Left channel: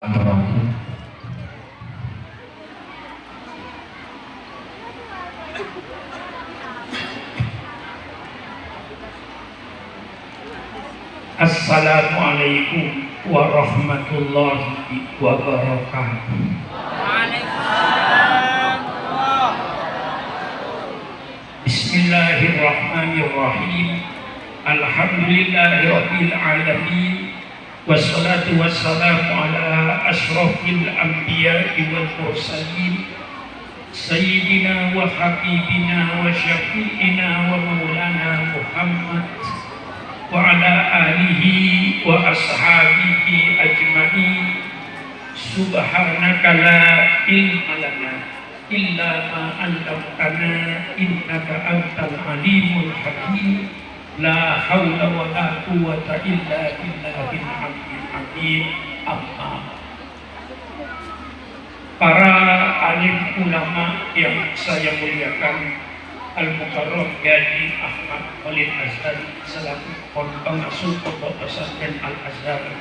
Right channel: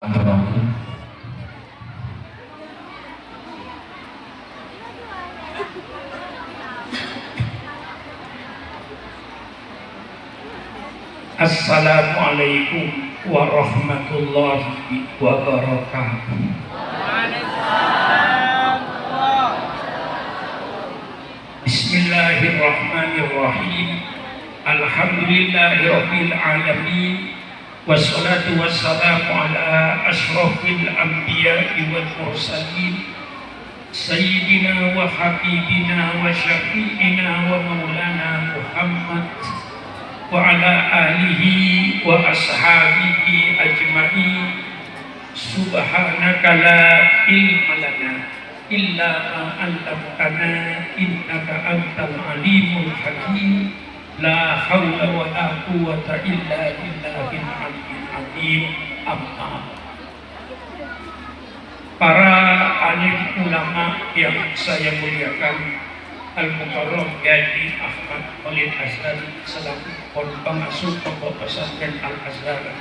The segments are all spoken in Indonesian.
Assalamualaikum warahmatullahi wabarakatuh. Bismillahirrahmanirrahim. Alhamdulillahirabbil alamin. Wassalatu wassalamu ala asyrafil anbiya'i wal mursalin. Sayyidina wa habibina wa syafi'ina wa maulana Muhammad wa ala alihi wa ashabihi ajma'in. Subhanaka la ilma lana illa ma 'allamtana innaka antal alimul hakim. La haula wa la quwwata illa billahil aliyyil azim. Amma. Para alim ulama yang saya muliakan, Al-Mukarram Kiai Ahmad Khalil Asdari selaku pengasuh Pondok Pesantren Al-Azhar,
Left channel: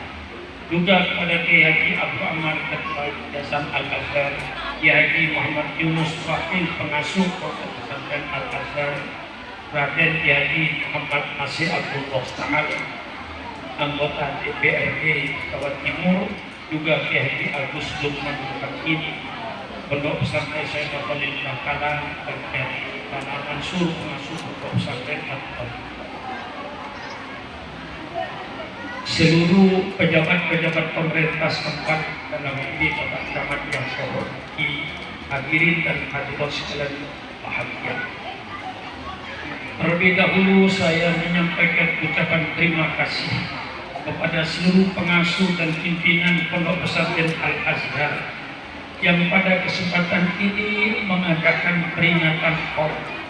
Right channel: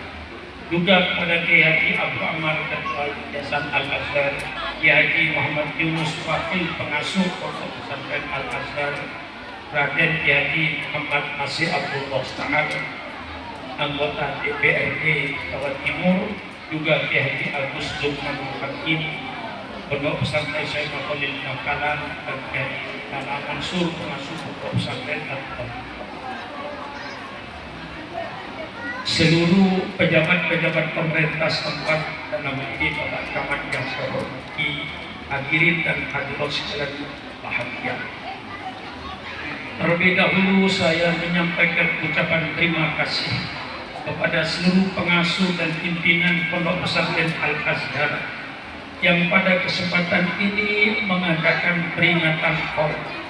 juga kepada Kiai Abu Ammar Ketua Yayasan Al-Azhar, Kiai Muhammad Yunus Wakil pengasuh Pondok Pesantren Al-Azhar, Raden Kiai Muhammad Nasir Abdul Musta'ad, anggota DPRD Jawa Timur, juga Kiai Agus Lukman Hakim, Pondok Pesantren Syekh Khalil Bangkalan, dan Kiai Muhammad Mansur pengasuh Pondok Pesantren Al-Azhar. Seluruh pejabat-pejabat pemerintah setempat dalam ini Bapak Camat yang saya hormati, hadirin dan hadirat sekalian bahagia. Terlebih dahulu saya menyampaikan ucapan terima kasih kepada seluruh pengasuh dan pimpinan Pondok Pesantren Al-Azhar yang pada kesempatan ini mengadakan peringatan hormat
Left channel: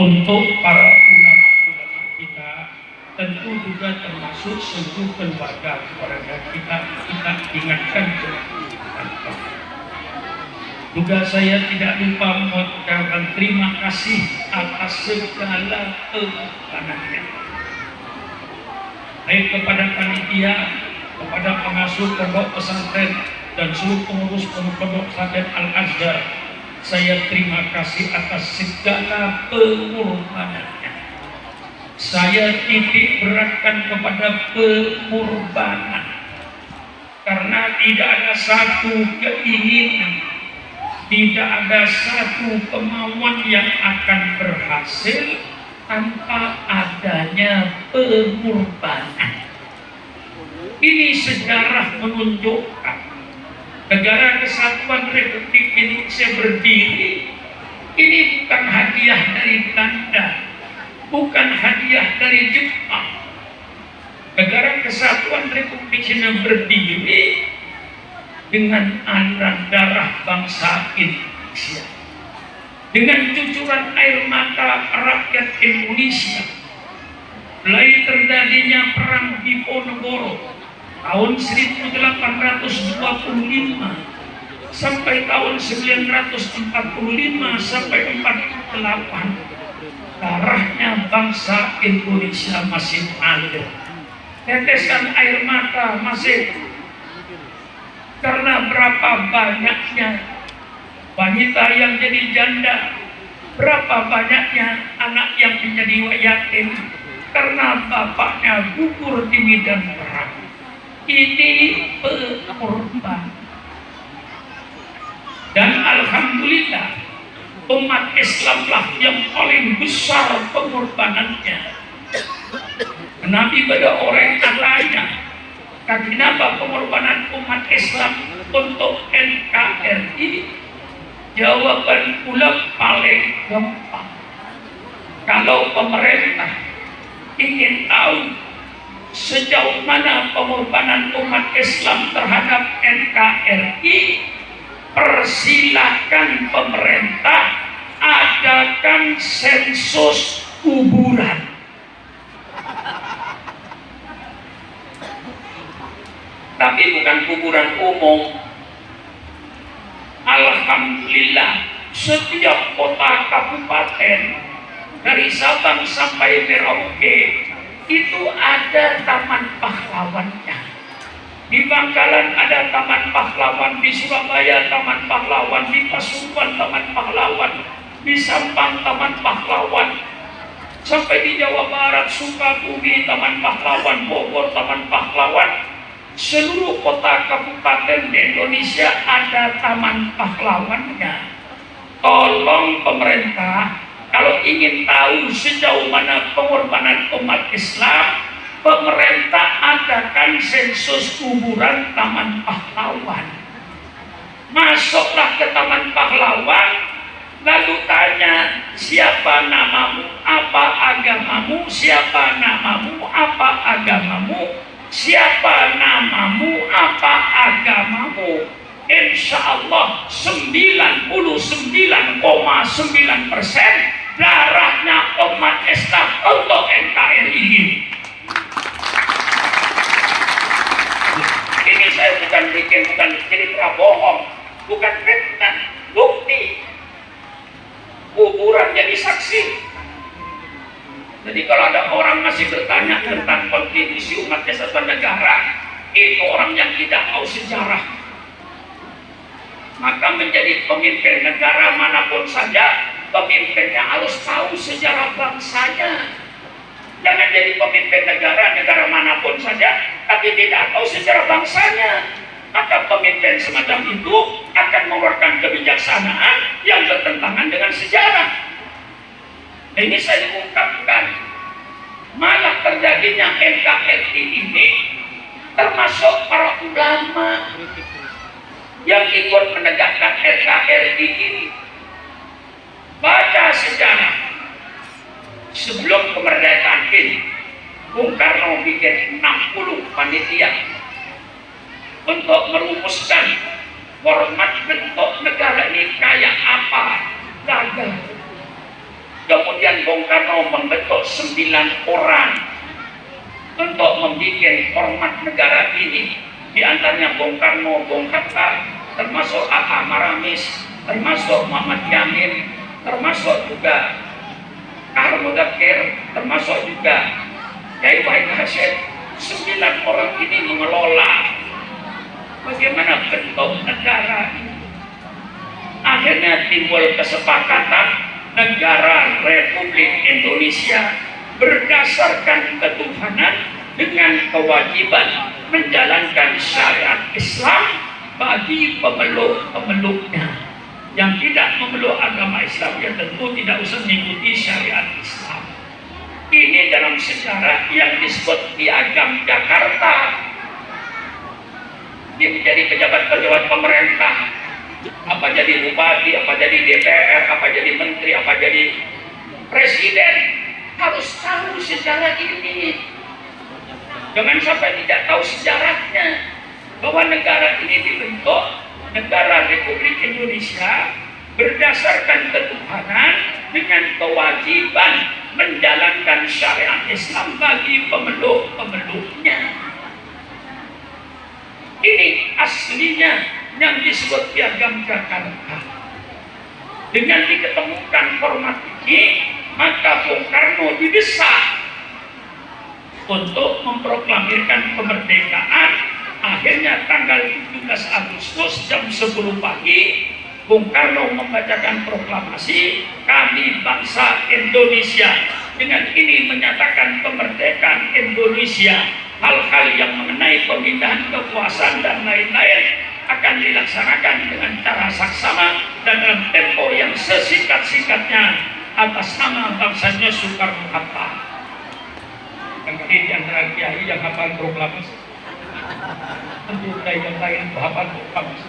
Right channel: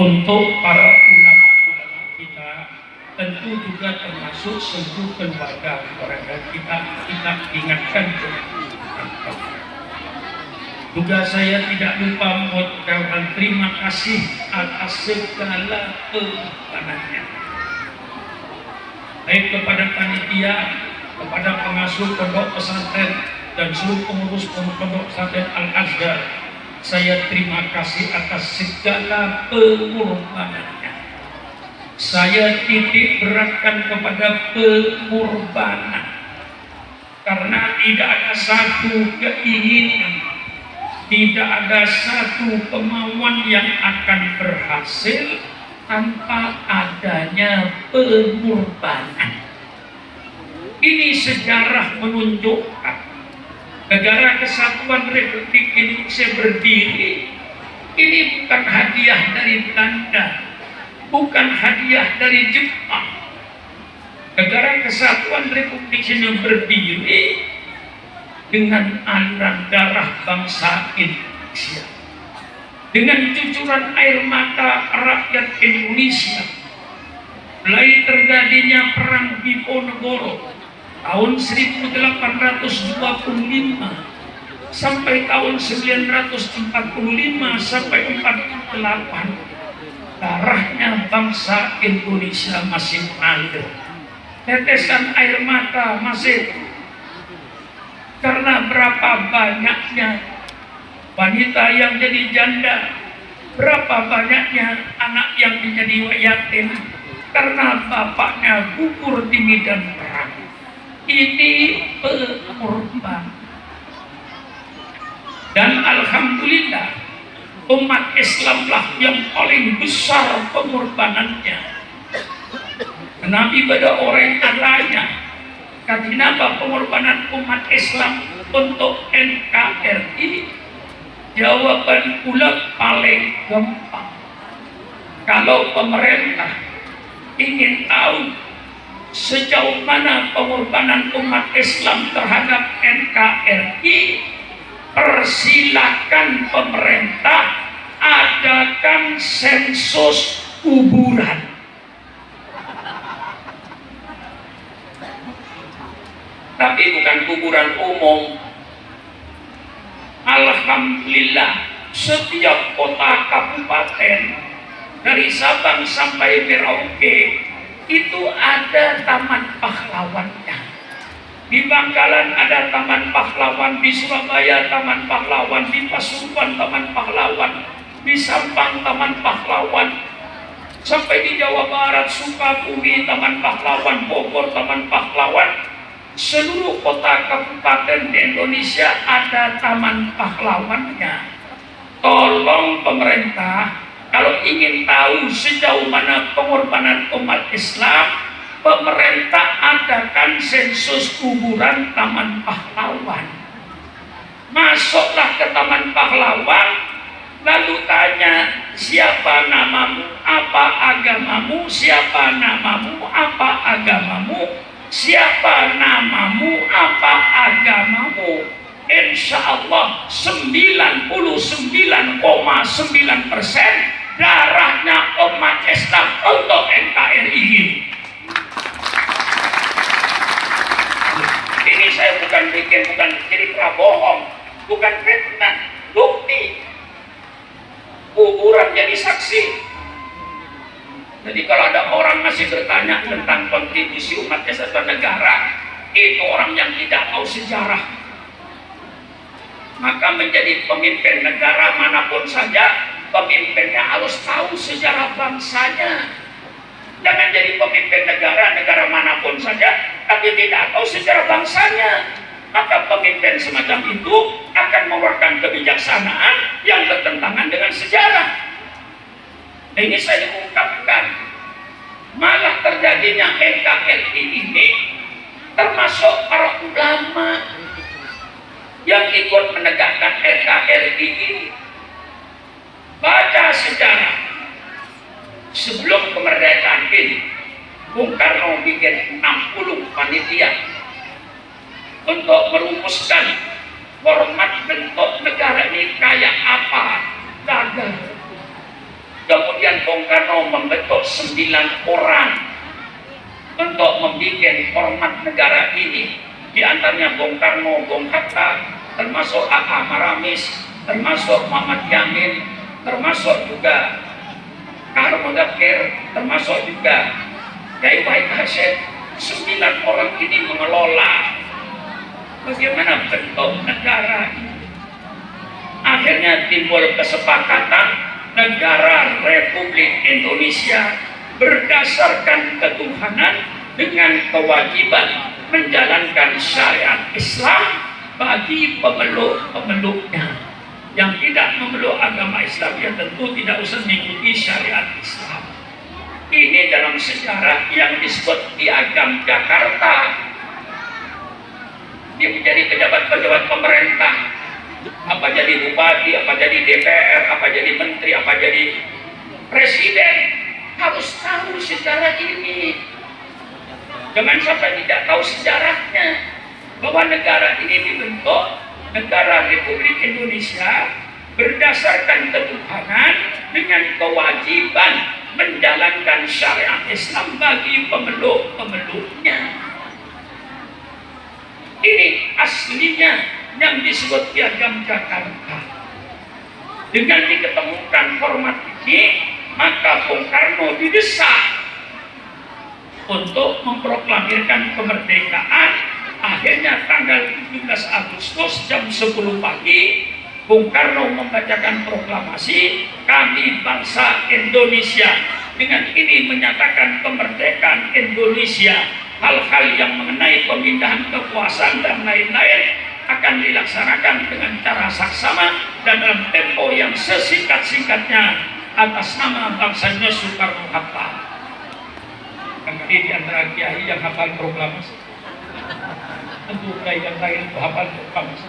untuk para ulama-ulama kita, tentu juga termasuk seluruh keluarga kita ingatkan juga. Saya tidak lupa mengucapkan terima kasih atas segala kepanannya, baik kepada panitia, kepada pengasuh pondok pesantren dan seluruh pengurus pondok pesantren Al-Azhar. Saya terima kasih atas segala pengorbanannya. Saya titik beratkan kepada pengorbanan, karena tidak ada satu keinginan, tidak ada satu kemauan yang akan berhasil tanpa adanya pengorbanan. Ini sejarah menunjukkan Negara Kesatuan Republik Indonesia berdiri. Ini bukan hadiah dari Belanda, bukan hadiah dari Jepang. Negara Kesatuan Republik Indonesia berdiri dengan aliran darah bangsa Indonesia, dengan cucuran air mata rakyat Indonesia. Mulai terjadinya perang Diponegoro tahun 1825 sampai tahun 1945 sampai 48, darahnya bangsa Indonesia masih mengalir. Tetesan air mata masih. Karena berapa banyaknya wanita yang jadi janda, berapa banyaknya anak yang menjadi yatim karena bapaknya gugur di medan perang. Ini pengorbanan. Dan alhamdulillah umat Islamlah yang paling besar pengorbanannya. Nabi pada orang adanya kenapa pengorbanan umat Islam untuk NKRI? Jawaban pula paling gampang. Kalau pemerintah ingin tahu sejauh mana pengorbanan umat Islam terhadap NKRI, persilakan pemerintah adakan sensus kuburan. Tapi bukan kuburan umum. Alhamdulillah, setiap kota kabupaten dari Sabang sampai Merauke itu ada taman pahlawannya. Di Bangkalan ada Taman Pahlawan, di Surabaya Taman Pahlawan, di Pasuruan Taman Pahlawan, di Sampang Taman Pahlawan, sampai di Jawa Barat Sukabumi Taman Pahlawan, Bogor Taman Pahlawan. Seluruh kota kabupaten di Indonesia ada Taman Pahlawannya. Tolong pemerintah, kalau ingin tahu sejauh mana pengorbanan umat Islam, pemerintah adakan sensus kuburan Taman Pahlawan. Masuklah ke Taman Pahlawan, lalu tanya, siapa namamu, apa agamamu, siapa namamu, apa agamamu, siapa namamu, apa agamamu. Insya Allah 99,9% darahnya umat Islam untuk NKRI. Ini saya bukan cerita bohong, bukan fitnah, bukti. Kuburan jadi saksi. Jadi kalau ada orang masih bertanya tentang kontribusi umat Islam negara, itu orang yang tidak tahu sejarah. Maka menjadi pemimpin negara manapun saja, pemimpinnya harus tahu sejarah bangsanya. Jangan jadi pemimpin negara manapun saja, tapi tidak tahu sejarah bangsanya. Maka pemimpin semacam itu akan mengeluarkan kebijaksanaan yang bertentangan dengan sejarah. Ini saya ungkapkan. Malah terjadinya NKRI ini termasuk para ulama yang ikut menegakkan NKRI ini. Baca sejarah. Sebelum kemerdekaan ini, Bung Karno bikin 60 panitia untuk merumuskan format bentuk negara ini kayak apa, gagal. Kemudian Bung Karno membentuk 9 orang untuk membuat format negara ini. Di antaranya Bung Karno, Bung Hatta, termasuk Aha Maramis, termasuk Muhammad Yamin, termasuk juga Karno Dakir, termasuk juga Kiai Wahid Hashim. 9 orang ini mengelola bagaimana bentuk negara ini. Akhirnya timbul kesepakatan negara Republik Indonesia berdasarkan ketuhanan dengan kewajiban menjalankan syariat Islam bagi pemeluk-pemeluknya. Yang tidak memeluk agama Islam ya tentu tidak usah mengikuti syariat Islam. Ini dalam sejarah yang disebut Piagam Jakarta. Dia menjadi pejabat-pejabat pemerintah, apa jadi bupati, apa jadi DPR, apa jadi menteri, apa jadi presiden, harus tahu sejarah ini. Jangan sampai tidak tahu sejarahnya, bahwa negara ini dibentuk, negara Republik Indonesia, berdasarkan ketuhanan dengan kewajiban menjalankan syariat Islam bagi pemeluk-pemeluknya. Ini aslinya yang disebut Piagam Jakarta. Dengan diketemukan format ini, maka Bung Karno didesak untuk memproklamirkan kemerdekaan. Akhirnya tanggal 17 Agustus jam 10 pagi, Bung Karno membacakan proklamasi, kami bangsa Indonesia. Dengan ini menyatakan kemerdekaan Indonesia. Hal-hal yang mengenai pemindahan kekuasaan dan lain-lain akan dilaksanakan dengan cara saksama dan dalam tempo yang sesingkat-singkatnya atas nama bangsanya Soekarno-Hatta. Kali di antara kiai yang hafal proklamasi, tentu kiai yang lain hafal proklamasi.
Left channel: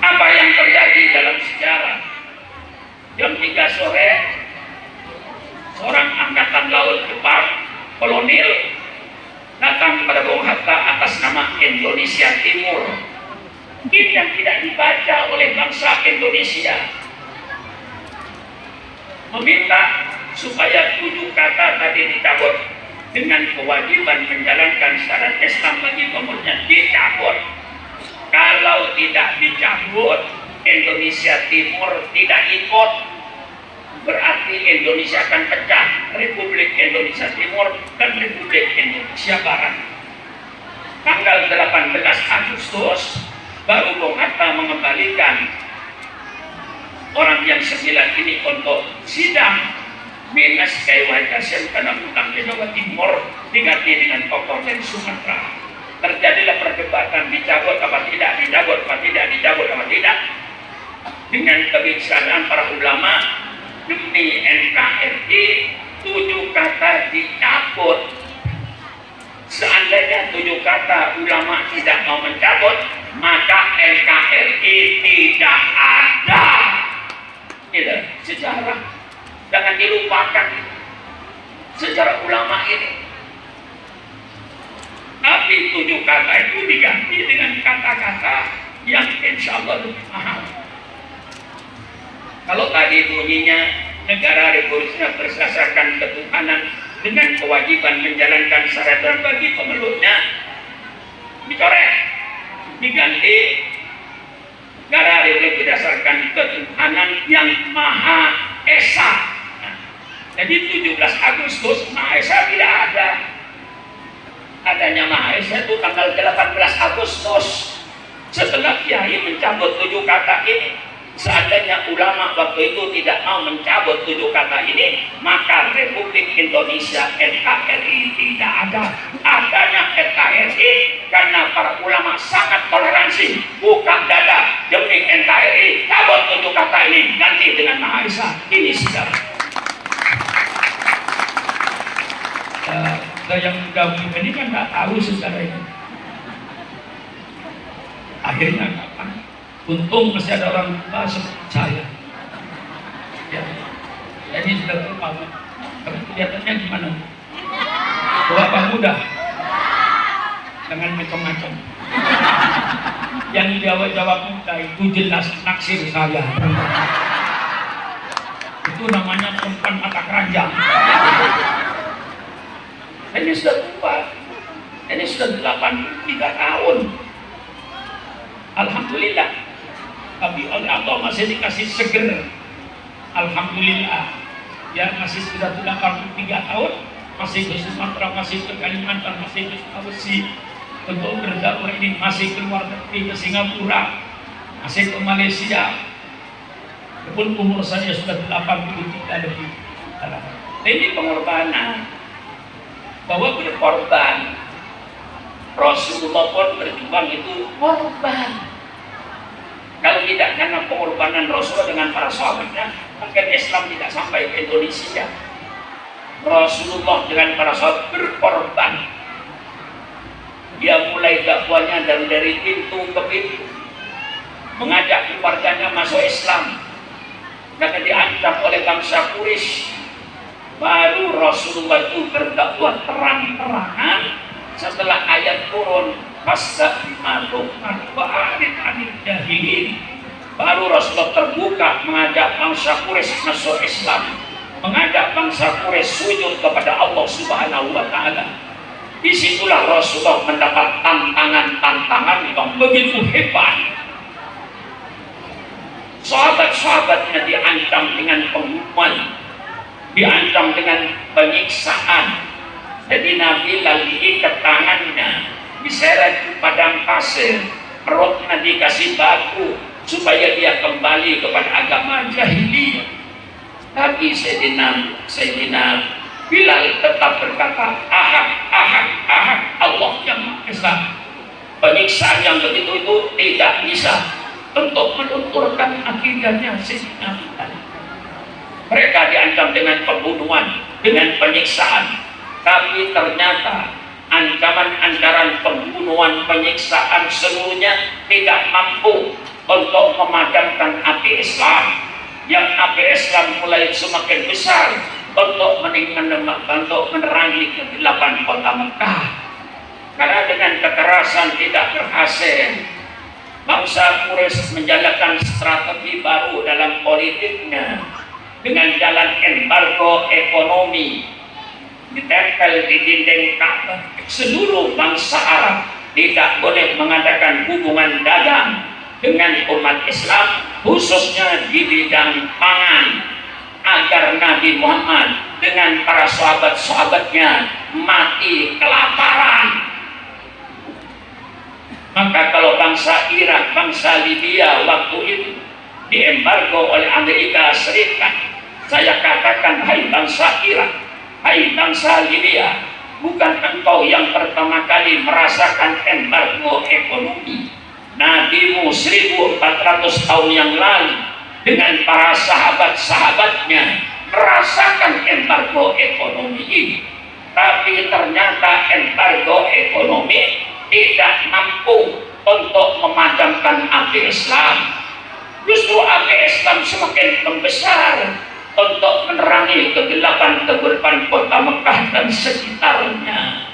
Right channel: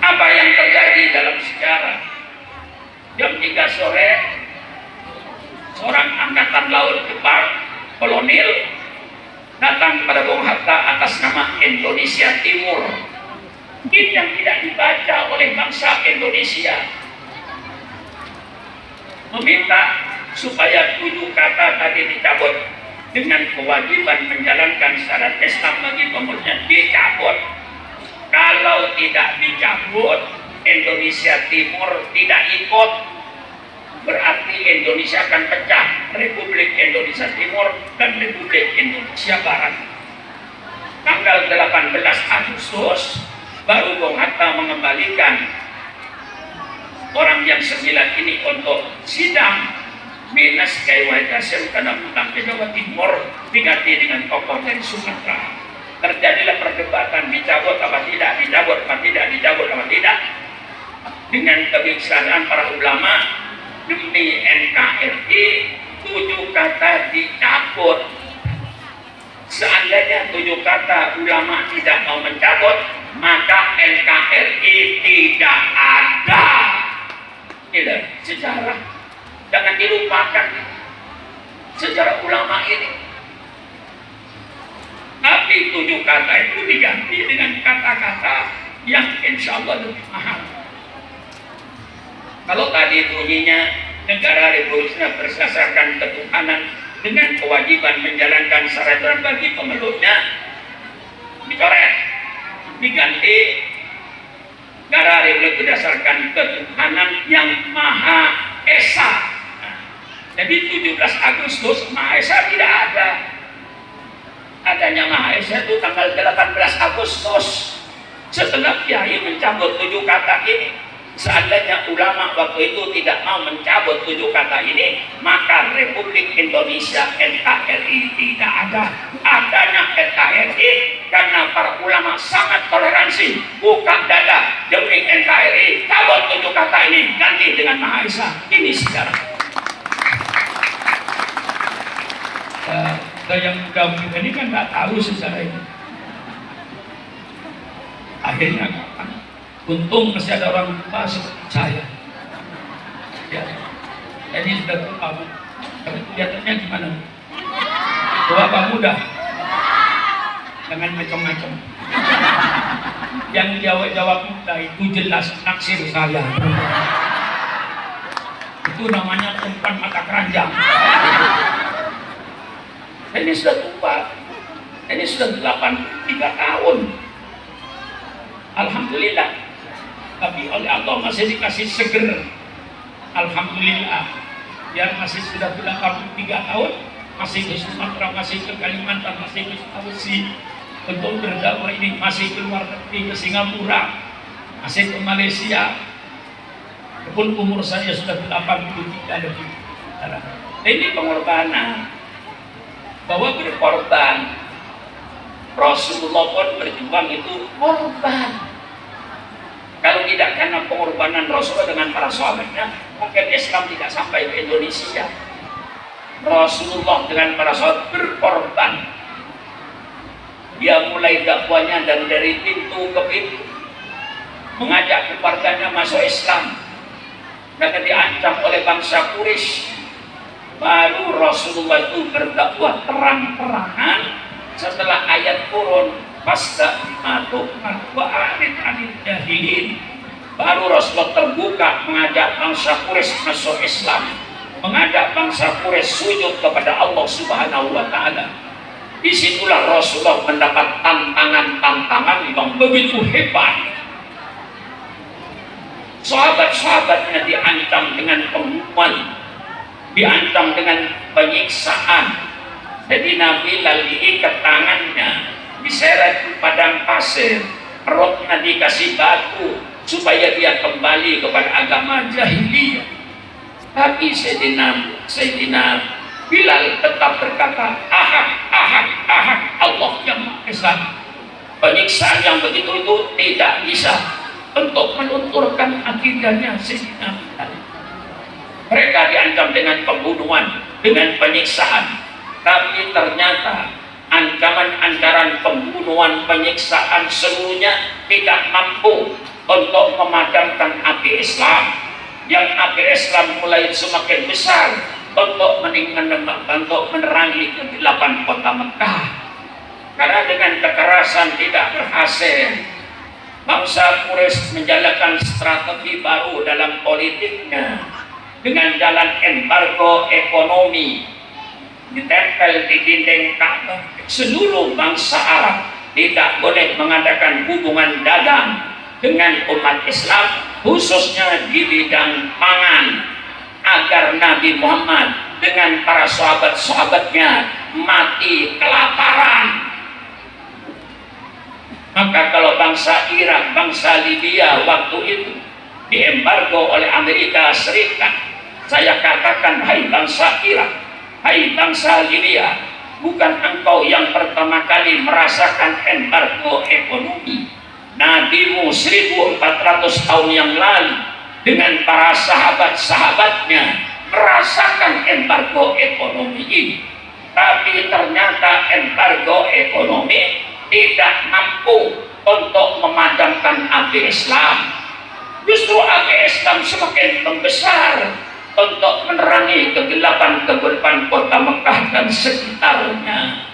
Apa yang terjadi dalam sejarah? Jam 3 sore, seorang angkatan laut Jepang kolonel datang kepada Bung Hatta atas nama Indonesia Timur. Ini yang tidak dibaca oleh bangsa Indonesia. Meminta supaya 7 kata tadi dicabut dengan kewajiban menjalankan syariat Islam bagi pemeluknya, dicabut. Kalau tidak dicabut, Indonesia Timur tidak ikut. berarti Indonesia akan pecah, Republik Indonesia Timur dan Republik Indonesia Barat. Tanggal 18 Agustus baru Bung Hatta mengembalikan orang yang 9 ini untuk sidang minus KWKSN karena tentang Jawa Timur diganti dengan tokoh dari Sumatera. Terjadilah perdebatan dicabut apa tidak, dicabut apa tidak, dicabut apa tidak. Dengan kebijaksanaan para ulama demi NKRI 7 kata dicabut. Seandainya 7 kata ulama tidak mau mencabut, maka NKRI tidak ada. Itu sejarah. Jangan dilupakan sejarah ulama ini. Tapi 7 kata itu diganti dengan kata-kata yang insya Allah lebih mahal. Kalau tadi bunyinya negara Republik berdasarkan ketuhanan dengan kewajiban menjalankan syariat bagi pemeluknya, dicoret, diganti negara Republik berdasarkan ketuhanan yang Maha Esa. Jadi 17 Agustus Maha Esa tidak ada. Adanya Maha Esa itu tanggal 18 Agustus. Setelah Kiai mencabut 7 kata ini, seandainya ulama waktu itu tidak mau mencabut 7 kata ini, maka Republik Indonesia NKRI tidak ada. Adanya NKRI karena para ulama sangat toleransi, buka dada demi NKRI, cabut 7 kata ini, ganti dengan Maha Esa. Ini sejarah. Yang gabung ini kan nggak tahu sejarah ini. Akhirnya kapan? Untung masih ada orang tua seperti saya. Ya. Jadi sudah tahu. Kelihatannya gimana? Bapak muda, dengan macam-macam. Yang jawab muda itu jelas naksir saya. Itu namanya perempuan mata keranjang. Ini sudah tua. Ini sudah 83 tahun. Alhamdulillah. Tapi oleh Allah masih dikasih seger. Alhamdulillah. Ya masih sudah 83 tahun. Masih di Sumatera, masih ke Kalimantan, masih ke Sulawesi. Untuk berdakwah ini masih keluar negeri ke Singapura. Masih ke Malaysia. Walaupun umur saya sudah 83 lebih. Ini pengorbanan. Bahwa berkorban, Rasulullah pun berjuang itu korban. Kalau tidak karena pengorbanan Rasulullah dengan para sahabatnya, maka Islam tidak sampai ke Indonesia. Rasulullah dengan para sahabat berkorban. Dia mulai dakwanya dari pintu ke pintu, mengajak keluarganya masuk Islam. Maka diancam oleh bangsa Quraisy. Baru Rasulullah itu berdakwah terang-terangan setelah ayat turun Fastamatukan wa'arid anil jahilin. Baru Rasulullah terbuka mengajak bangsa Quraisy masuk Islam, mengajak bangsa Quraisy sujud kepada Allah Subhanahu wa Ta'ala. Disitulah Rasulullah mendapat tantangan-tantangan yang begitu hebat. Sahabat-sahabatnya diancam dengan pembunuhan, diancam dengan penyiksaan. Jadi Nabi lalu diikat tangannya, diseret di padang pasir, perutnya dikasih batu supaya dia kembali kepada agama jahiliyah. Tapi Sayyidina Bilal tetap berkata, Ahad, Ahad, Ahad, Allah yang Maha Esa. Penyiksaan yang begitu itu tidak bisa untuk melunturkan akidahnya Sayyidina Bilal. Mereka diancam dengan pembunuhan, dengan penyiksaan. Tapi ternyata ancaman antara pembunuhan, penyiksaan seluruhnya tidak mampu untuk memadamkan api Islam. Yang api Islam mulai semakin besar untuk menerangi ke-8 kota Mekah. Karena dengan kekerasan tidak berhasil, bangsa Quraisy menjalankan strategi baru dalam politiknya. Dengan jalan embargo ekonomi, ditempel di dinding Ka'bah. Seluruh bangsa Arab tidak boleh mengadakan hubungan dagang dengan umat Islam, khususnya di bidang pangan. agar Nabi Muhammad dengan para sahabat-sahabatnya mati kelaparan. Maka kalau bangsa Irak, bangsa Libya waktu itu diembargo oleh Amerika Serikat, saya katakan, hai bangsa Irak, hai bangsa Libya, bukan engkau yang pertama kali merasakan embargo ekonomi. Nabimu 1400 tahun yang lalu dengan para sahabat-sahabatnya merasakan embargo ekonomi ini. Tapi ternyata embargo ekonomi tidak mampu untuk memadamkan api Islam. Justru api Islam semakin membesar untuk menerangi kegelapan kota Mekah dan sekitarnya.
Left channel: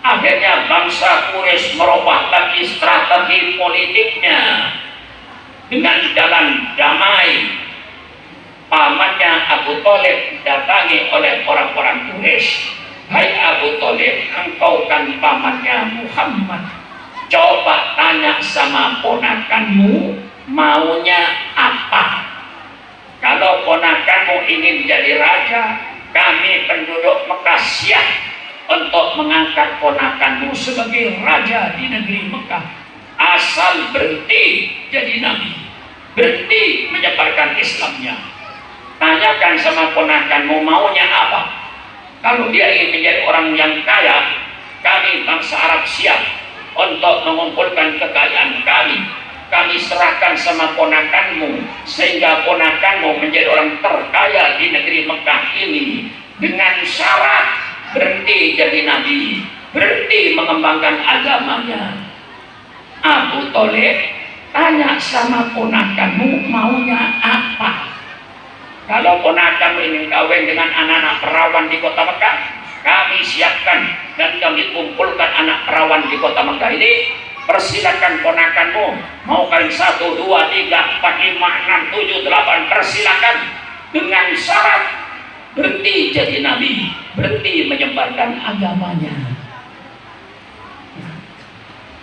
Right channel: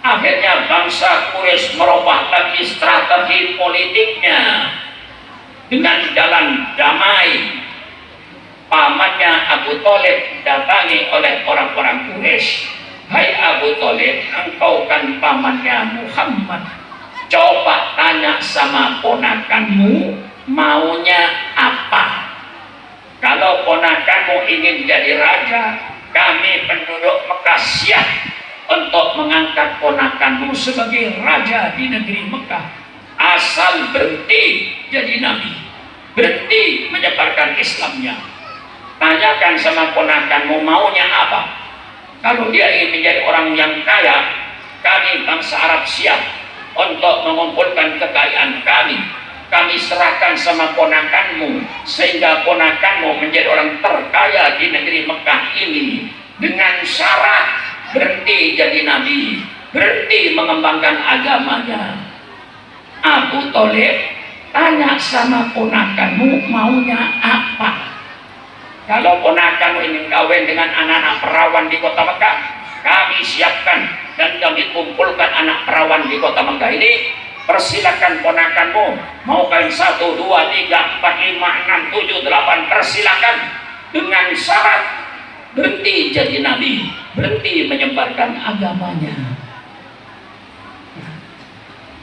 Akhirnya bangsa Quraisy merubah lagi strategi politiknya dengan jalan damai. Pamannya Abu Thalib datangi oleh orang-orang Quraisy. Hai Abu Thalib, engkau kan pamannya Muhammad. Coba tanya sama ponakanmu maunya apa. Kalau ponakanmu ingin jadi raja, kami penduduk Mekah siap untuk mengangkat ponakanmu sebagai raja di negeri Mekah. Asal berhenti jadi nabi, berhenti menyebarkan Islamnya. Tanyakan sama ponakanmu maunya apa. Kalau dia ingin menjadi orang yang kaya, kami bangsa Arab siap untuk mengumpulkan kekayaan kami. Kami serahkan sama ponakanmu sehingga ponakanmu menjadi orang terkaya di negeri Mekah ini, dengan syarat berhenti jadi nabi, berhenti mengembangkan agamanya. Abu Thalib tanya sama ponakanmu maunya apa. Kalau ponakanmu ingin kawin dengan anak-anak perawan di kota Mekah, kami siapkan dan kami kumpulkan anak perawan di kota Mekah ini. Persilakan ponakanmu mau kalian 1, 2, 3, 4, 5, 6, 7, 8, persilakan, dengan syarat berhenti jadi nabi, berhenti menyebarkan agamanya.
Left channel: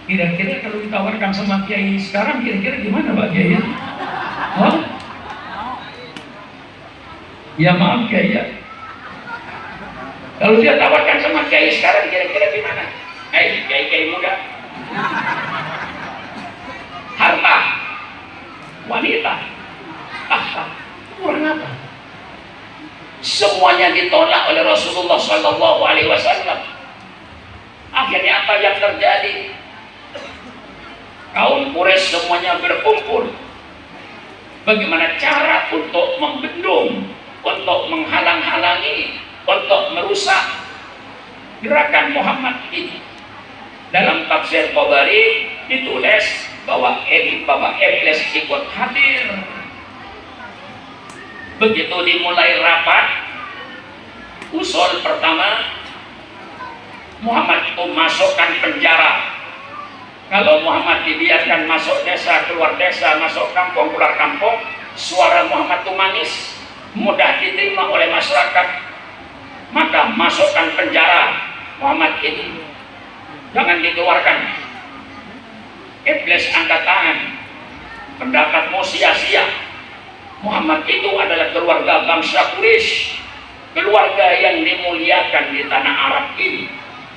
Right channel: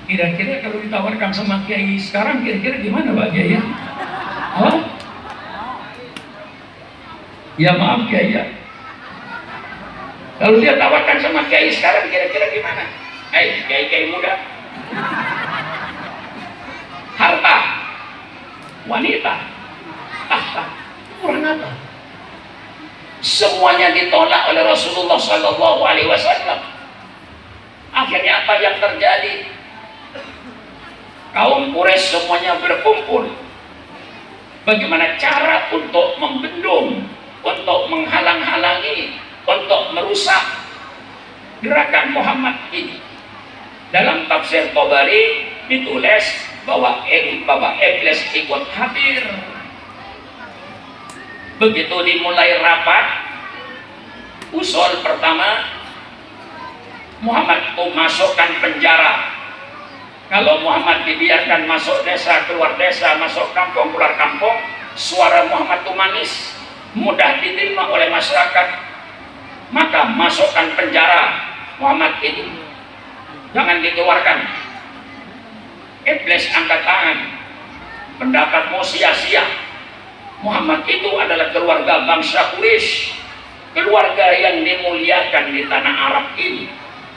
Kira-kira kalau ditawarkan sama kiai sekarang, kira-kira gimana Pak Kiai? Hah? Ya maaf Kiai ya. Kalau dia tawarkan sama kiai sekarang, kira-kira gimana? Hai kiai-kiai muda, harta, wanita, tahta, kurang apa? Semuanya ditolak oleh Rasulullah SAW. Akhirnya apa yang terjadi? Kaum Quraisy semuanya berkumpul. Bagaimana cara untuk membendung, untuk menghalang-halangi, untuk merusak gerakan Muhammad ini? Dalam tafsir Tabari ditulis bahwa Iblis ikut hadir. Begitu dimulai rapat, usul pertama, Muhammad itu masukkan penjara. Kalau Muhammad dibiarkan masuk desa, keluar desa, masuk kampung, keluar kampung, suara Muhammad itu manis, mudah diterima oleh masyarakat. Maka masukkan penjara Muhammad ini, jangan dikeluarkan. Iblis angkat tangan, pendapatmu sia-sia. Muhammad itu adalah keluarga bangsa Quraisy, keluarga yang dimuliakan di tanah Arab ini.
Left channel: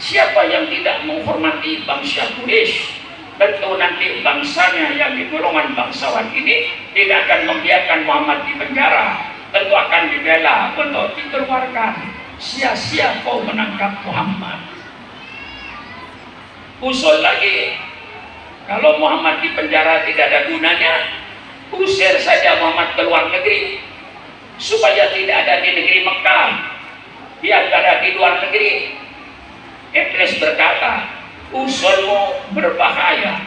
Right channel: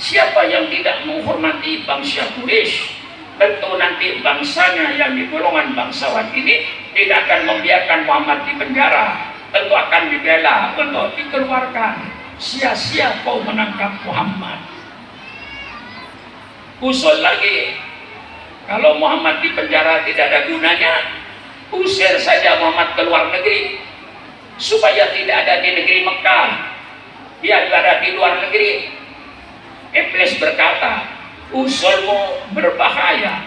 Siapa yang tidak menghormati bangsa Quraisy, tentu nanti bangsanya yang di golongan bangsawan ini tidak akan membiarkan Muhammad di penjara, tentu akan dibela untuk dikeluarkan. Sia-sia kau menangkap Muhammad. Usul lagi, kalau Muhammad di penjara tidak ada gunanya, usir saja Muhammad ke luar negeri supaya tidak ada di negeri Mekah, biar ada di luar negeri. Iblis berkata, usulmu berbahaya.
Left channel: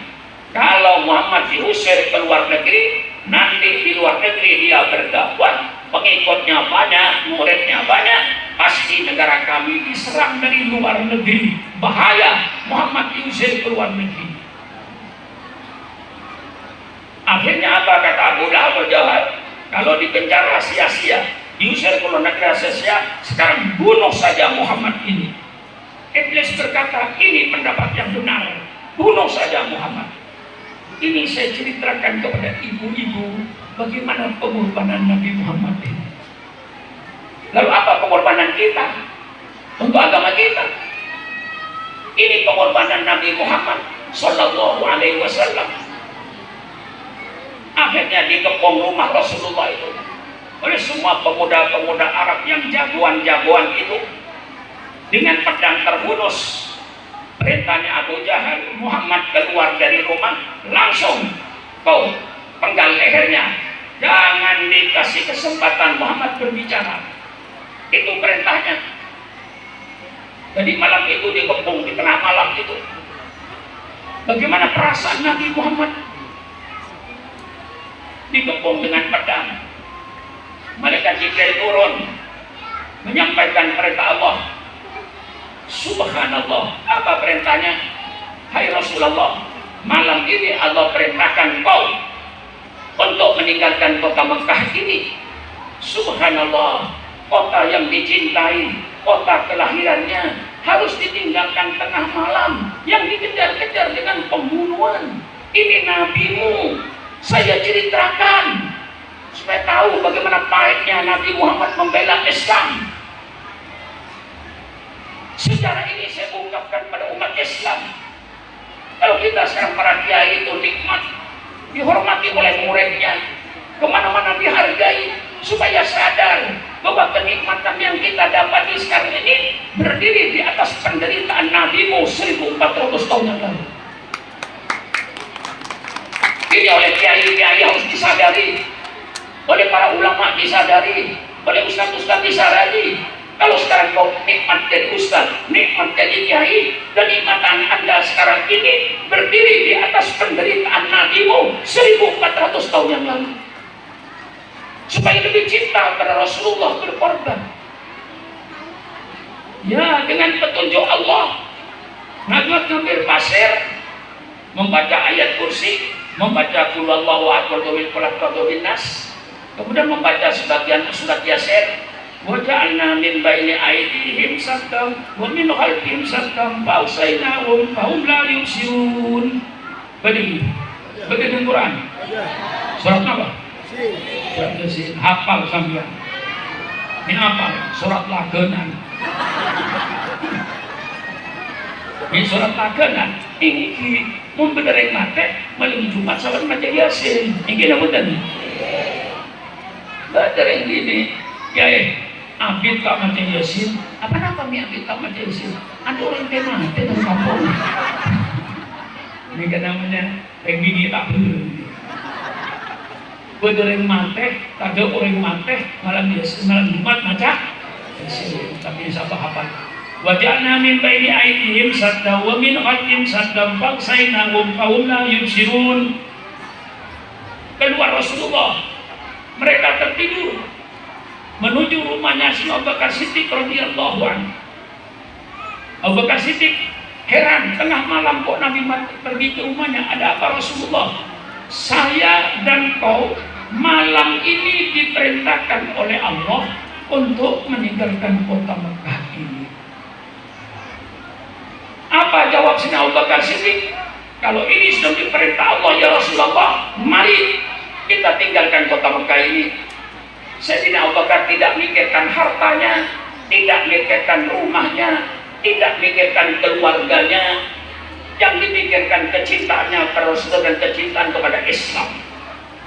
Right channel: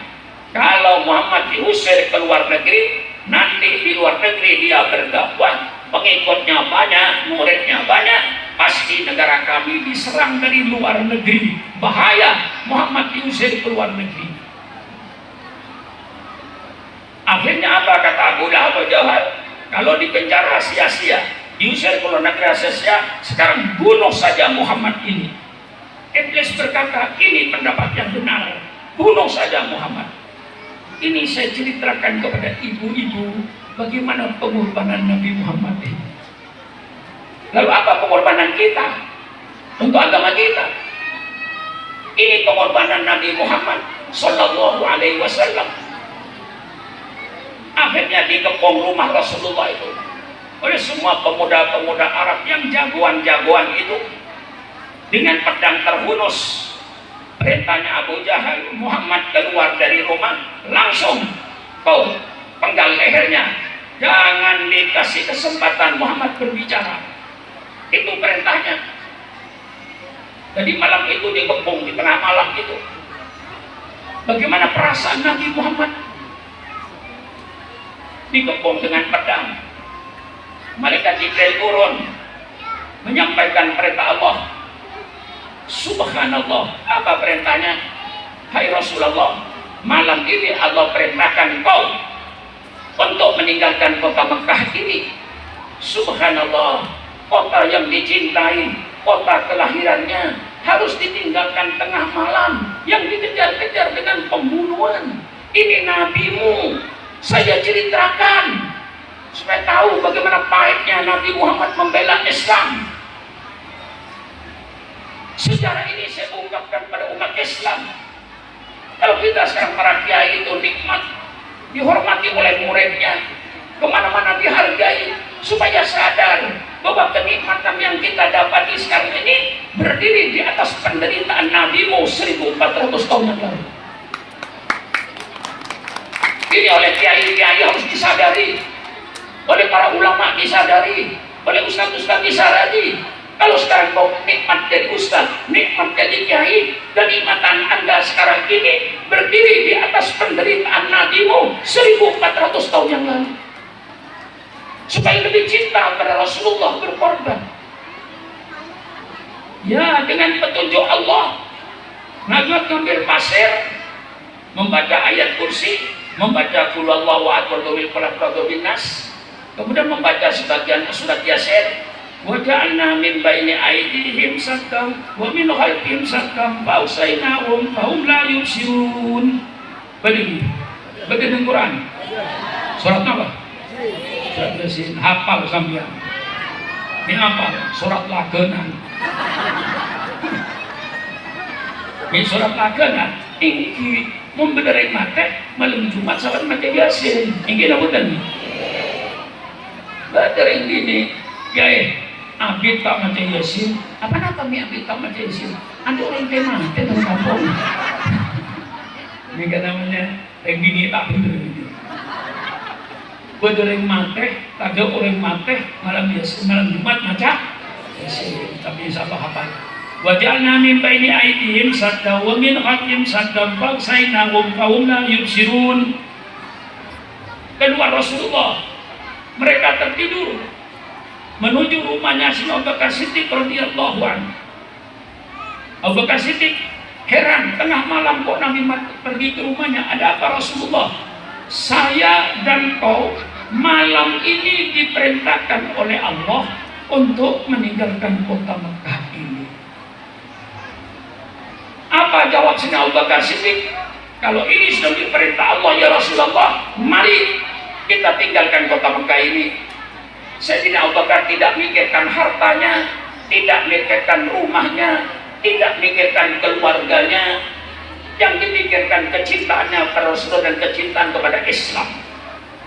Kalau Muhammad diusir ke luar negeri, nanti di luar negeri dia berdakwah, pengikutnya banyak, muridnya banyak, pasti negara kami diserang dari luar negeri. Bahaya Muhammad diusir ke luar negeri. Akhirnya apa kata Abu Lahab jawab? Kalau di penjara sia-sia, diusir ke luar negeri sia-sia, sekarang bunuh saja Muhammad ini. Iblis berkata, ini pendapat yang benar, bunuh saja Muhammad. Ini saya ceritakan kepada ibu-ibu bagaimana pengorbanan Nabi Muhammad ini. Lalu apa pengorbanan kita untuk agama kita? Ini pengorbanan Nabi Muhammad Sallallahu Alaihi Wasallam. Akhirnya dikepung rumah Rasulullah itu oleh semua pemuda-pemuda Arab yang jagoan-jagoan itu dengan pedang terhunus. Perintahnya Abu Jahal, Muhammad keluar dari rumah, langsung kau penggal lehernya, jangan dikasih kesempatan Muhammad berbicara. Itu perintahnya. Jadi malam itu dikepung di tengah malam itu. Bagaimana perasaan Nabi Muhammad? Dikepung dengan pedang. Malaikat Jibril turun menyampaikan perintah Allah. Subhanallah, apa perintahnya? Hai Rasulullah, malam ini Allah perintahkan kau untuk meninggalkan kota Mekah ini. Subhanallah, kota yang dicintai, kota kelahirannya harus ditinggalkan tengah malam yang dikejar-kejar dengan pembunuhan. Ini nabimu, saya ceritakan supaya tahu bagaimana pahitnya Nabi Muhammad membela Islam. Sejarah ini saya ungkapkan pada umat Islam. Kalau kita sekarang para kiai itu nikmat, dihormati oleh muridnya, kemana-mana dihargai, supaya sadar bahwa kenikmatan yang kita dapati sekarang ini berdiri di atas penderitaan Nabimu 1400 tahun yang lalu. Ini oleh kiai-kiai harus disadari, oleh para ulama disadari, oleh ustaz-ustaz disadari. Kalau sekarang kau nikmat jadi ustaz, nikmat jadi kiai, dan nikmatan Anda sekarang ini berdiri di atas penderitaan Nabimu 1400 tahun yang lalu. Supaya lebih cinta kepada Rasulullah berkorban. Ya, dengan petunjuk Allah, Najwa ngambil pasir, membaca ayat kursi, membaca Qulhuwallahu ahad bil falaq wa bin nas, kemudian membaca sebagian surat Yasin. Wa ja'alna min baini aydihim saddan wa min khalfihim saddan fa usaynahum fa hum la yubsirun. Begitu Quran. Surat apa? Surat Yasin. Hafal sampean. Ini apa? Surat lagenan. Ini surat lagenan. Ini membenereng mate malam Jumat salat maca Yasin. Ini apa tadi? Benereng gini. Kiai, abid tak maca Yasin. Apa nak kami abid tak maca Yasin? Ada orang kena mati dalam kampung. Ini kan namanya begini tak benar. Bedereng mati, tak ada orang mati malam Yasin, malam Jumat maca Yasin. Tapi insyaallah apa? Wa ja'alna min baini aydihim sadda wa min khalfihim sadda fa'saynahum fa hum la yubsirun. Keluar Rasulullah, mereka tertidur menuju rumahnya si Abu Bakar Siddiq radhiyallahu anhu. Abu Bakar Siddiq heran, tengah malam kok Nabi pergi ke rumahnya. Ada apa Rasulullah? Saya dan kau malam ini diperintahkan oleh Allah untuk meninggalkan kota Mekah ini. Apa jawab Sayyidina Abu Bakar Siddiq? Kalau ini sudah diperintah Allah ya Rasulullah, mari kita tinggalkan kota Mekah ini. Sayyidina Abu Bakar tidak mikirkan hartanya, tidak mikirkan rumahnya, tidak mikirkan keluarganya. Yang dipikirkan kecintaannya kepada Rasulullah dan kecintaan kepada Islam.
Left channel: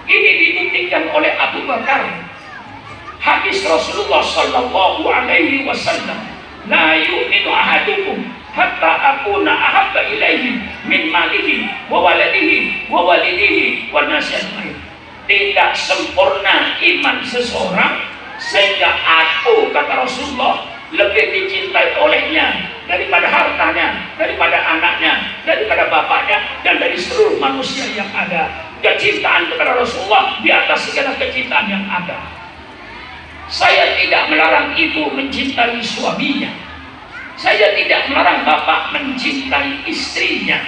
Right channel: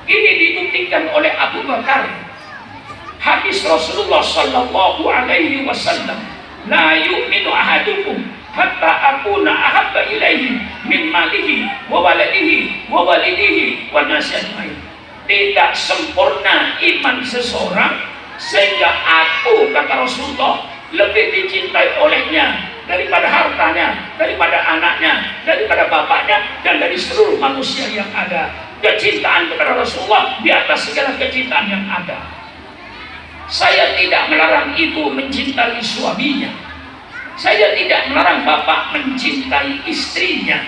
Ini dibuktikan oleh Abu Bakar. Hadis Rasulullah Sallallahu Alaihi Wasallam, la yu'minu ahadukum hatta akuna ahabba ilaihi min malihi wa waladihi wa walidihi wa nasi ajmain. Tidak sempurna iman seseorang sehingga aku, kata Rasulullah, lebih dicintai olehnya daripada hartanya, daripada anaknya, daripada bapaknya, dan dari seluruh manusia yang ada. Kecintaan kepada Rasulullah di atas segala kecintaan yang ada. Saya tidak melarang ibu mencintai suaminya. Saya tidak melarang bapak mencintai istrinya.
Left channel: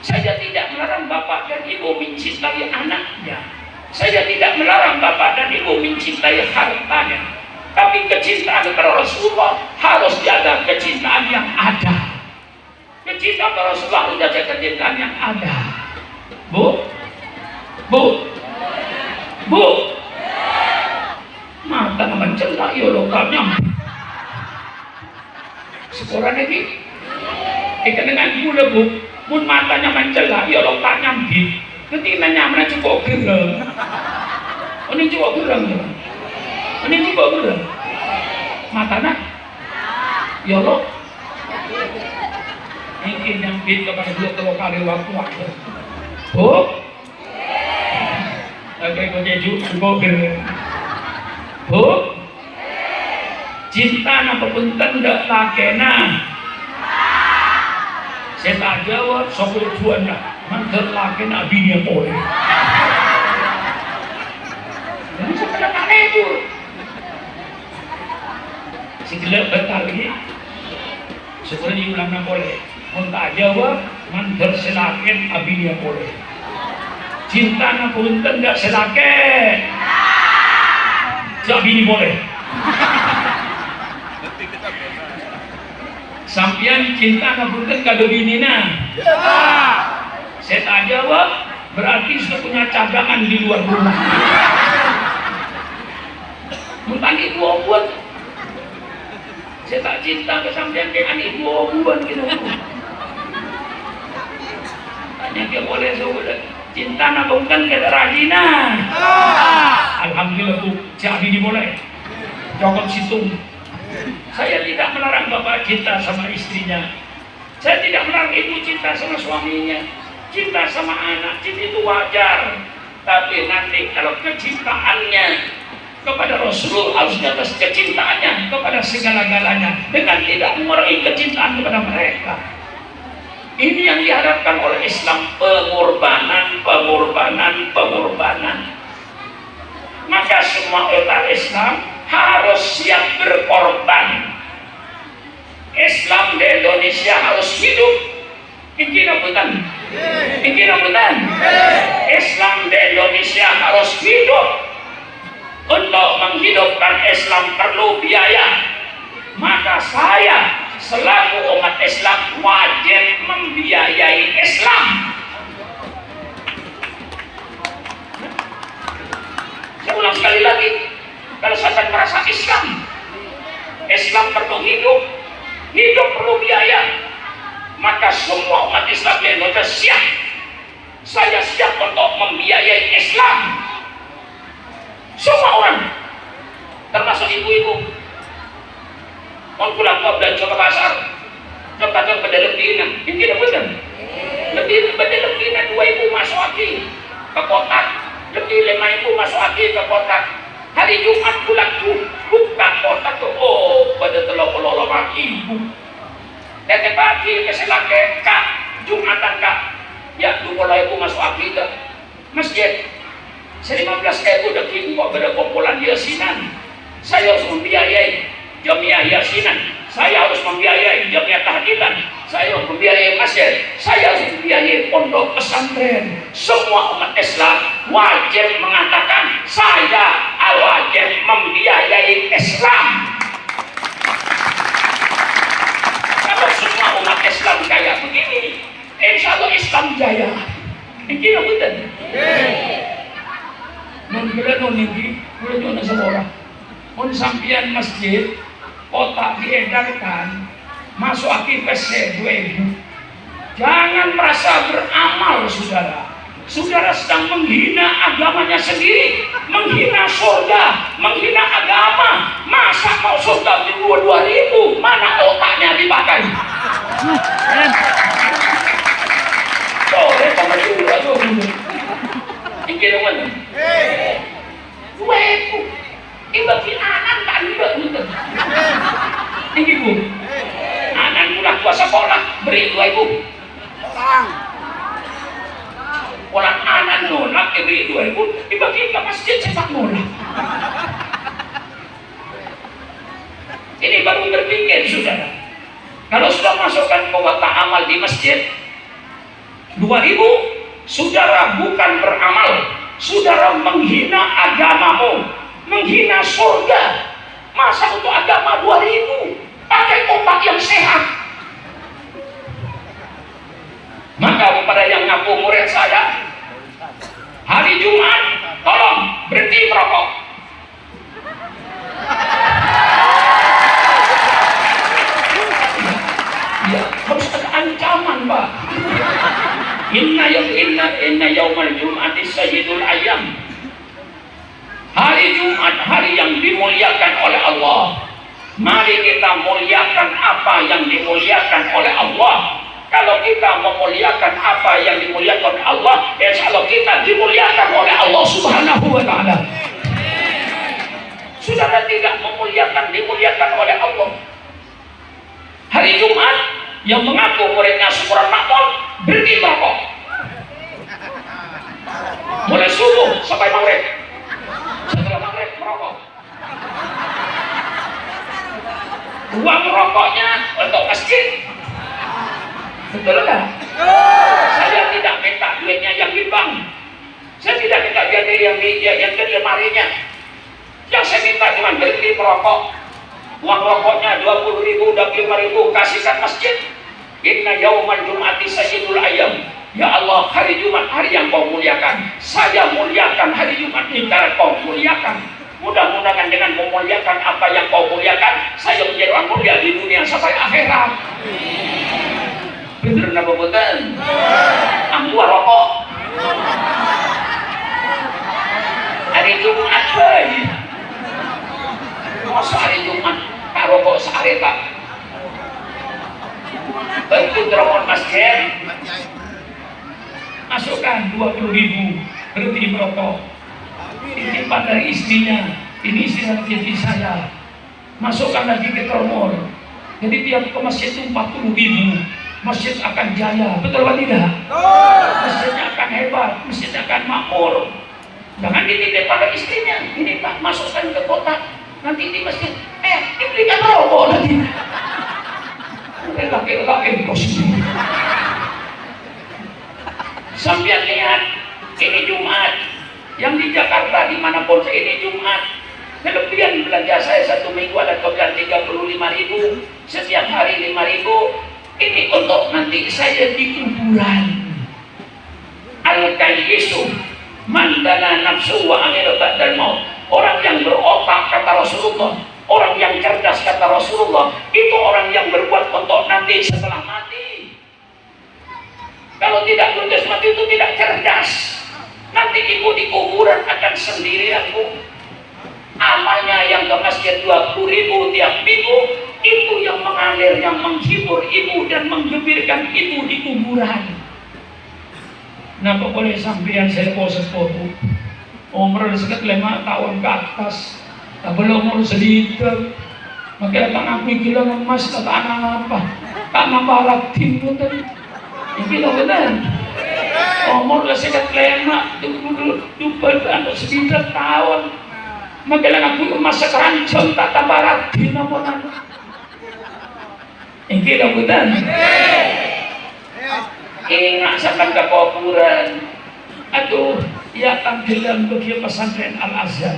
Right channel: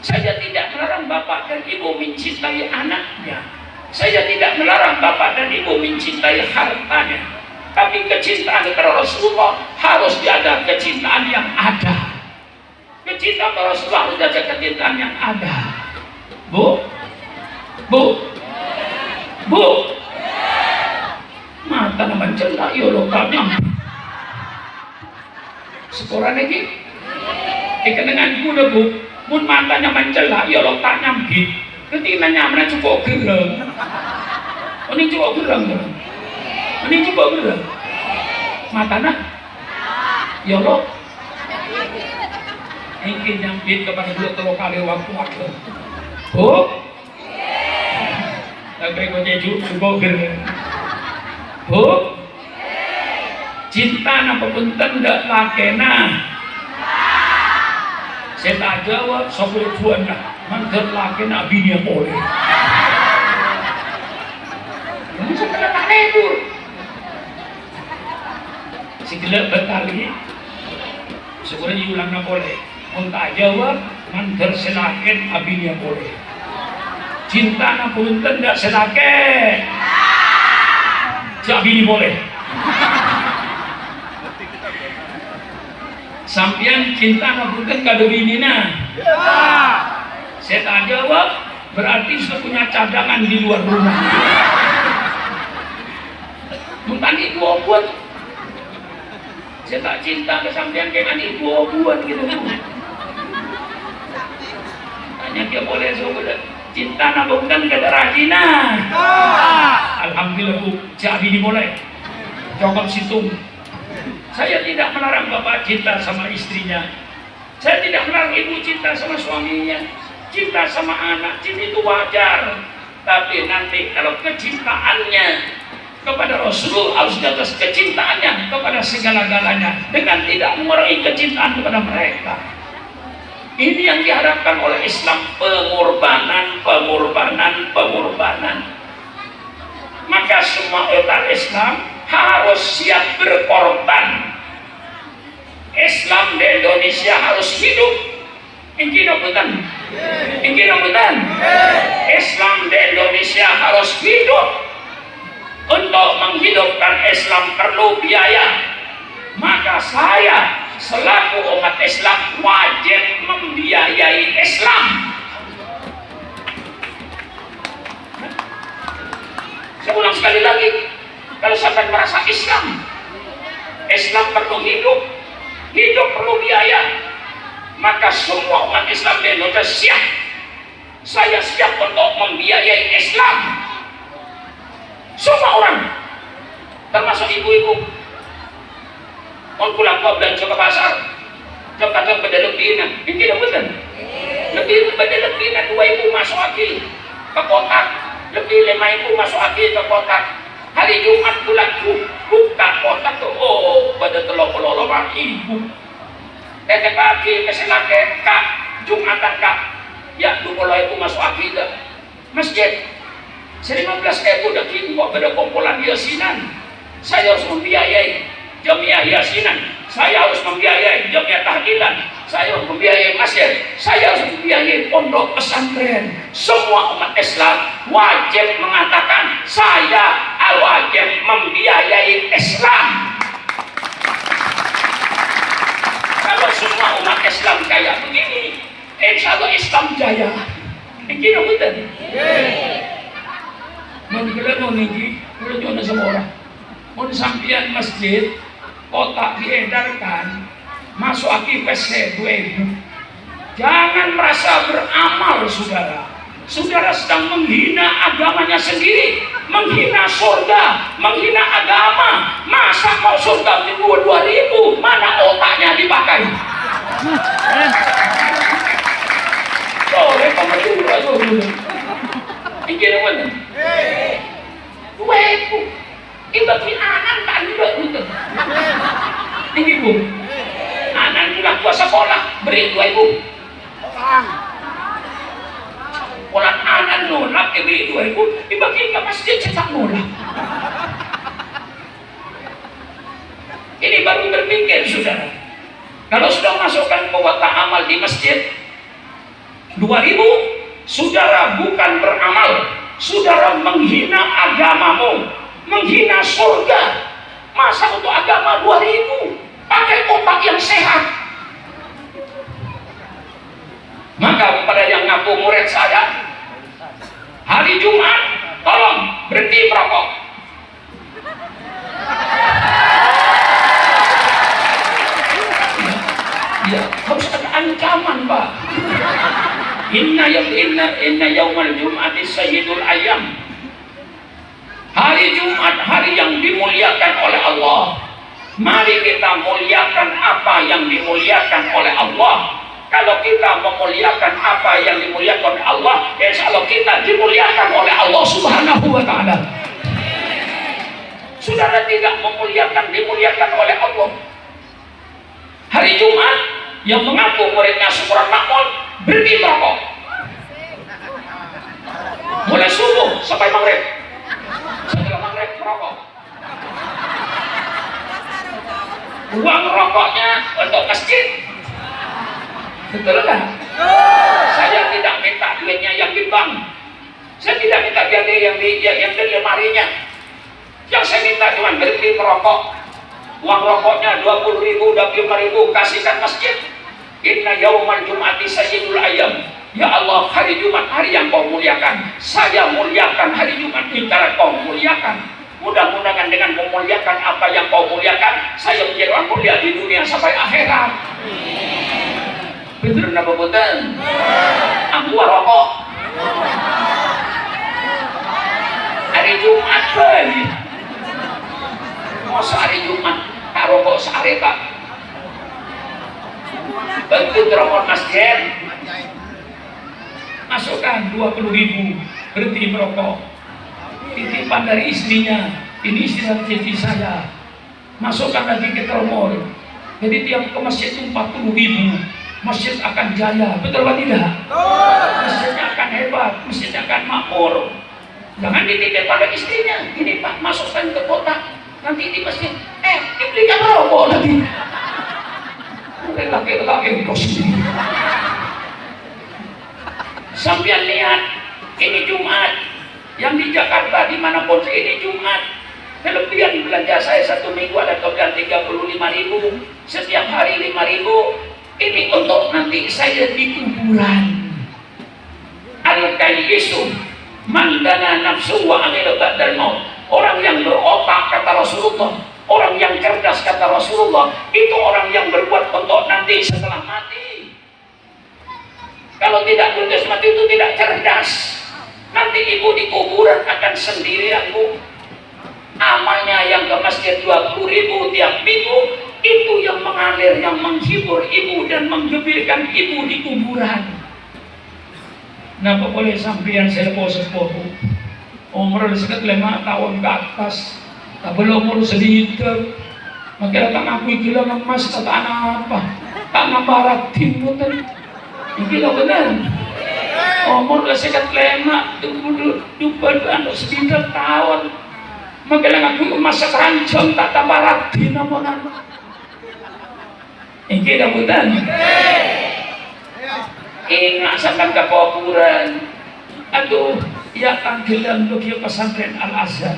Saya tidak melarang bapak dan ibu mencintai anaknya. Saya tidak melarang bapak dan ibu mencintai hartanya. Tapi kecintaan kepada Rasulullah harus diada kecintaan yang ada. Kecintaan kepada Rasulullah harus diada kecintaan yang ada. Bu, bu, bu. Mata naman celah ya lo tanya sekolah lagi dengan gula bu mun matanya mencelah ya lo tanya gitu ketika nyamnya cukup gereng ini cukup gereng ini cukup gereng matanya ya lo ini nyambit kepada dua kali waktu bu kayak gue cukup gereng bu cinta nama punten ndak lakena saya tak jawab sopir tuan lah mantan lakena bini boleh jadi setelah mana itu si gelap bentar lagi sebenarnya diulang nak boleh mau tak jawab mantan selaken bini boleh cinta nama punten ndak selaken si bini boleh sampian cinta ngapunten kado binina saya tak jawab berarti saya punya cadangan di luar rumah mentani dua buat saya tak cinta ke sampian kayak ani dua buat gitu tanya dia boleh sudah cinta ngapunten kado rajina alhamdulillah tuh si bini boleh jawab situ. Saya tidak melarang bapak cinta sama istrinya. Saya tidak melarang ibu cinta sama suaminya. Cinta sama anak, cinta itu wajar. Tapi nanti kalau kecintaannya kepada Rasulullah harus di atas kecintaannya kepada segala-galanya dengan tidak mengurangi kecintaan kepada mereka. Ini yang diharapkan oleh Islam, pengorbanan. Maka semua orang Islam harus siap berkorban. Islam di Indonesia harus hidup. Injil betul. Islam di Indonesia harus hidup. Untuk menghidupkan Islam perlu biaya. Maka saya selaku umat Islam wajib membiayai Islam. Saya ulang sekali lagi. Kalau saya merasa Islam perlu hidup perlu biaya, maka semua umat Islam di Indonesia siap. Saya siap untuk membiayai Islam. Semua orang, termasuk ibu-ibu, mau pulang belanja ke pasar, coba lebih, ini tidak benar. Lebih dua ibu masuk lagi ke kota, lebih 5 ibu masuk lagi ke kota. Hari Jumat pulang buka kotak tuh, pada telur ibu. Dan pagi keselake kak, Jumatan kak, ya mulai ibu masuk lagi ke masjid. 15 ibu udah ibu pada kumpulan yasinan. Saya harus membiayai jamiah yasinan. Saya harus membiayai jamiah tahlilan. Saya harus membiayai masjid. Saya harus membiayai pondok pesantren. Semua umat Islam wajib mengatakan saya wajib membiayai Islam. Kalau semua umat Islam kayak begini, insya Allah Islam jaya. Ini betul. Menggelar niki, boleh jual sama orang. Mau sampian masjid, kotak diedarkan, masuk akibes 2.000. Jangan merasa beramal, saudara. Saudara sedang menghina agamanya sendiri, menghina surga, menghina agama. Masa mau surga di 2.000? Mana otaknya dipakai? Boleh pakai juga tuh. Ini mana? 2.000. Itu bagi anak tak juga gitu. Ini bu, anak mulai puasa sekolah beri 2.000. Orang anak nolak beri 2.000, dibagi ke masjid cetak nolak. Ini baru berpikir saudara. Kalau sudah masukkan kotak amal di masjid 2.000, saudara bukan beramal, saudara menghina agamamu, menghina surga. Masa untuk agama 2.000? Pakai kotak yang sehat. Maka kepada yang ngaku murid saya, hari Jumat tolong berhenti merokok. Inna yaumal jum'ati sayyidul ayyam. Hari Jumat, hari yang dimuliakan oleh Allah. Mari kita muliakan apa yang dimuliakan oleh Allah. Kalau kita memuliakan apa yang dimuliakan oleh Allah, insya Allah kita dimuliakan oleh Allah Subhanahu wa Ta'ala. Saudara tidak dimuliakan oleh Allah. Hari Jumat yang mengaku muridnya Syukuran Makmur berhenti merokok mulai subuh sampai maghrib. Setelah maghrib merokok. Uang rokoknya untuk masjid. Betul enggak? Saya tidak minta duitnya yang di bank. Saya tidak minta yang di lemarinya. Yang saya minta cuma berhenti merokok. Uang rokoknya 20.000, 25.000 kasihkan masjid. Inna yaumal jum'ati sayyidul ayyam. Ya Allah, hari Jumat hari yang kau muliakan. Saya muliakan hari Jumat di cara kau muliakan. Mudah-mudahan dengan memuliakan apa yang kau muliakan, saya menjadi orang mulia di dunia sampai akhirat. Betul napa boten? Ambu rokok. Hari Jumat lagi. Masa hari Jumat tak rokok seareta. Betul terawat masjid. Masukkan 20.000 berhenti merokok. Titipan dari istrinya, ini istri dan jadi saya. Masukkan lagi ke termol. Jadi tiap ke masjid itu 40.000. Masjid akan jaya, betul atau tidak? Masjidnya akan hebat, masjidnya akan makmur. Jangan dititip pada istrinya. Ini Pak, masukkan ke kotak. Nanti di masjid, dibelikan rokok lagi. Laki-laki positif. Sampai lihat, ini Jumat. Yang di Jakarta, dimanapun ini Jumat. Kelebihan belanja saya 1 minggu ada kelebihan 35.000. Setiap hari 5.000. Ini untuk nanti saya di kuburan. Al-Kayyisu mandana nafsu wa amil ba'dal maut. Orang yang berotak kata Rasulullah, orang yang cerdas kata Rasulullah, itu orang yang berbuat untuk nanti setelah mati. Kalau tidak berbuat mati itu tidak cerdas. Nanti ibu di kuburan akan sendirian, Bu. Amalnya yang ke masjid 20.000 tiap minggu, itu yang mengalir, yang menghibur ibu dan menggembirakan ibu di kuburan. Nah, boleh sampean saya sepuh umur sekitar 5 tahun ke atas, tak belum umur sedikit. Maka kan aku gila emas kata anak apa? Tanah barat timur tadi. Gila benar. Umur sekitar 5 anak sedikit tahun. Maka aku masa keranjang tak tambah rapi nama-nama. Ini dah betul. Ingat sampai ke kuburan. Aduh, ya tampilan bagi pesantren Al-Azhar.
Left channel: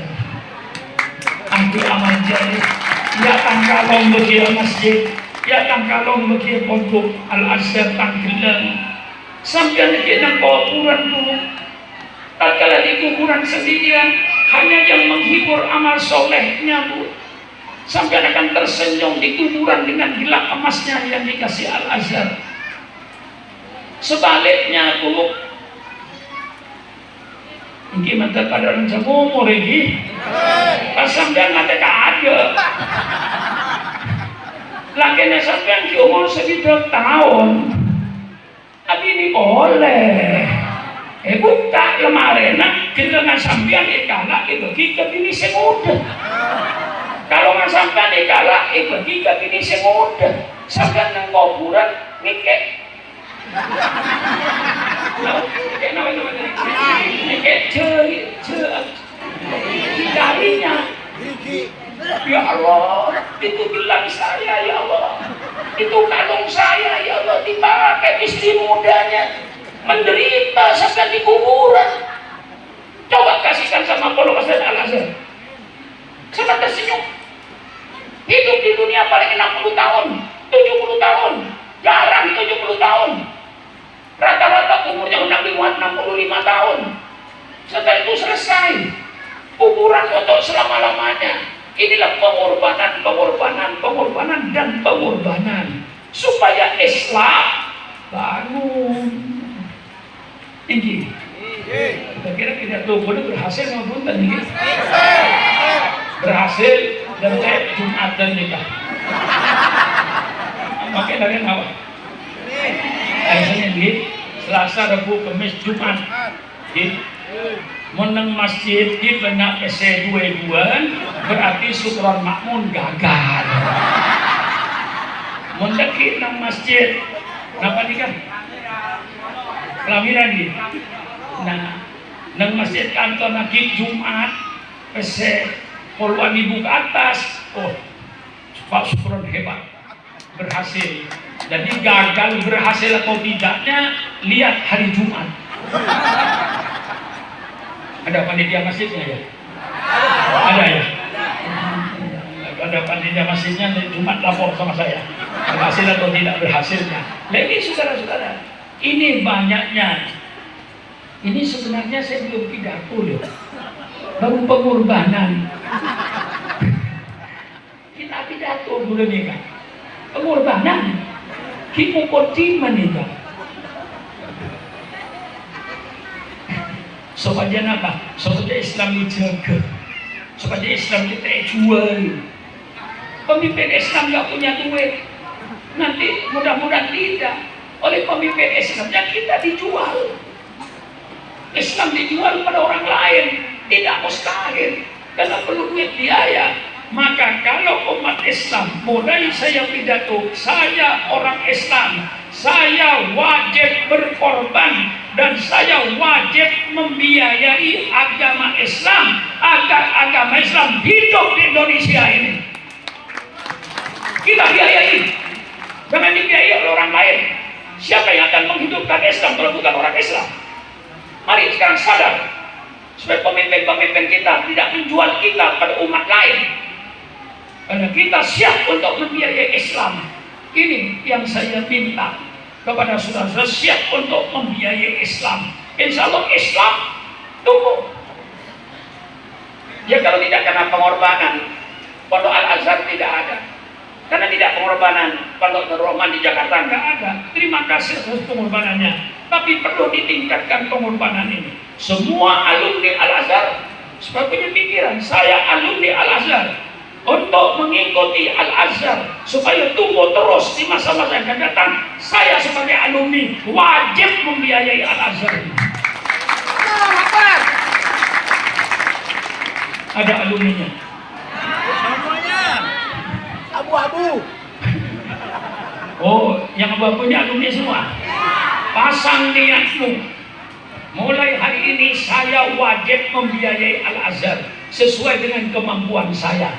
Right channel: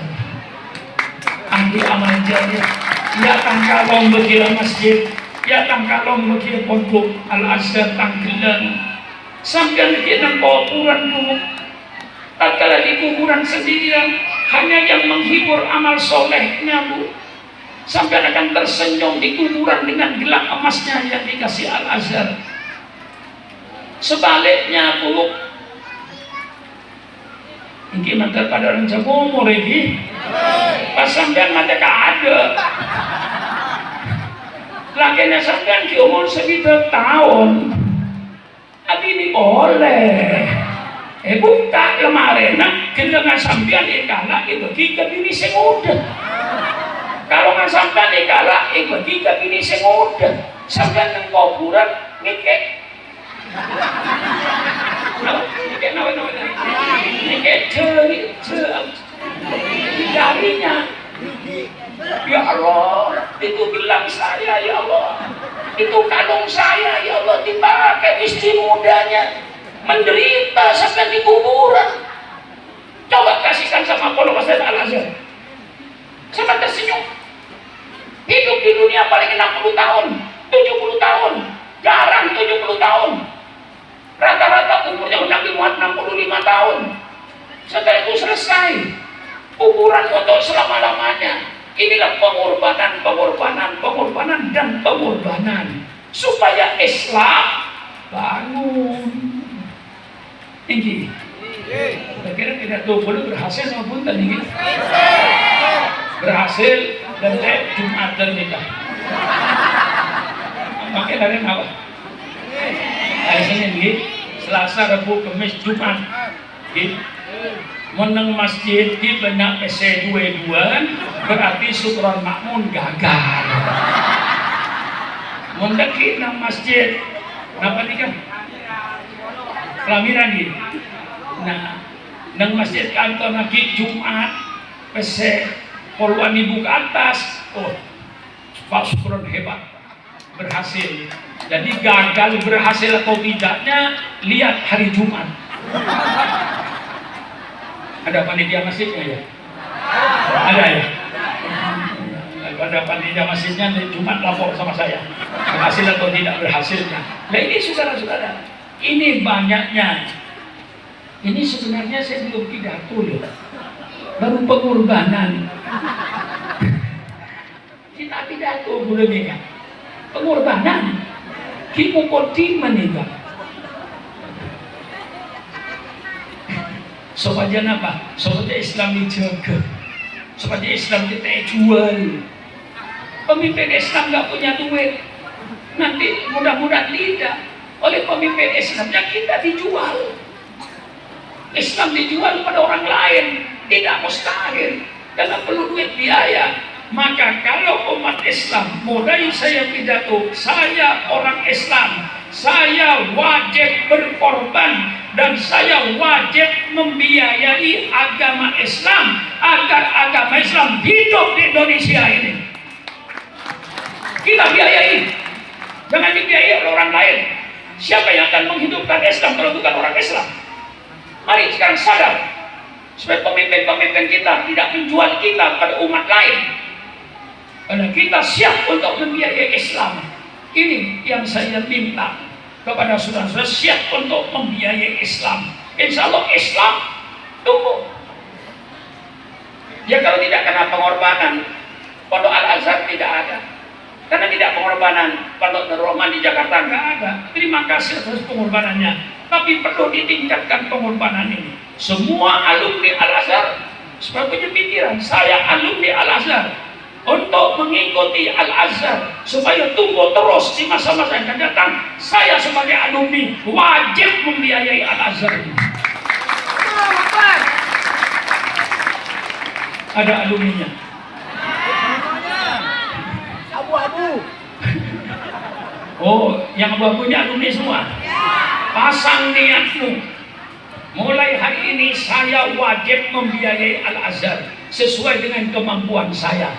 Ambil amal jari. Ya tangkalong bagi masjid. Ya tangkalong bagi pondok Al-Azhar tampilan. Sampai lagi nak kuburan dulu. Tak kala di kuburan sendirian, hanya yang menghibur amal solehnya, Bu. Sampai akan tersenyum di kuburan dengan gelang emasnya yang dikasih Al-Azhar. Sebaliknya, Bu, ini mantar pada orang umur ini, pasang dan ada ada. Lakinya sampai di umur sekitar tahun, tapi ini boleh. Buka lemari, nak dengan sampean ikalak bagi ke bini semudah. Kalau nggak sampean ikalak bagi ke bini semudah. Sampean nang kuburan mikir. Mikir jarinya. Ya Allah, itu bilang saya ya Allah. Itu kalung saya ya Allah dipakai istri mudanya. Menderita sampai di kuburan. Coba kasihkan sama pondok pesantren Al-Azhar. Sama tersenyum. Hidup di dunia paling 60 tahun, 70 tahun, jarang 70 tahun. Rata-rata umurnya udah 65 tahun. Setelah itu selesai. Kuburan untuk selama-lamanya. Inilah pengorbanan dan pengorbanan supaya Islam bangun. Tinggi. Kita kira pidato boleh berhasil maupun tinggi. Berhasil dan saya Jumat dan nikah. Pakai dari apa? Hari Senin gitu. Selasa, Rabu, Kamis, Jumat. Gitu. Menang masjid di benak PC 22 berarti syukuran makmun gagal. Mendaki nang masjid, kenapa nikah? Pelamiran gitu. Nah, nang masjid kantor lagi Jumat, PC puluhan ribu ke atas. Oh, Pak syukuran hebat, berhasil. Jadi gagal berhasil atau tidaknya lihat hari Jumat. Ada panitia masjidnya ya? Ada ya? Ada panitia masjidnya di Jumat lapor sama saya. Berhasil atau tidak berhasilnya. Nah ini saudara-saudara, ini banyaknya. Ini sebenarnya saya belum pidato loh. Baru pengorbanan. Kita pidato dulu nih kan. Pengorbanan. Hipokotiman itu. Supaya apa? Supaya Islam dijaga. Supaya Islam kita jual. Pemimpin Islam nggak punya duit. Nanti mudah-mudahan tidak. Oleh pemimpin Islamnya kita dijual. Islam dijual pada orang lain. Tidak mustahil. Karena perlu duit biaya. Maka kalau umat Islam, mulai saya pidato, saya orang Islam, saya wajib berkorban dan saya wajib membiayai agama Islam agar agama Islam hidup di Indonesia ini. Kita biayai, jangan dibiayai oleh orang lain. Siapa yang akan menghidupkan Islam kalau bukan orang Islam? Mari sekarang sadar, supaya pemimpin-pemimpin kita tidak menjual kita pada umat lain. Karena kita siap untuk membiayai Islam. Ini yang saya minta kepada saudara-saudara, siap untuk membiayai Islam. Insya Allah Islam tumbuh. Ya kalau tidak kena pengorbanan, Pondok Al-Azhar tidak ada. Karena tidak pengorbanan, Pondok Nur Rahman di Jakarta nggak ada. Terima kasih atas pengorbanannya. Tapi perlu ditingkatkan pengorbanan ini. Semua alumni Al-Azhar sebagai pikiran, saya alumni Al-Azhar, untuk mengikuti Al-Azhar supaya tumbuh terus di masa-masa yang akan datang. Saya sebagai alumni wajib membiayai Al-Azhar. Ada alumninya. Abu-abu. Oh, yang abu-abunya alumni semua. Pasang niatmu. Mulai hari ini saya wajib membiayai Al-Azhar sesuai dengan kemampuan saya.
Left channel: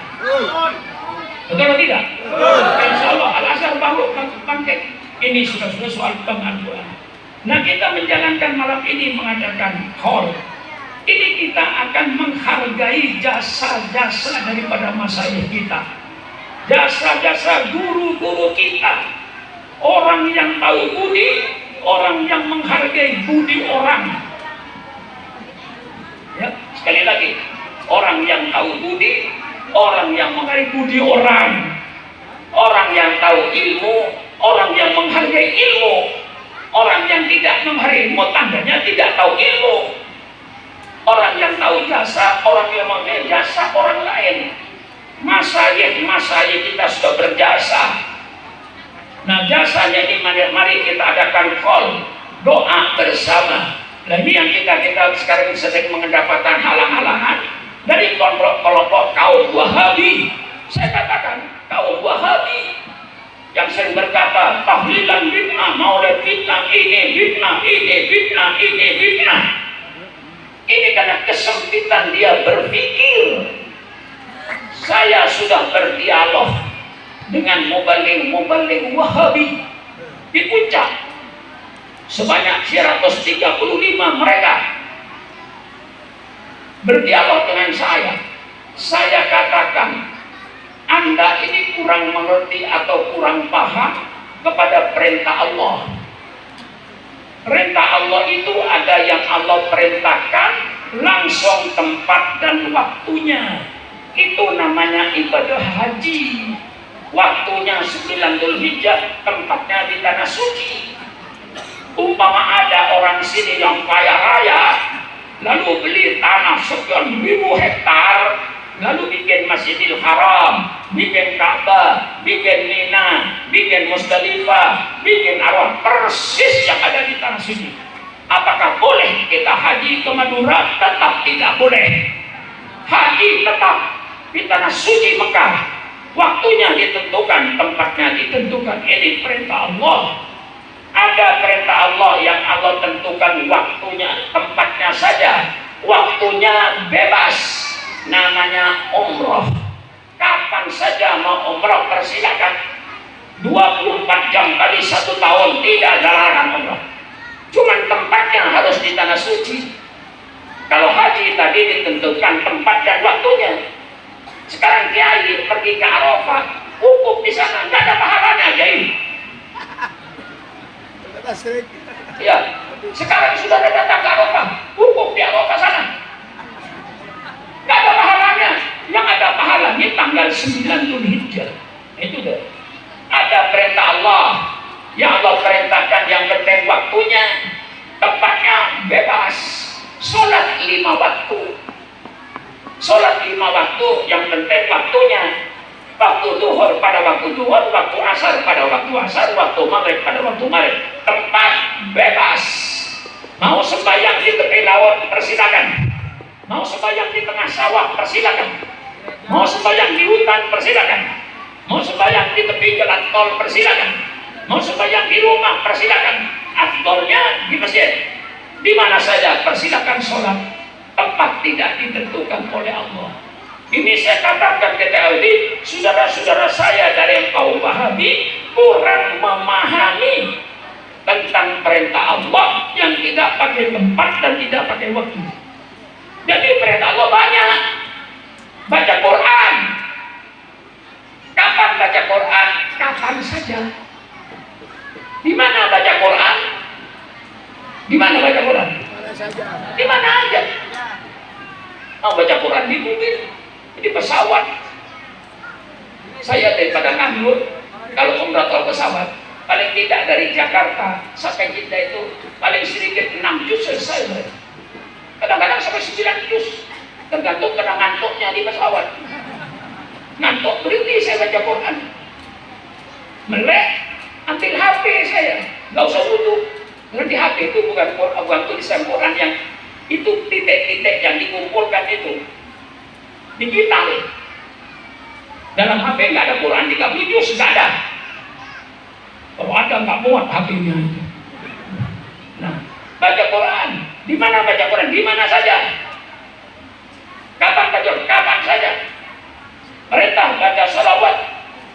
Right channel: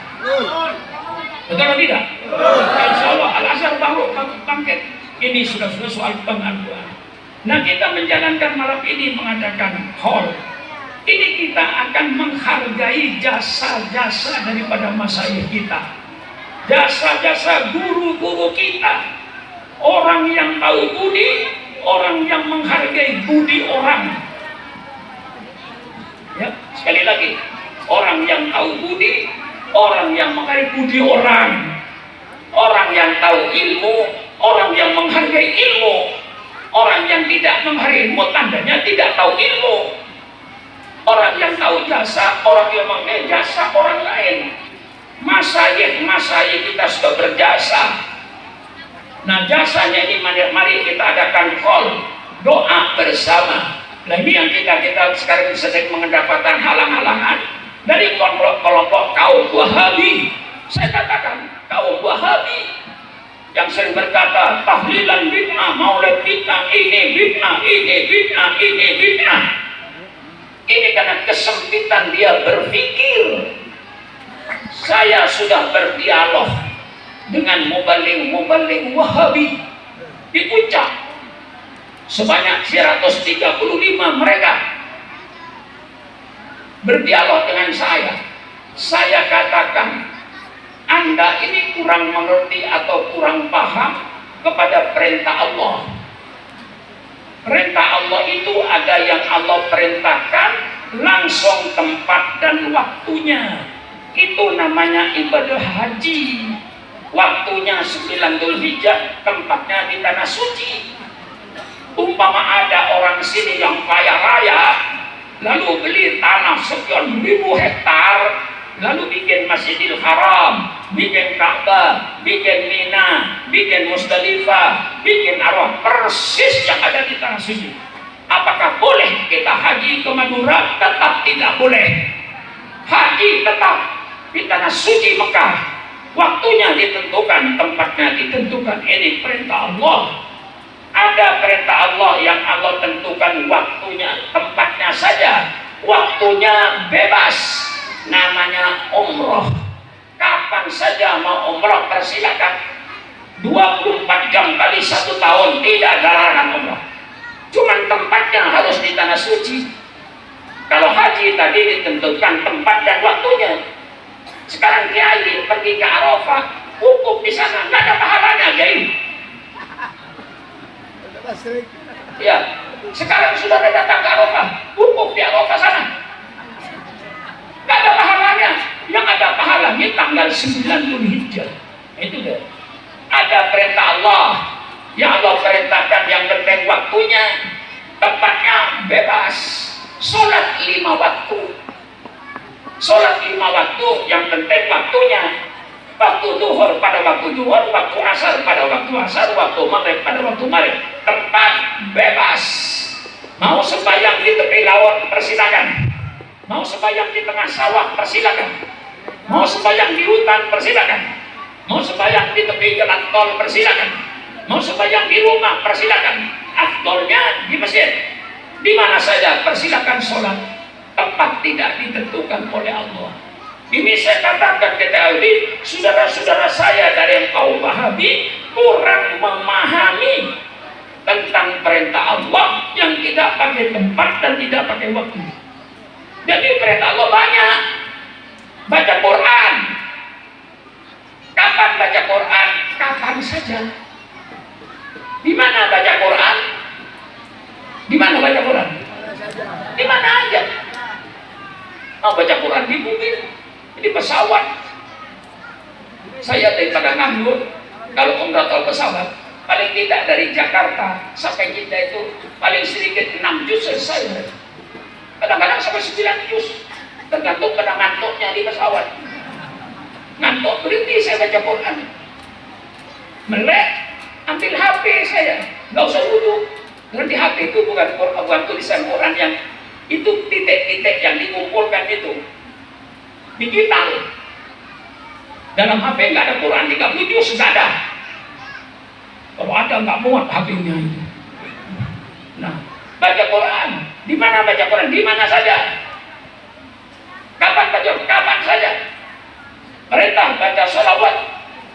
Betul atau tidak? Insya Allah Al-Azhar baru bangkit. Ini sudah soal pengaduan. Nah kita menjalankan malam ini mengadakan hall. Ini kita akan menghargai jasa-jasa daripada masyayikh kita. Jasa-jasa guru-guru kita. Orang yang tahu budi, orang yang menghargai budi orang. Ya, sekali lagi, orang yang tahu budi, orang yang menghargai budi orang, orang yang tahu ilmu, orang yang menghargai ilmu, orang yang tidak menghargai ilmu tandanya tidak tahu ilmu, orang yang tahu jasa, orang yang menghargai jasa orang lain. Masyayikh kita sudah berjasa. Nah jasanya di mana? Mari kita adakan call doa bersama. Nah ini yang kita sekarang sedang mendapatkan halang-halangan dari kelompok kaum Wahabi. Saya katakan kaum Wahabi yang sering berkata tahlilan bid'ah, maulid bid'ah, ini bid'ah, ini bid'ah, ini bid'ah. Ini karena kesempitan dia berpikir. Saya sudah berdialog dengan mubaligh Wahabi di Puncak. Sebanyak 135 mereka berdialog dengan saya. Saya katakan, Anda ini kurang mengerti atau kurang paham kepada perintah Allah. Perintah Allah itu ada yang Allah perintahkan langsung tempat dan waktunya. Itu namanya ibadah haji. Waktunya 9 Dzulhijjah, tempatnya di tanah suci. Umpama ada orang sini yang kaya raya, lalu beli tanah sekian ribu hektar, lalu bikin Masjidil Haram, bikin Ka'bah, bikin Mina, bikin Musdalifah, bikin Arafah, persis yang ada di tanah suci. Apakah boleh kita haji ke Madura? Tetap tidak boleh. Haji tetap di tanah suci Mekah. Waktunya ditentukan, tempatnya ditentukan. Ini perintah Allah. Ada perintah Allah yang Allah tentukan waktunya, tempatnya saja. Waktunya bebas. Namanya umroh. Kapan saja mau umroh persilakan. 24 jam kali 1 tahun tidak ada larangan umroh. Cuman tempatnya harus di tanah suci. Kalau haji tadi ditentukan tempat dan waktunya. Sekarang kiai pergi ke Arafah, wukuf di sana, nggak ada pahalanya, kiai. Ya, sekarang sudah datang ke Arafah, wukuf di Arafah sana, nggak ada pahalanya. Yang ada pahalanya tanggal 9 Dzulhijjah. Itu deh. Ada perintah Allah, yang Allah perintahkan, yang penting waktunya, tempatnya bebas. Sholat 5 waktu. Sholat 5 waktu, yang penting waktunya. Waktu duhur pada waktu duhur, waktu asar pada waktu asar, waktu maghrib pada waktu maghrib. Tempat bebas. Mau sembahyang di tepi laut, persilakan. Mau sembahyang di tengah sawah, persilakan. Mau sembahyang di hutan, persilakan. Mau sembahyang di tepi jalan tol, persilakan. Mau sembahyang di rumah, persilakan. Afdolnya di masjid. Di mana saja persilakan sholat. Tempat tidak ditentukan oleh Allah. Ini saya katakan ke Aldi, saudara-saudara saya dari yang kaum Wahabi kurang memahami tentang perintah Allah yang tidak pakai tempat dan tidak pakai waktu. Jadi perintah Allah banyak. Baca Quran. Kapan baca Quran? Kapan saja. Di mana baca Quran? Di mana baca Quran? Di mana aja. Mau baca Quran di bukit, di pesawat. Saya daripada nganggur, kalau umrah atau pesawat, paling tidak dari Jakarta sampai Jeddah itu paling sedikit 6 juz selesai. Kadang-kadang sampai 9 juz, tergantung kena ngantuknya di pesawat. Ngantuk berhenti saya baca Quran. Melek, ambil HP saya, nggak usah duduk. Karena di HP itu bukan tulisan Quran yang itu titik-titik yang dikumpulkan itu digital. Dalam HP nggak ada Quran, 30 juz nggak ada. Kalau ada nggak muat HP-nya. Nah, baca Quran. Di mana baca Quran? Di mana saja. Kapan baca? Kapan saja. Perintah baca salawat.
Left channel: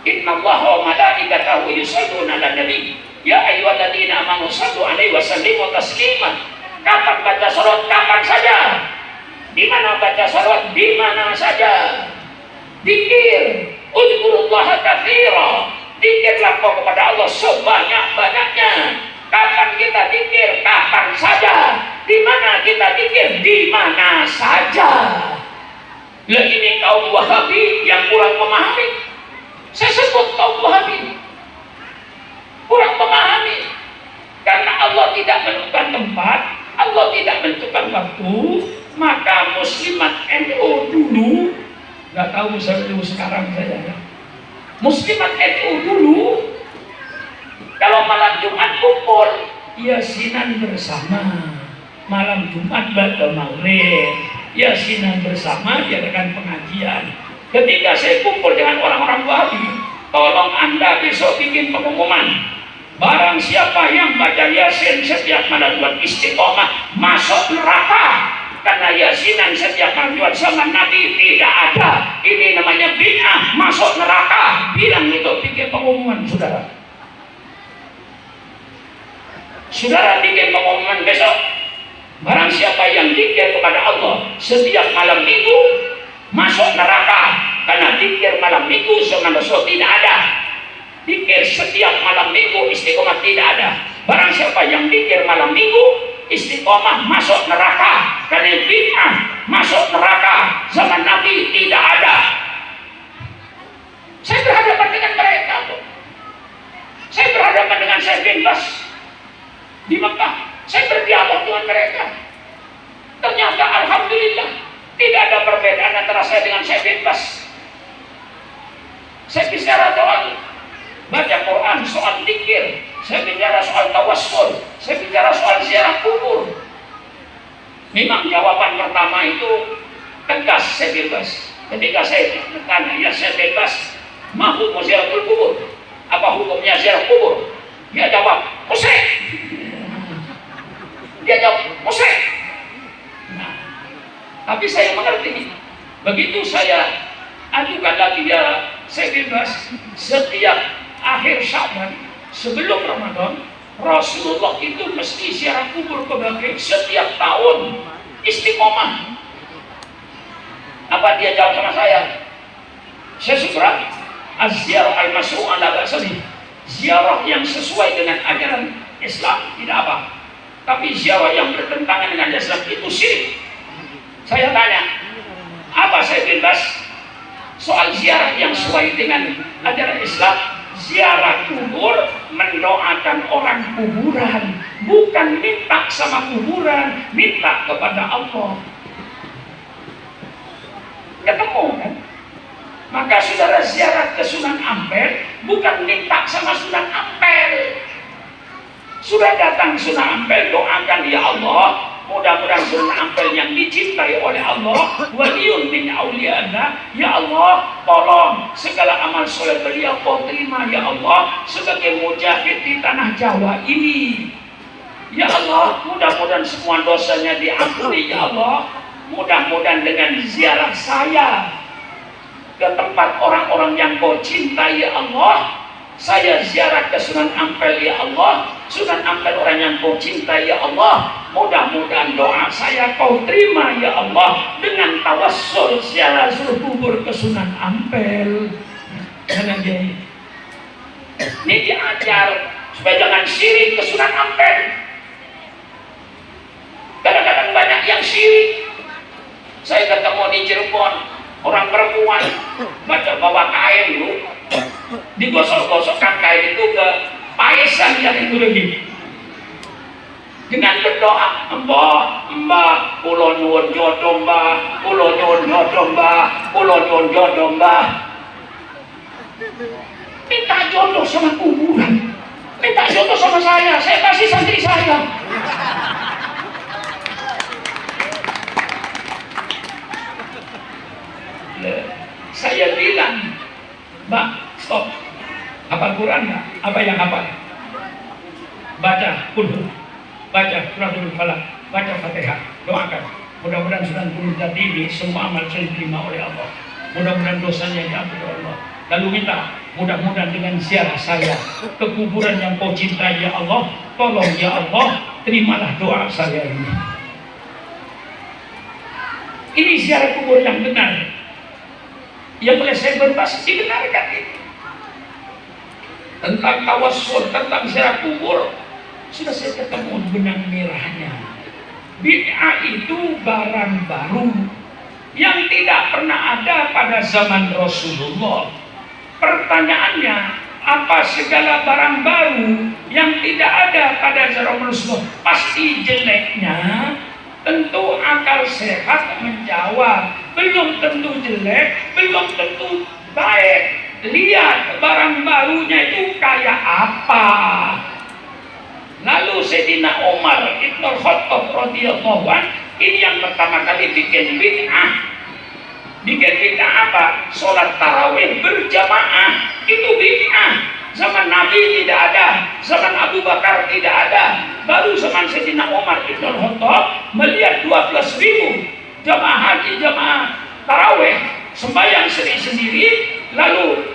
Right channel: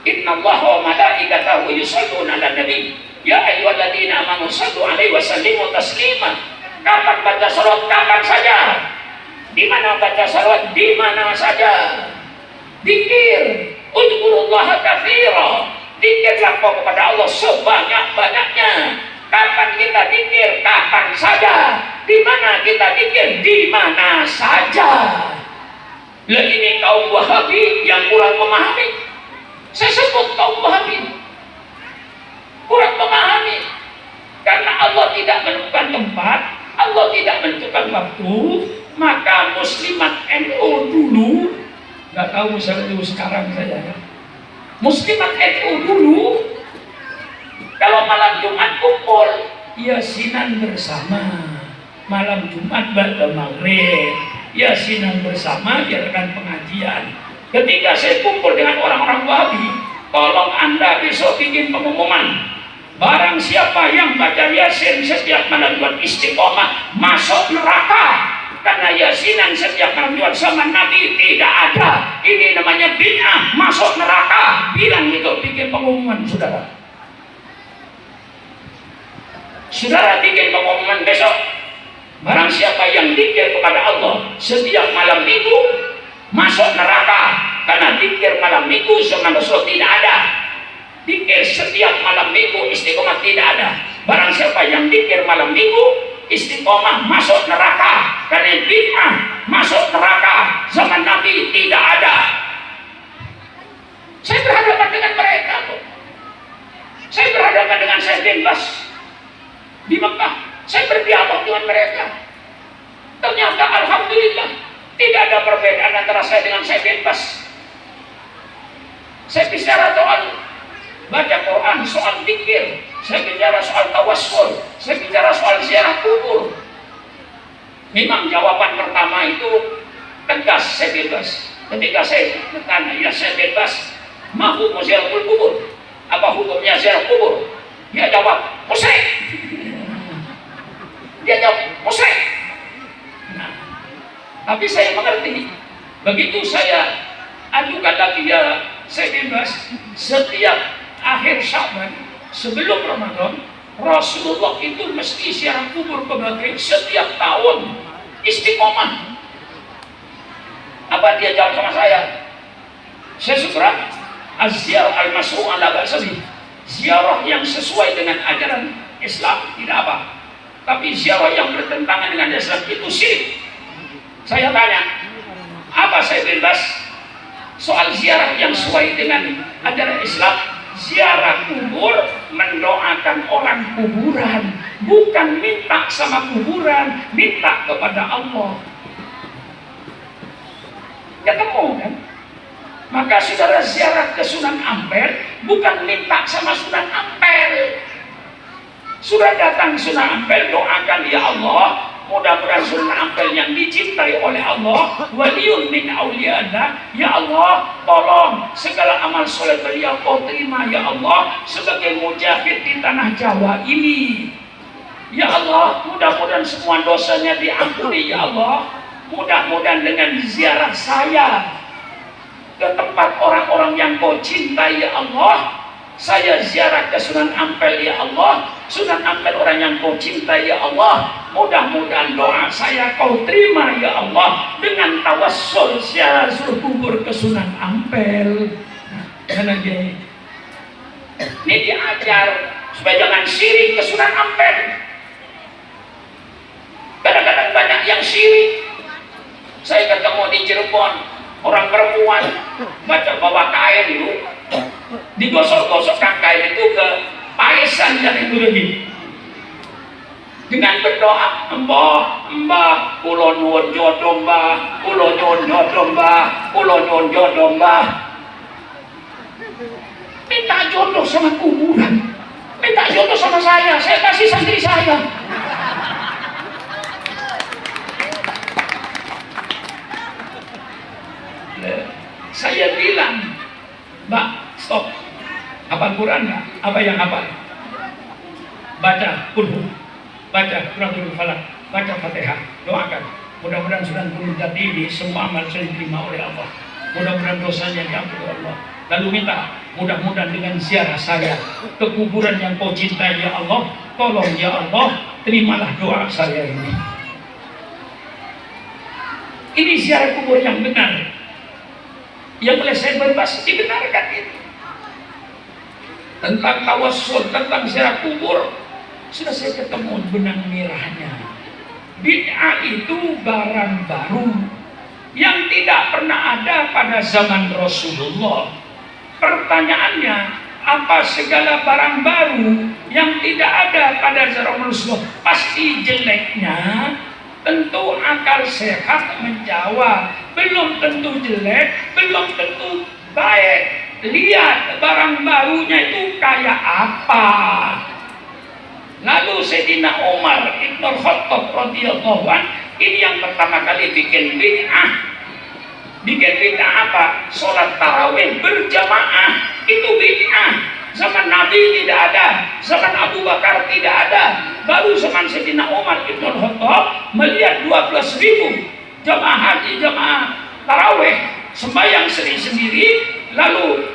Innallaha wa malaikatahu yusholluna 'alan nabi. Ya ayyuhalladzina amanu shallu 'alaihi wa sallimu taslima. Kapan baca salawat? Kapan saja. Di mana baca salawat? Di mana saja. Dikir. Udzurullaha katsira. Dikirlah kau kepada Allah sebanyak-banyaknya. Kapan kita dikir? Kapan saja. Di mana kita dikir? Di mana saja. Lah ini kaum Wahabi yang kurang memahami. Saya sebut kaum Wahabi kurang memahami. Karena Allah tidak menentukan tempat, Allah tidak menentukan waktu, maka muslimat NU dulu, nggak tahu sekarang saya, muslimat NU dulu, kalau malam Jumat kumpul, yasinan bersama, malam Jumat baca maghrib, yasinan bersama, diadakan pengajian. Ketika saya kumpul dengan orang-orang Wahabi, tolong Anda besok bikin pengumuman. Barang siapa yang baca Yasin setiap malam buat istiqomah masuk neraka. Karena Yasinan setiap malam zaman Nabi tidak ada. Ini namanya bid'ah, masuk neraka. Bilang itu, bikin pengumuman saudara. Saudara bikin pengumuman besok. Barang siapa yang zikir kepada Allah setiap malam minggu masuk neraka. Karena zikir malam minggu zaman Rasul tidak ada. Dikir setiap malam minggu istiqomah tidak ada. Barang siapa yang dikir malam minggu istiqomah masuk neraka. Karena bid'ah masuk neraka. Zaman Nabi tidak ada. Saya berhadapan dengan mereka. Saya berhadapan dengan Syekh bin Bas di Mekah. Saya berdialog mereka. Ternyata alhamdulillah tidak ada perbedaan antara saya dengan saya bebas. Saya bicara soal baca Quran, soal zikir, saya bicara soal tawassul, saya bicara soal ziarah kubur. Memang jawaban pertama itu tegas, saya bebas. Ketika saya bertanya, ya saya bebas, ma hukum ziarah kubur? Apa hukumnya ziarah kubur? Dia jawab, musyrik. Dia jawab, musyrik. Nah, tapi saya mengerti. Begitu saya ajukan lagi ya, saya bebas. Setiap akhir Sya'ban sebelum Ramadan, Rasulullah itu mesti ziarah kubur ke Baqi setiap tahun, istiqomah. Apa dia jawab sama saya? Saya segera az-ziarah al-masru' ala ba'sabi. Ziarah yang sesuai dengan ajaran Islam tidak apa. Tapi ziarah yang bertentangan dengan Islam itu syirik. Saya tanya, apa saya bebas? Soal ziarah yang sesuai dengan ajaran Islam, ziarah kubur mendoakan orang kuburan, bukan minta sama kuburan, minta kepada Allah. Ketemu kan? Maka saudara ziarah ke Sunan Ampel bukan minta sama Sunan Ampel. Sudah datang Sunan Ampel, doakan ya Allah, mudah-mudahan Sunan Ampel yang dicintai oleh Allah, waliyun min auliyaillah, ya Allah, tolong segala amal soleh beliau kau terima ya Allah sebagai mujahid di tanah Jawa ini. Ya Allah, mudah-mudahan semua dosanya diampuni ya Allah. Mudah-mudahan dengan ziarah saya ke tempat orang-orang yang kau cintai ya Allah, saya ziarah ke Sunan Ampel ya Allah, Sunan Ampel orang yang kau cintai ya Allah, mudah-mudahan doa saya kau terima ya Allah dengan tawassul ziarah kubur ke Sunan Ampel. Karena ini diajar supaya jangan syirik ke Sunan Ampel. Kadang-kadang banyak yang syirik. Saya ketemu di Cirebon, orang perempuan bawa kain itu, digosok-gosokkan kain itu ke paesan yang itu lebih. Dengan berdoa, mbah, kula nyuwun jodoh mbah, kula nyuwun jodoh mbah, kula nyuwun jodoh mbah. Minta jodoh sama kuburan, minta jodoh sama saya kasih santri saya. Saya bilang, Mbak, stop. Hafal Quran, apa yang hafal? Baca kulhu, baca Qur'anul Falaq, baca Fatihah, doakan. Mudah-mudahan sudah turun tadi ini semua amal saya diterima oleh Allah. Mudah-mudahan dosanya diampuni oleh Allah. Lalu minta, mudah-mudahan dengan ziarah saya ke kuburan yang kau cintai ya Allah, tolong ya Allah, terimalah doa saya ini. Ini ziarah kubur yang benar. Yang oleh saya berbahas dibenarkan itu. Tentang tawassul, tentang ziarah kubur, sudah saya ketemu benang merahnya. Bid'ah itu barang baru yang tidak pernah ada pada zaman Rasulullah. Pertanyaannya, apa segala barang baru yang tidak ada pada zaman Rasulullah pasti jeleknya? Tentu akal sehat menjawab, belum tentu jelek, belum tentu baik. Lihat barang barunya itu kayak apa. Lalu Sayyidina Umar Ibn Khattab radhiyallahu anhu ini yang pertama kali bikin bid'ah. Bikin bid'ah apa? Sholat tarawih berjamaah itu bid'ah. Zaman Nabi tidak ada, zaman Abu Bakar tidak ada. Baru zaman Sayyidina Umar Ibn Khattab melihat 12.000 jamaah haji, jamaah tarawih sembahyang sendiri-sendiri. Lalu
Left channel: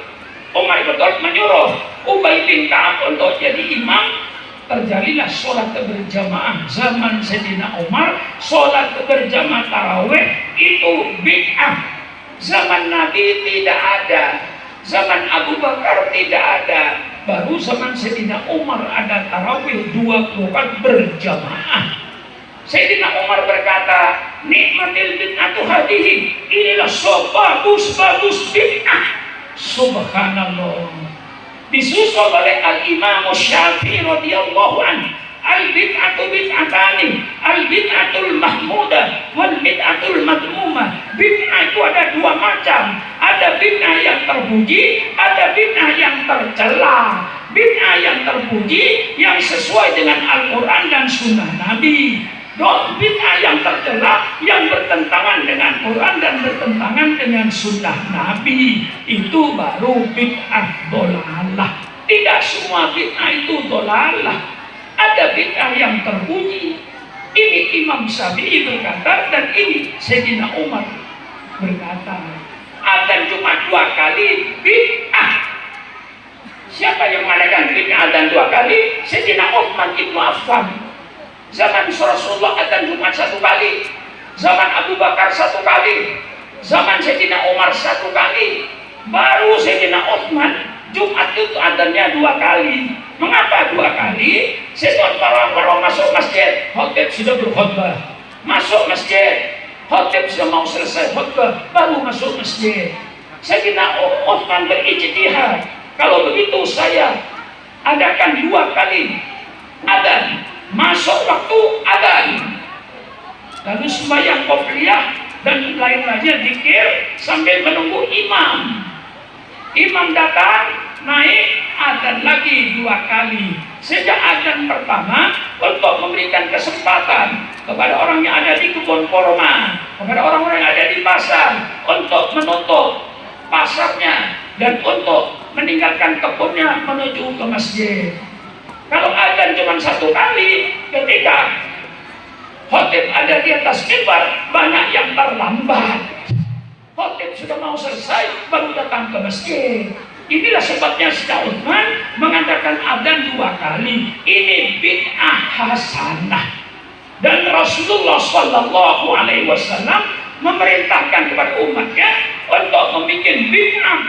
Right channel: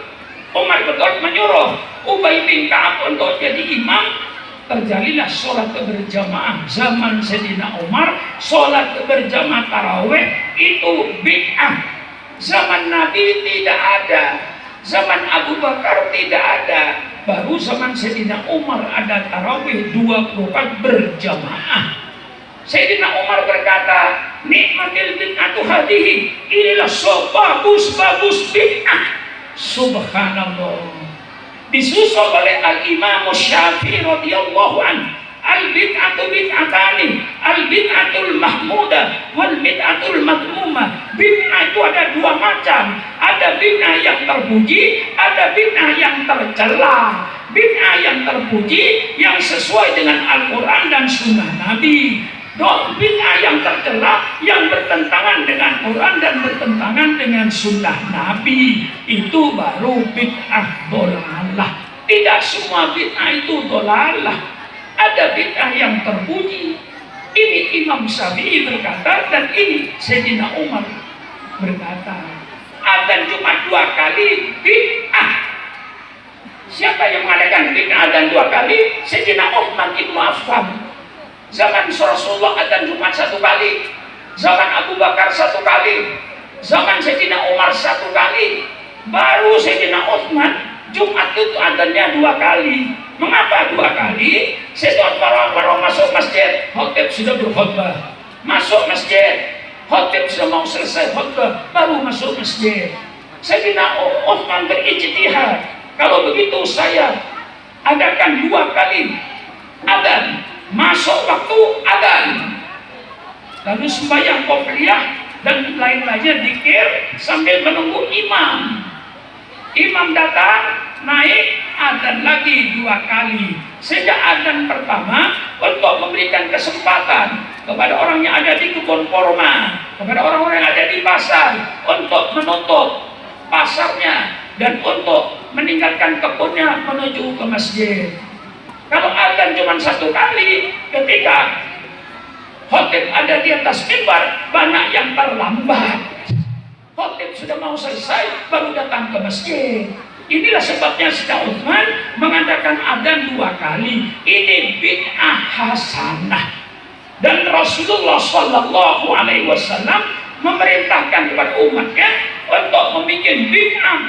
Umar Ibn Khattab menyuruh Ubay bin Ka'ab untuk jadi imam. Terjadilah sholat berjamaah zaman Sayyidina Umar. Sholat berjamaah tarawih itu bid'ah. Zaman Nabi tidak ada, zaman Abu Bakar tidak ada. Baru zaman Sayyidina Umar ada tarawih 2 rakaat berjamaah. Sayyidina Umar berkata, nikmatil bid'atu hadihi, inilah bagus bid'ah. Subhanallah. Disusul oleh Al-Imam Syafi'i radhiyallahu anhu. Al-bid'atu bid'atani, al-bid'atul mahmudah wal bid'atul madmumah. Bid'ah itu ada dua macam. Ada bid'ah yang terpuji, ada bid'ah yang tercela. Bid'ah yang terpuji yang sesuai dengan Al-Quran dan Sunnah Nabi. Bid'ah yang tercela yang bertentangan dengan Quran dan bertentangan dengan Sunnah Nabi, itu baru bid'ah dolalah. Tidak semua bid'ah itu dolalah. Ada bid'ah yang terpuji. Ini Imam Syafi'i berkata dan ini Sayyidina Umar berkata. Adzan Jumat 2 kali bid'ah. Siapa yang mengadakan bid'ah adzan 2 kali? Sayyidina Utsman bin Affan. Zaman Rasulullah adzan Jumat 1 kali. Zaman Abu Bakar 1 kali. Zaman Sayyidina Umar 1 kali. Baru Sayyidina Utsman Jumat itu adzannya 2 kali. Mengapa 2 kali? Setelah orang masuk masjid, khotib sudah berkhutbah. Masuk masjid, khotib sudah mau selesai khutbah, baru masuk masjid. Sayyidina Utsman berijtihad. Kalau begitu saya adakan 2 kali adzan. Masuk waktu adzan. Lalu sembahyang qobliyah dan lain-lainnya zikir sambil menunggu imam. Imam datang, naik adzan lagi 2 kali. Sejak adzan pertama untuk memberikan kesempatan kepada orang yang ada di kebun kurma, kepada orang-orang yang ada di pasar untuk menutup pasarnya dan untuk meninggalkan kebunnya menuju ke masjid. Kalau adzan cuma 1 kali, ketika khotib ada di atas mimbar, banyak yang terlambat. Khotib sudah mau selesai baru datang ke masjid. Inilah sebabnya Sayyidina Utsman mengatakan adzan 2 kali. Ini bid'ah hasanah. Dan Rasulullah Shallallahu Alaihi Wasallam memerintahkan kepada umatnya untuk membuat bid'ah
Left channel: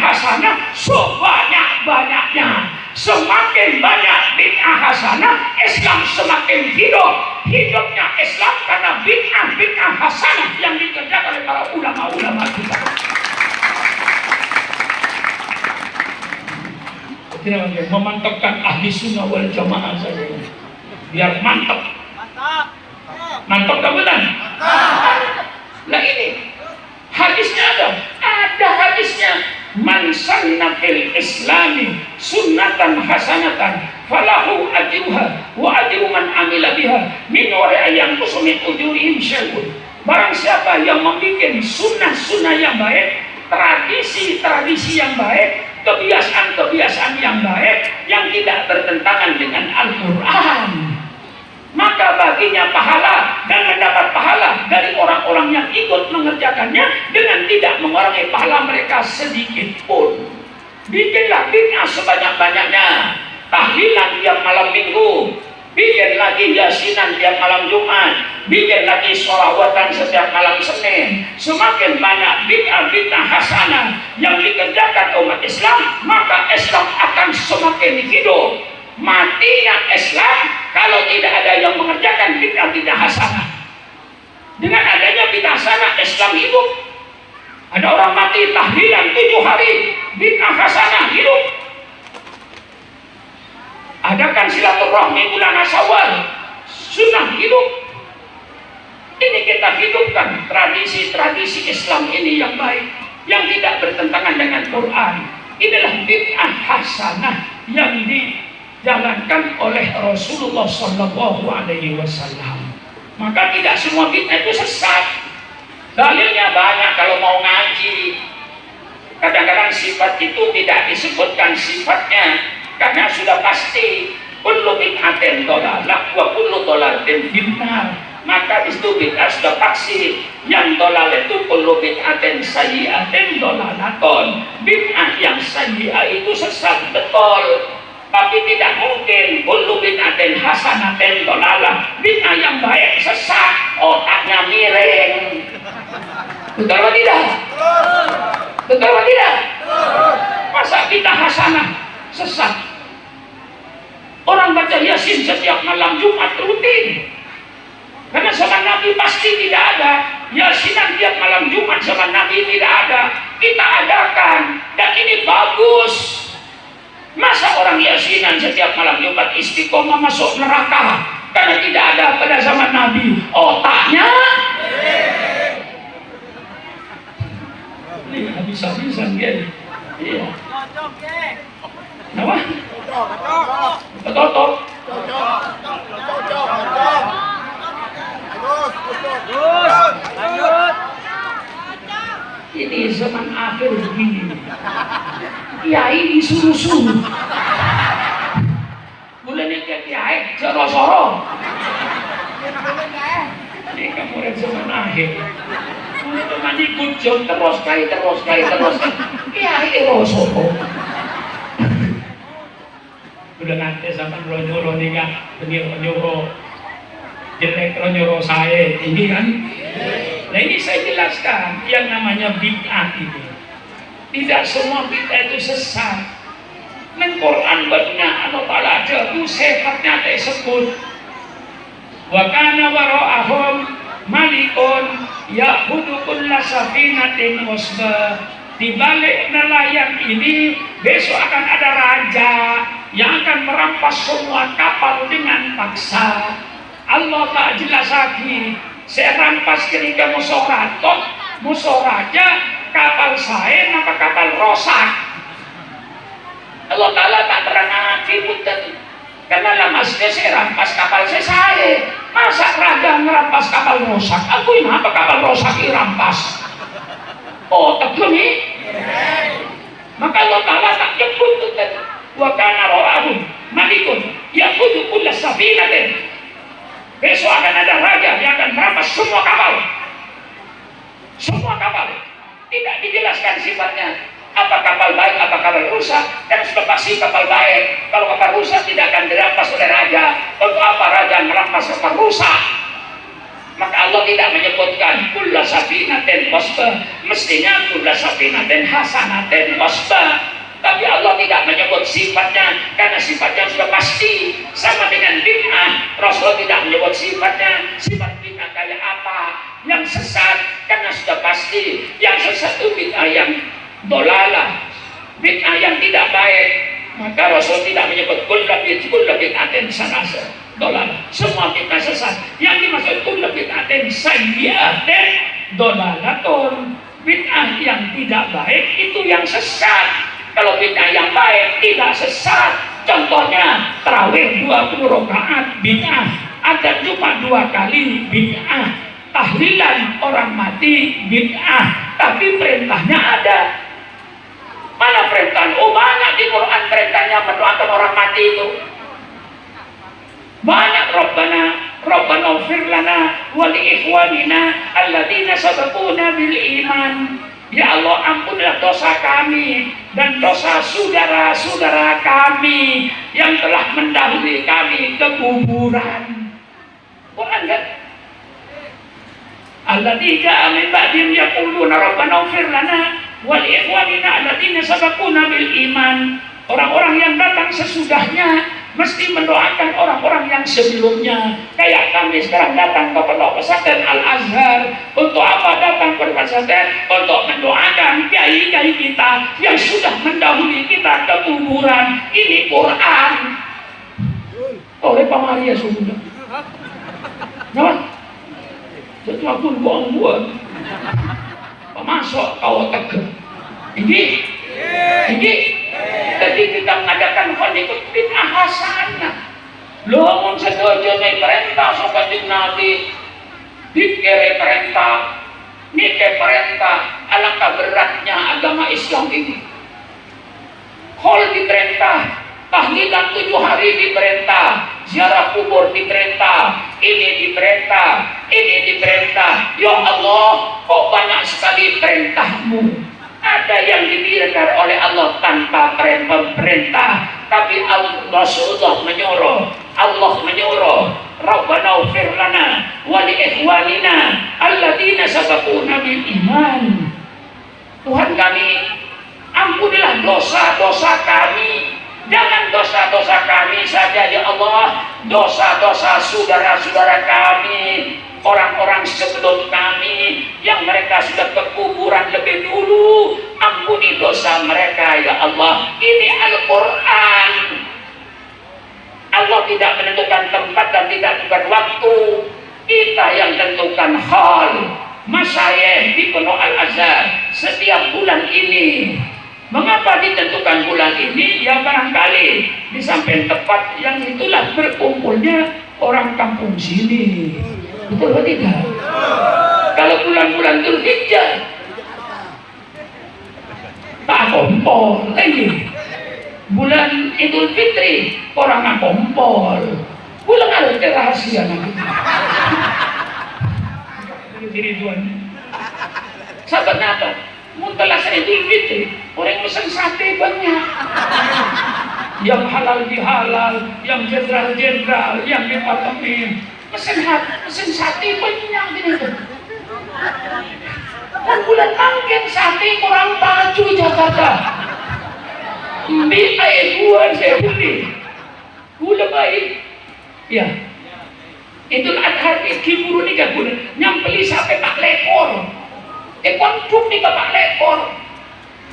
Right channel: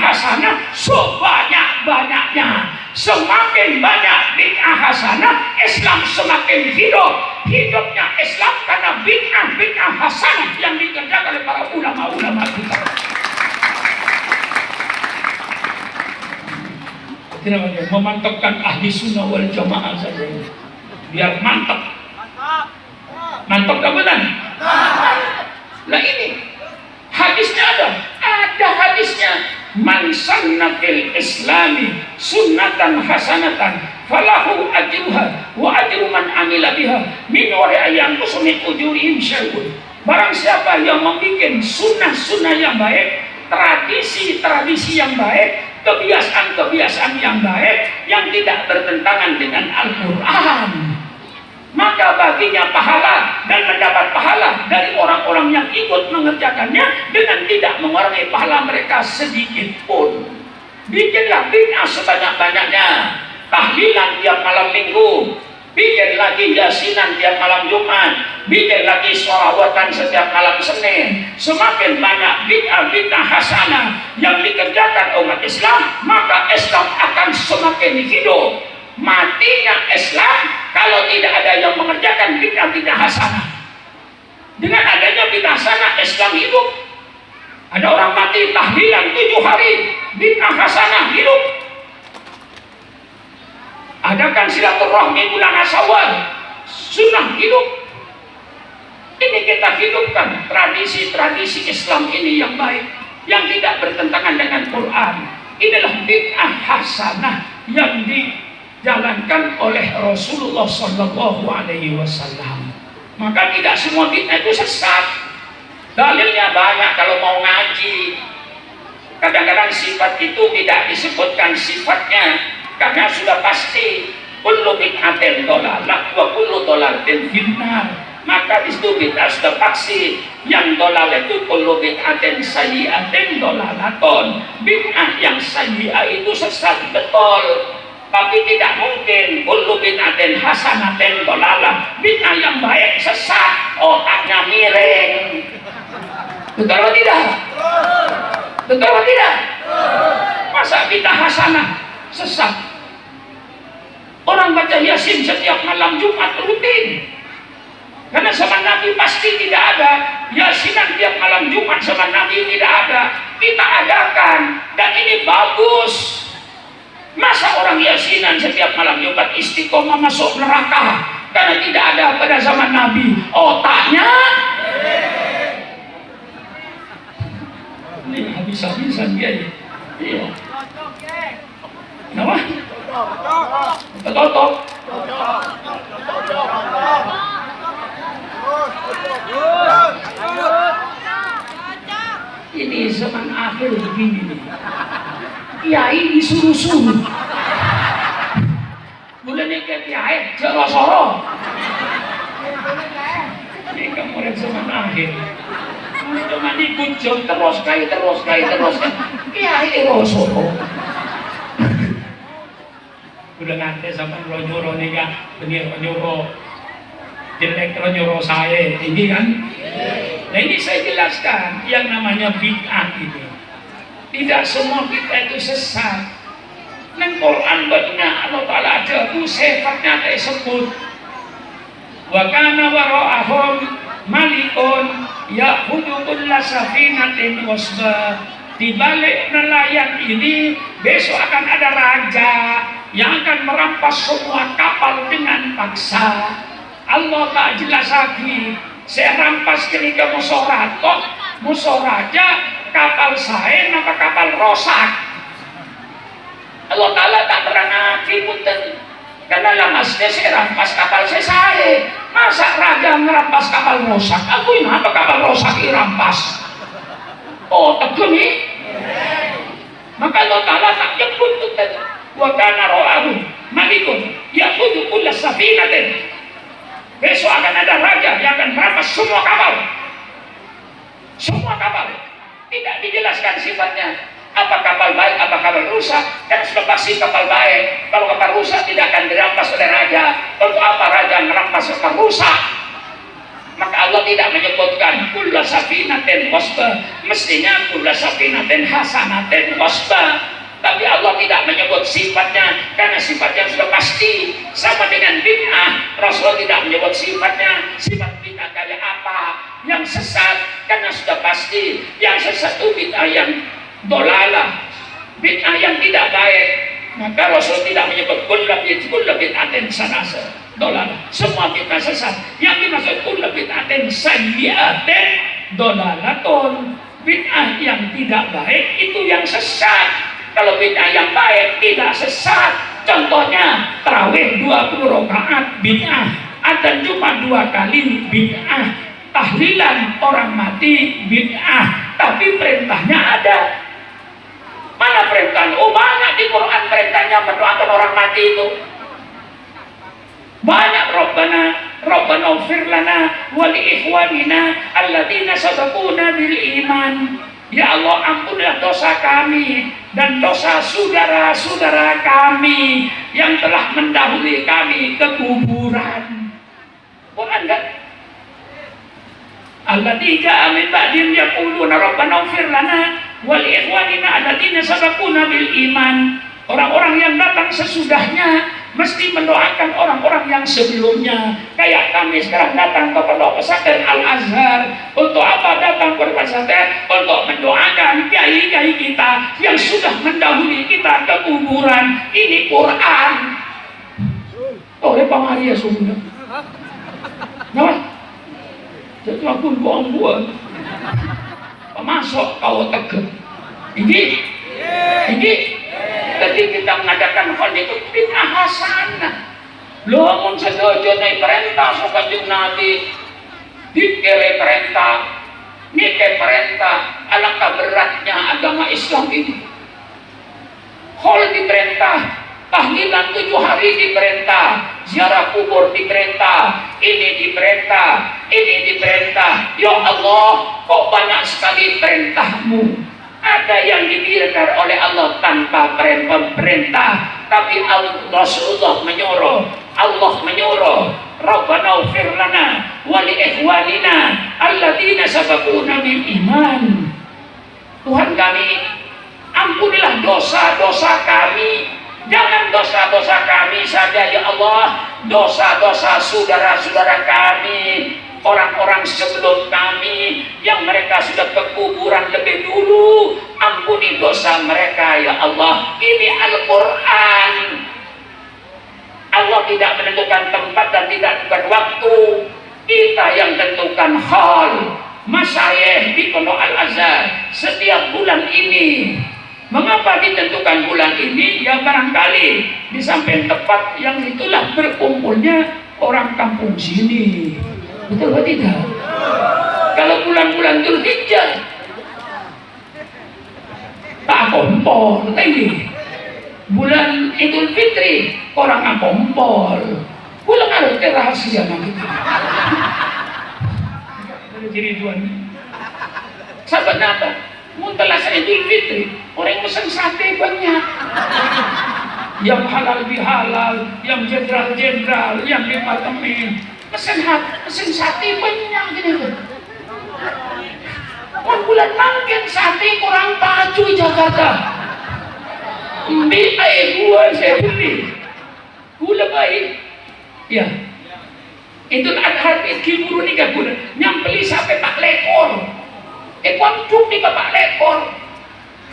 hasanah sebanyak-banyaknya. Semakin banyak bid'ah hasanah, Islam semakin hidup. Hidupnya Islam karena bid'ah hasanah yang dikerjakan oleh para ulama-ulama kita. Memantapkan ahli sunnah wal jamaah saja, biar mantap. Mantap kemudian. Nah ini hadisnya ada hadisnya. Man sanna fil islami sunnatan hasanatan falahu ajruha wa ajru man amila biha min wara'i yang kusumi ujurihim syai'un. Barang siapa yang membuat sunnah-sunnah yang baik, tradisi yang baik, kebiasaan-kebiasaan yang baik yang tidak bertentangan dengan Al-Quran, maka baginya pahala dan mendapat pahala dari orang-orang yang ikut mengerjakannya dengan tidak mengurangi pahala mereka sedikit pun. Bikinlah bid'ah sebanyak-banyaknya. Tahlilan tiap malam minggu, bikin lagi yasinan tiap malam Jumat, bikin lagi sholawatan setiap malam Senin. Semakin banyak bid'ah hasanah yang dikerjakan umat Islam, maka Islam akan semakin hidup. Matinya Islam kalau tidak ada yang mengerjakan bid'ah hasanah. Dengan adanya bid'ah hasanah, Islam hidup. Ada orang mati tahlilan 7 hari, bid'ah hasanah hidup. Adakan silaturahmi bulan Syawal, sunnah hidup. Ini kita hidupkan tradisi-tradisi Islam ini yang baik, yang tidak bertentangan dengan Quran. Inilah bid'ah hasanah yang dijalankan oleh Rasulullah Sallallahu Alaihi Wasallam. Maka tidak semua bid'ah itu sesat. Dalilnya banyak kalau mau ngaji. Kadang-kadang sifat itu tidak disebutkan sifatnya karena sudah pasti kullu bid'atin dhalalah wa kullu dhalalatin finnar. Maka di situ bid'ah sudah pasti. Yang dhalal itu kullu bid'atin sayyi'atin dhalalaton. Bid'ah yang sayyi'ah itu sesat betul. Tapi tidak mungkin kullu bid'atin hasanatin dhalalah. Bid'ah yang baik sesat, otaknya miring. Betul atau tidak? Betul atau tidak? Masa bid'ah hasanah sesat? Orang baca Yasin setiap malam Jumat rutin. Karena zaman Nabi pasti tidak ada. Yasinan tiap malam Jumat zaman Nabi tidak ada. Kita adakan. Dan ini bagus. Masa orang yasinan setiap malam Jumat istiqomah masuk neraka karena tidak ada pada zaman Nabi? Otaknya ini habis-habisan dia. Iya. Kenapa? Totok. Ini zaman akhir begini. Kiai disuruh-suruh. Mulanya kiai soro-soro. Ini kamu zaman akhir. Cuma ikut jom terus kai. Kiai soro. Udah nanti zaman lo nyuruh nih kan, nyuruh jelek nyuruh saya tinggi kan. Nah ini saya jelaskan yang namanya bid'ah ini. Tidak semua bid'ah itu sesat. Neng Quran benar Allah Ta'ala aja itu sifatnya tersebut. Wa kana wara'ahum malikun ya'khudhu kulla safinatin wasba. Di balik nelayan ini besok akan ada raja yang akan merampas semua kapal dengan paksa. Allah tak jelas lagi. Saya rampas ketika musuh raja kapal saya apa kapal rosak. Allah Ta'ala tak terang hati punten. Karena lamasnya saya rampas kapal saya. Masa raja merampas kapal rosak? Aku ini apa kapal rosak dirampas? Oh tegur nih. Maka Allah Ta'ala tak jemput punten. Wa kana ra'ahum malikun ya'khudhu kulla safinatin. Besok akan ada raja yang akan merampas semua kapal. Semua kapal. Tidak dijelaskan sifatnya. Apa kapal baik, apa kapal rusak. Dan sudah pasti kapal baik. Kalau kapal rusak tidak akan dirampas oleh raja. Untuk apa raja merampas kapal rusak? Maka Allah tidak menyebutkan kulla safinatin wasba. Mestinya kulla safinatin hasanatin wasba. Tapi Allah tidak menyebut sifatnya karena sifatnya sudah pasti sama dengan bid'ah. Rasul tidak menyebut sifatnya. Sifat bid'ah kayak apa? Yang sesat karena sudah pasti. Yang sesat itu bid'ah yang dolalah, bid'ah yang tidak baik. Maka Rasul tidak menyebut kulla bid'atin sanasa dolalah. Semua bid'ah sesat. Yang dimaksud kulla bid'atin sayyi'atin dolalatun. Bid'ah yang tidak baik itu yang sesat. Kalau bid'ah yang baik tidak sesat. Contohnya tarawih 20 rakaat bid'ah. Adzan cuma 2 kali bid'ah. Tahlilan orang mati bid'ah. Tapi perintahnya ada. Mana perintah? Oh banyak di Quran perintahnya mendoakan orang mati itu. Banyak. Rabbana ighfir lana wa li ikhwanina alladzina sabaquna bil iman. Ya Allah, ampunilah dosa kami dan dosa saudara-saudara kami yang telah mendahului kami ke kuburan. Quran kan? Alladzina min ba'dihim yaquluna rabbana ighfir lana wa li ikhwanina alladzina sabaquna bil iman. Orang-orang yang datang sesudahnya mesti mendoakan orang-orang yang sebelumnya. Kayak kami sekarang datang ke Pondok Pesantren Al-Azhar. Untuk apa datang ke pesantren? Untuk mendoakan kiai-kiai kita yang sudah mendahului kita ke kuburan. Ini Quran. Oleh Pak Maria sudah. Kenapa? Jadi aku bohong buat. Masuk kau tegur. Ini. Jadi kita mengadakan hal itu bid'ah hasanah. Lamun setuju nih perintah seperti Nabi, dikere perintah, nike perintah, alangkah beratnya agama Islam ini. Hal diperintah, tahlilan 7 hari diperintah, ziarah kubur diperintah, ini diperintah. Ya Allah, kok banyak sekali perintahmu. Ada yang diberikan oleh Allah tanpa perintah, tapi Rasulullah menyuruh. Rabbana ighfir lana wa li ikhwanina alladzina sabaquna bil iman. Tuhan kami, ampunilah dosa-dosa kami. Jangan dosa-dosa kami saja ya Allah, dosa-dosa saudara-saudara kami, orang-orang sebelum kami yang mereka sudah ke kuburan lebih dulu. Ampuni dosa mereka ya Allah. Ini Al-Quran. Allah tidak menentukan tempat dan tidak menentukan waktu. Kita yang tentukan hal. Masyayikh di Pondok Al-Azhar setiap bulan ini. Mengapa ditentukan bulan ini? Ya barangkali di samping tepat yang itulah berkumpulnya orang kampung sini. Betul atau tidak? Kalau bulan-bulan Dzulhijjah tak kompol lagi. Bulan Idul Fitri orang kompol. Bulan ada rahasia nanti. Jadi tuan, sahabat apa? Muntalah Idul Fitri orang pesan sate banyak. Yang halal bihalal, yang jenderal-jenderal, yang departemen pesan sate banyak gitu. Dan bulan mungkin sate kurang baju di Jakarta. Ambil air buah saya beli. Gula baik. Ya. Idul Adha itu buru ni kan gula. Yang beli sampai tak lekor. Pondok ni bapak lekor.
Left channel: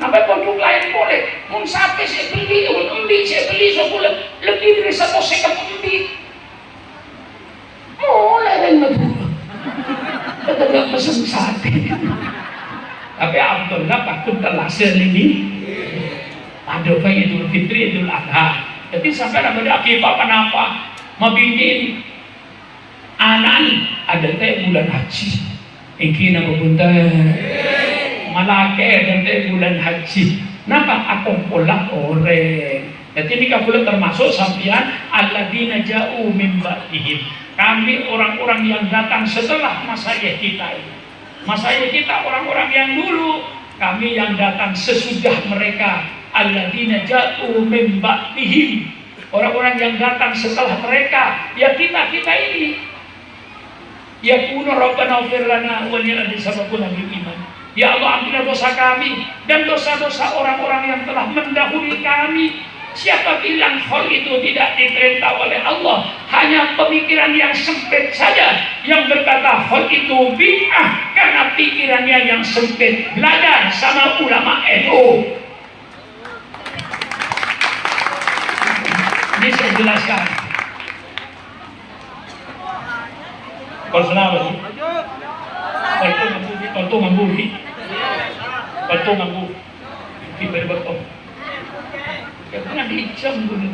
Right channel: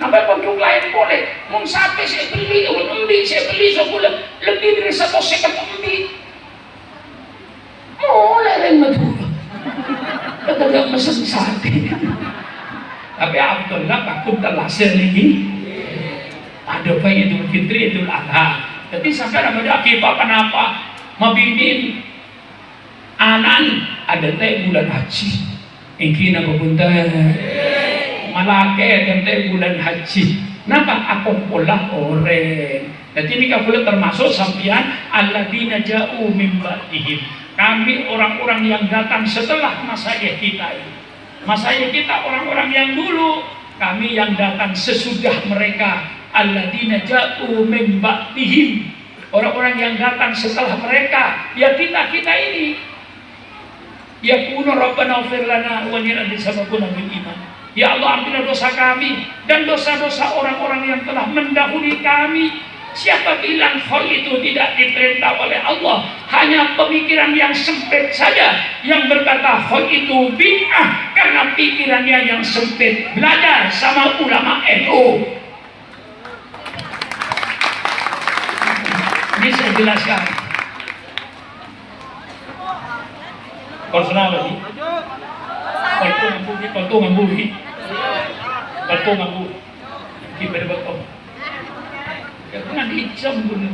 Sampai pondok lain boleh. Mun sate saya beli, saya beli sebulan lebih dari 1 sekat ambil. Mulai rendah dulu. Kita tak pesen sate. Tapi Abdullah takut telah selini. Ada bayi Idul Fitri, Idul Adha. Jadi sampai ada akibat kenapa? Mabinin anan ada teh bulan haji. Ingin apa bunda? Malake ada teh bulan haji. Napa aku pola orang? Jadi ini kabul termasuk sampian alladzina ja'u min ba'dihim. Kami orang-orang yang datang setelah masyayikh kita ini. Masyayikh kita orang-orang yang dulu, kami yang datang sesudah mereka. Alladzina ja'u min ba'dihim. Orang-orang yang datang setelah mereka, ya kita ini. Ya kuno Rabbana ighfir lana wa li sabaquna bil iman. Ya Allah, ampunilah dosa kami dan dosa-dosa orang-orang yang telah mendahului kami. Siapa bilang hal itu tidak diperintah oleh Allah? Hanya pemikiran yang sempit saja yang berkata hal itu bid'ah karena pikirannya yang sempit. Belajar sama ulama NU. Ini saya jelaskan. Personal lagi. Kalau ngambui. Kita betul. Jangan dicam dulu.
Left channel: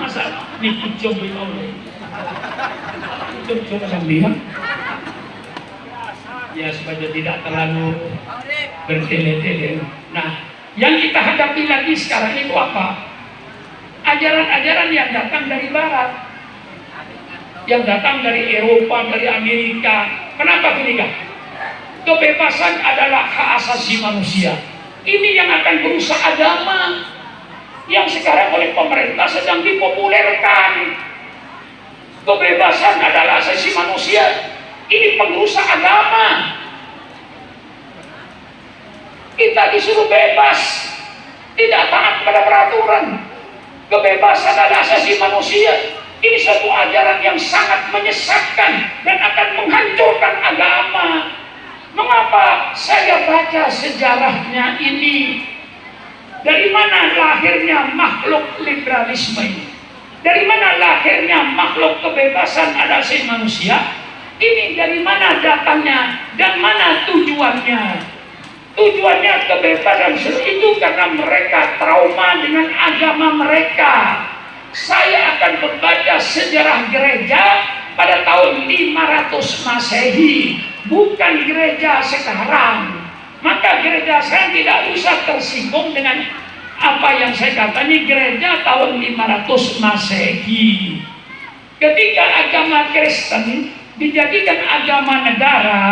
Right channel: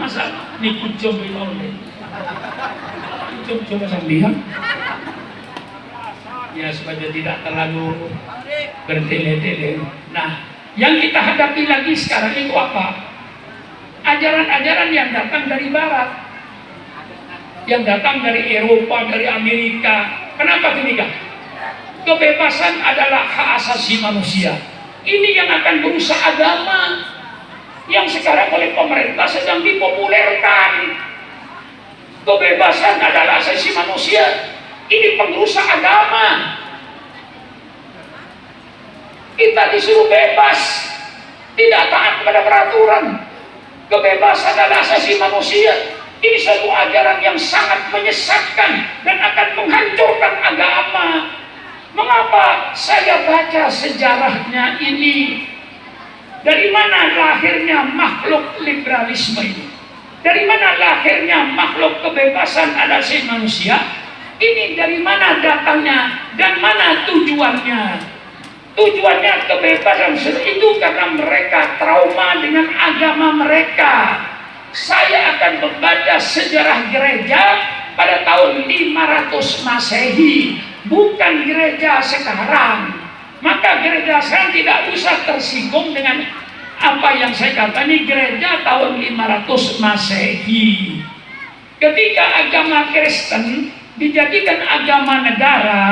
Masa dicam dulu. Coba sambil. Ya supaya tidak terlalu bertele-tele. Nah, yang kita hadapi lagi sekarang itu apa? Ajaran-ajaran yang datang dari Barat, yang datang dari Eropa, dari Amerika. Kenapa demikian? Kebebasan adalah hak asasi manusia. Ini yang akan merusak agama yang sekarang oleh pemerintah sedang dipopulerkan. Kebebasan adalah asasi manusia. Ini pengrusak agama. Kita disuruh bebas, tidak taat pada peraturan. Kebebasan adalah asasi manusia. Ini satu ajaran yang sangat menyesatkan dan akan menghancurkan agama. Mengapa saya baca sejarahnya ini? Dari mana lahirnya makhluk liberalisme ini? Dari mana lahirnya makhluk kebebasan asasi manusia? Ini dari mana datangnya dan mana tujuannya? Tujuannya kebebasan itu karena mereka trauma dengan agama mereka. Saya akan membaca sejarah gereja pada tahun 500 Masehi, bukan gereja sekarang. Maka gereja sekarang tidak usah tersinggung dengan apa yang saya katakan. Ini gereja tahun 500 Masehi. Ketika agama Kristen dijadikan agama negara,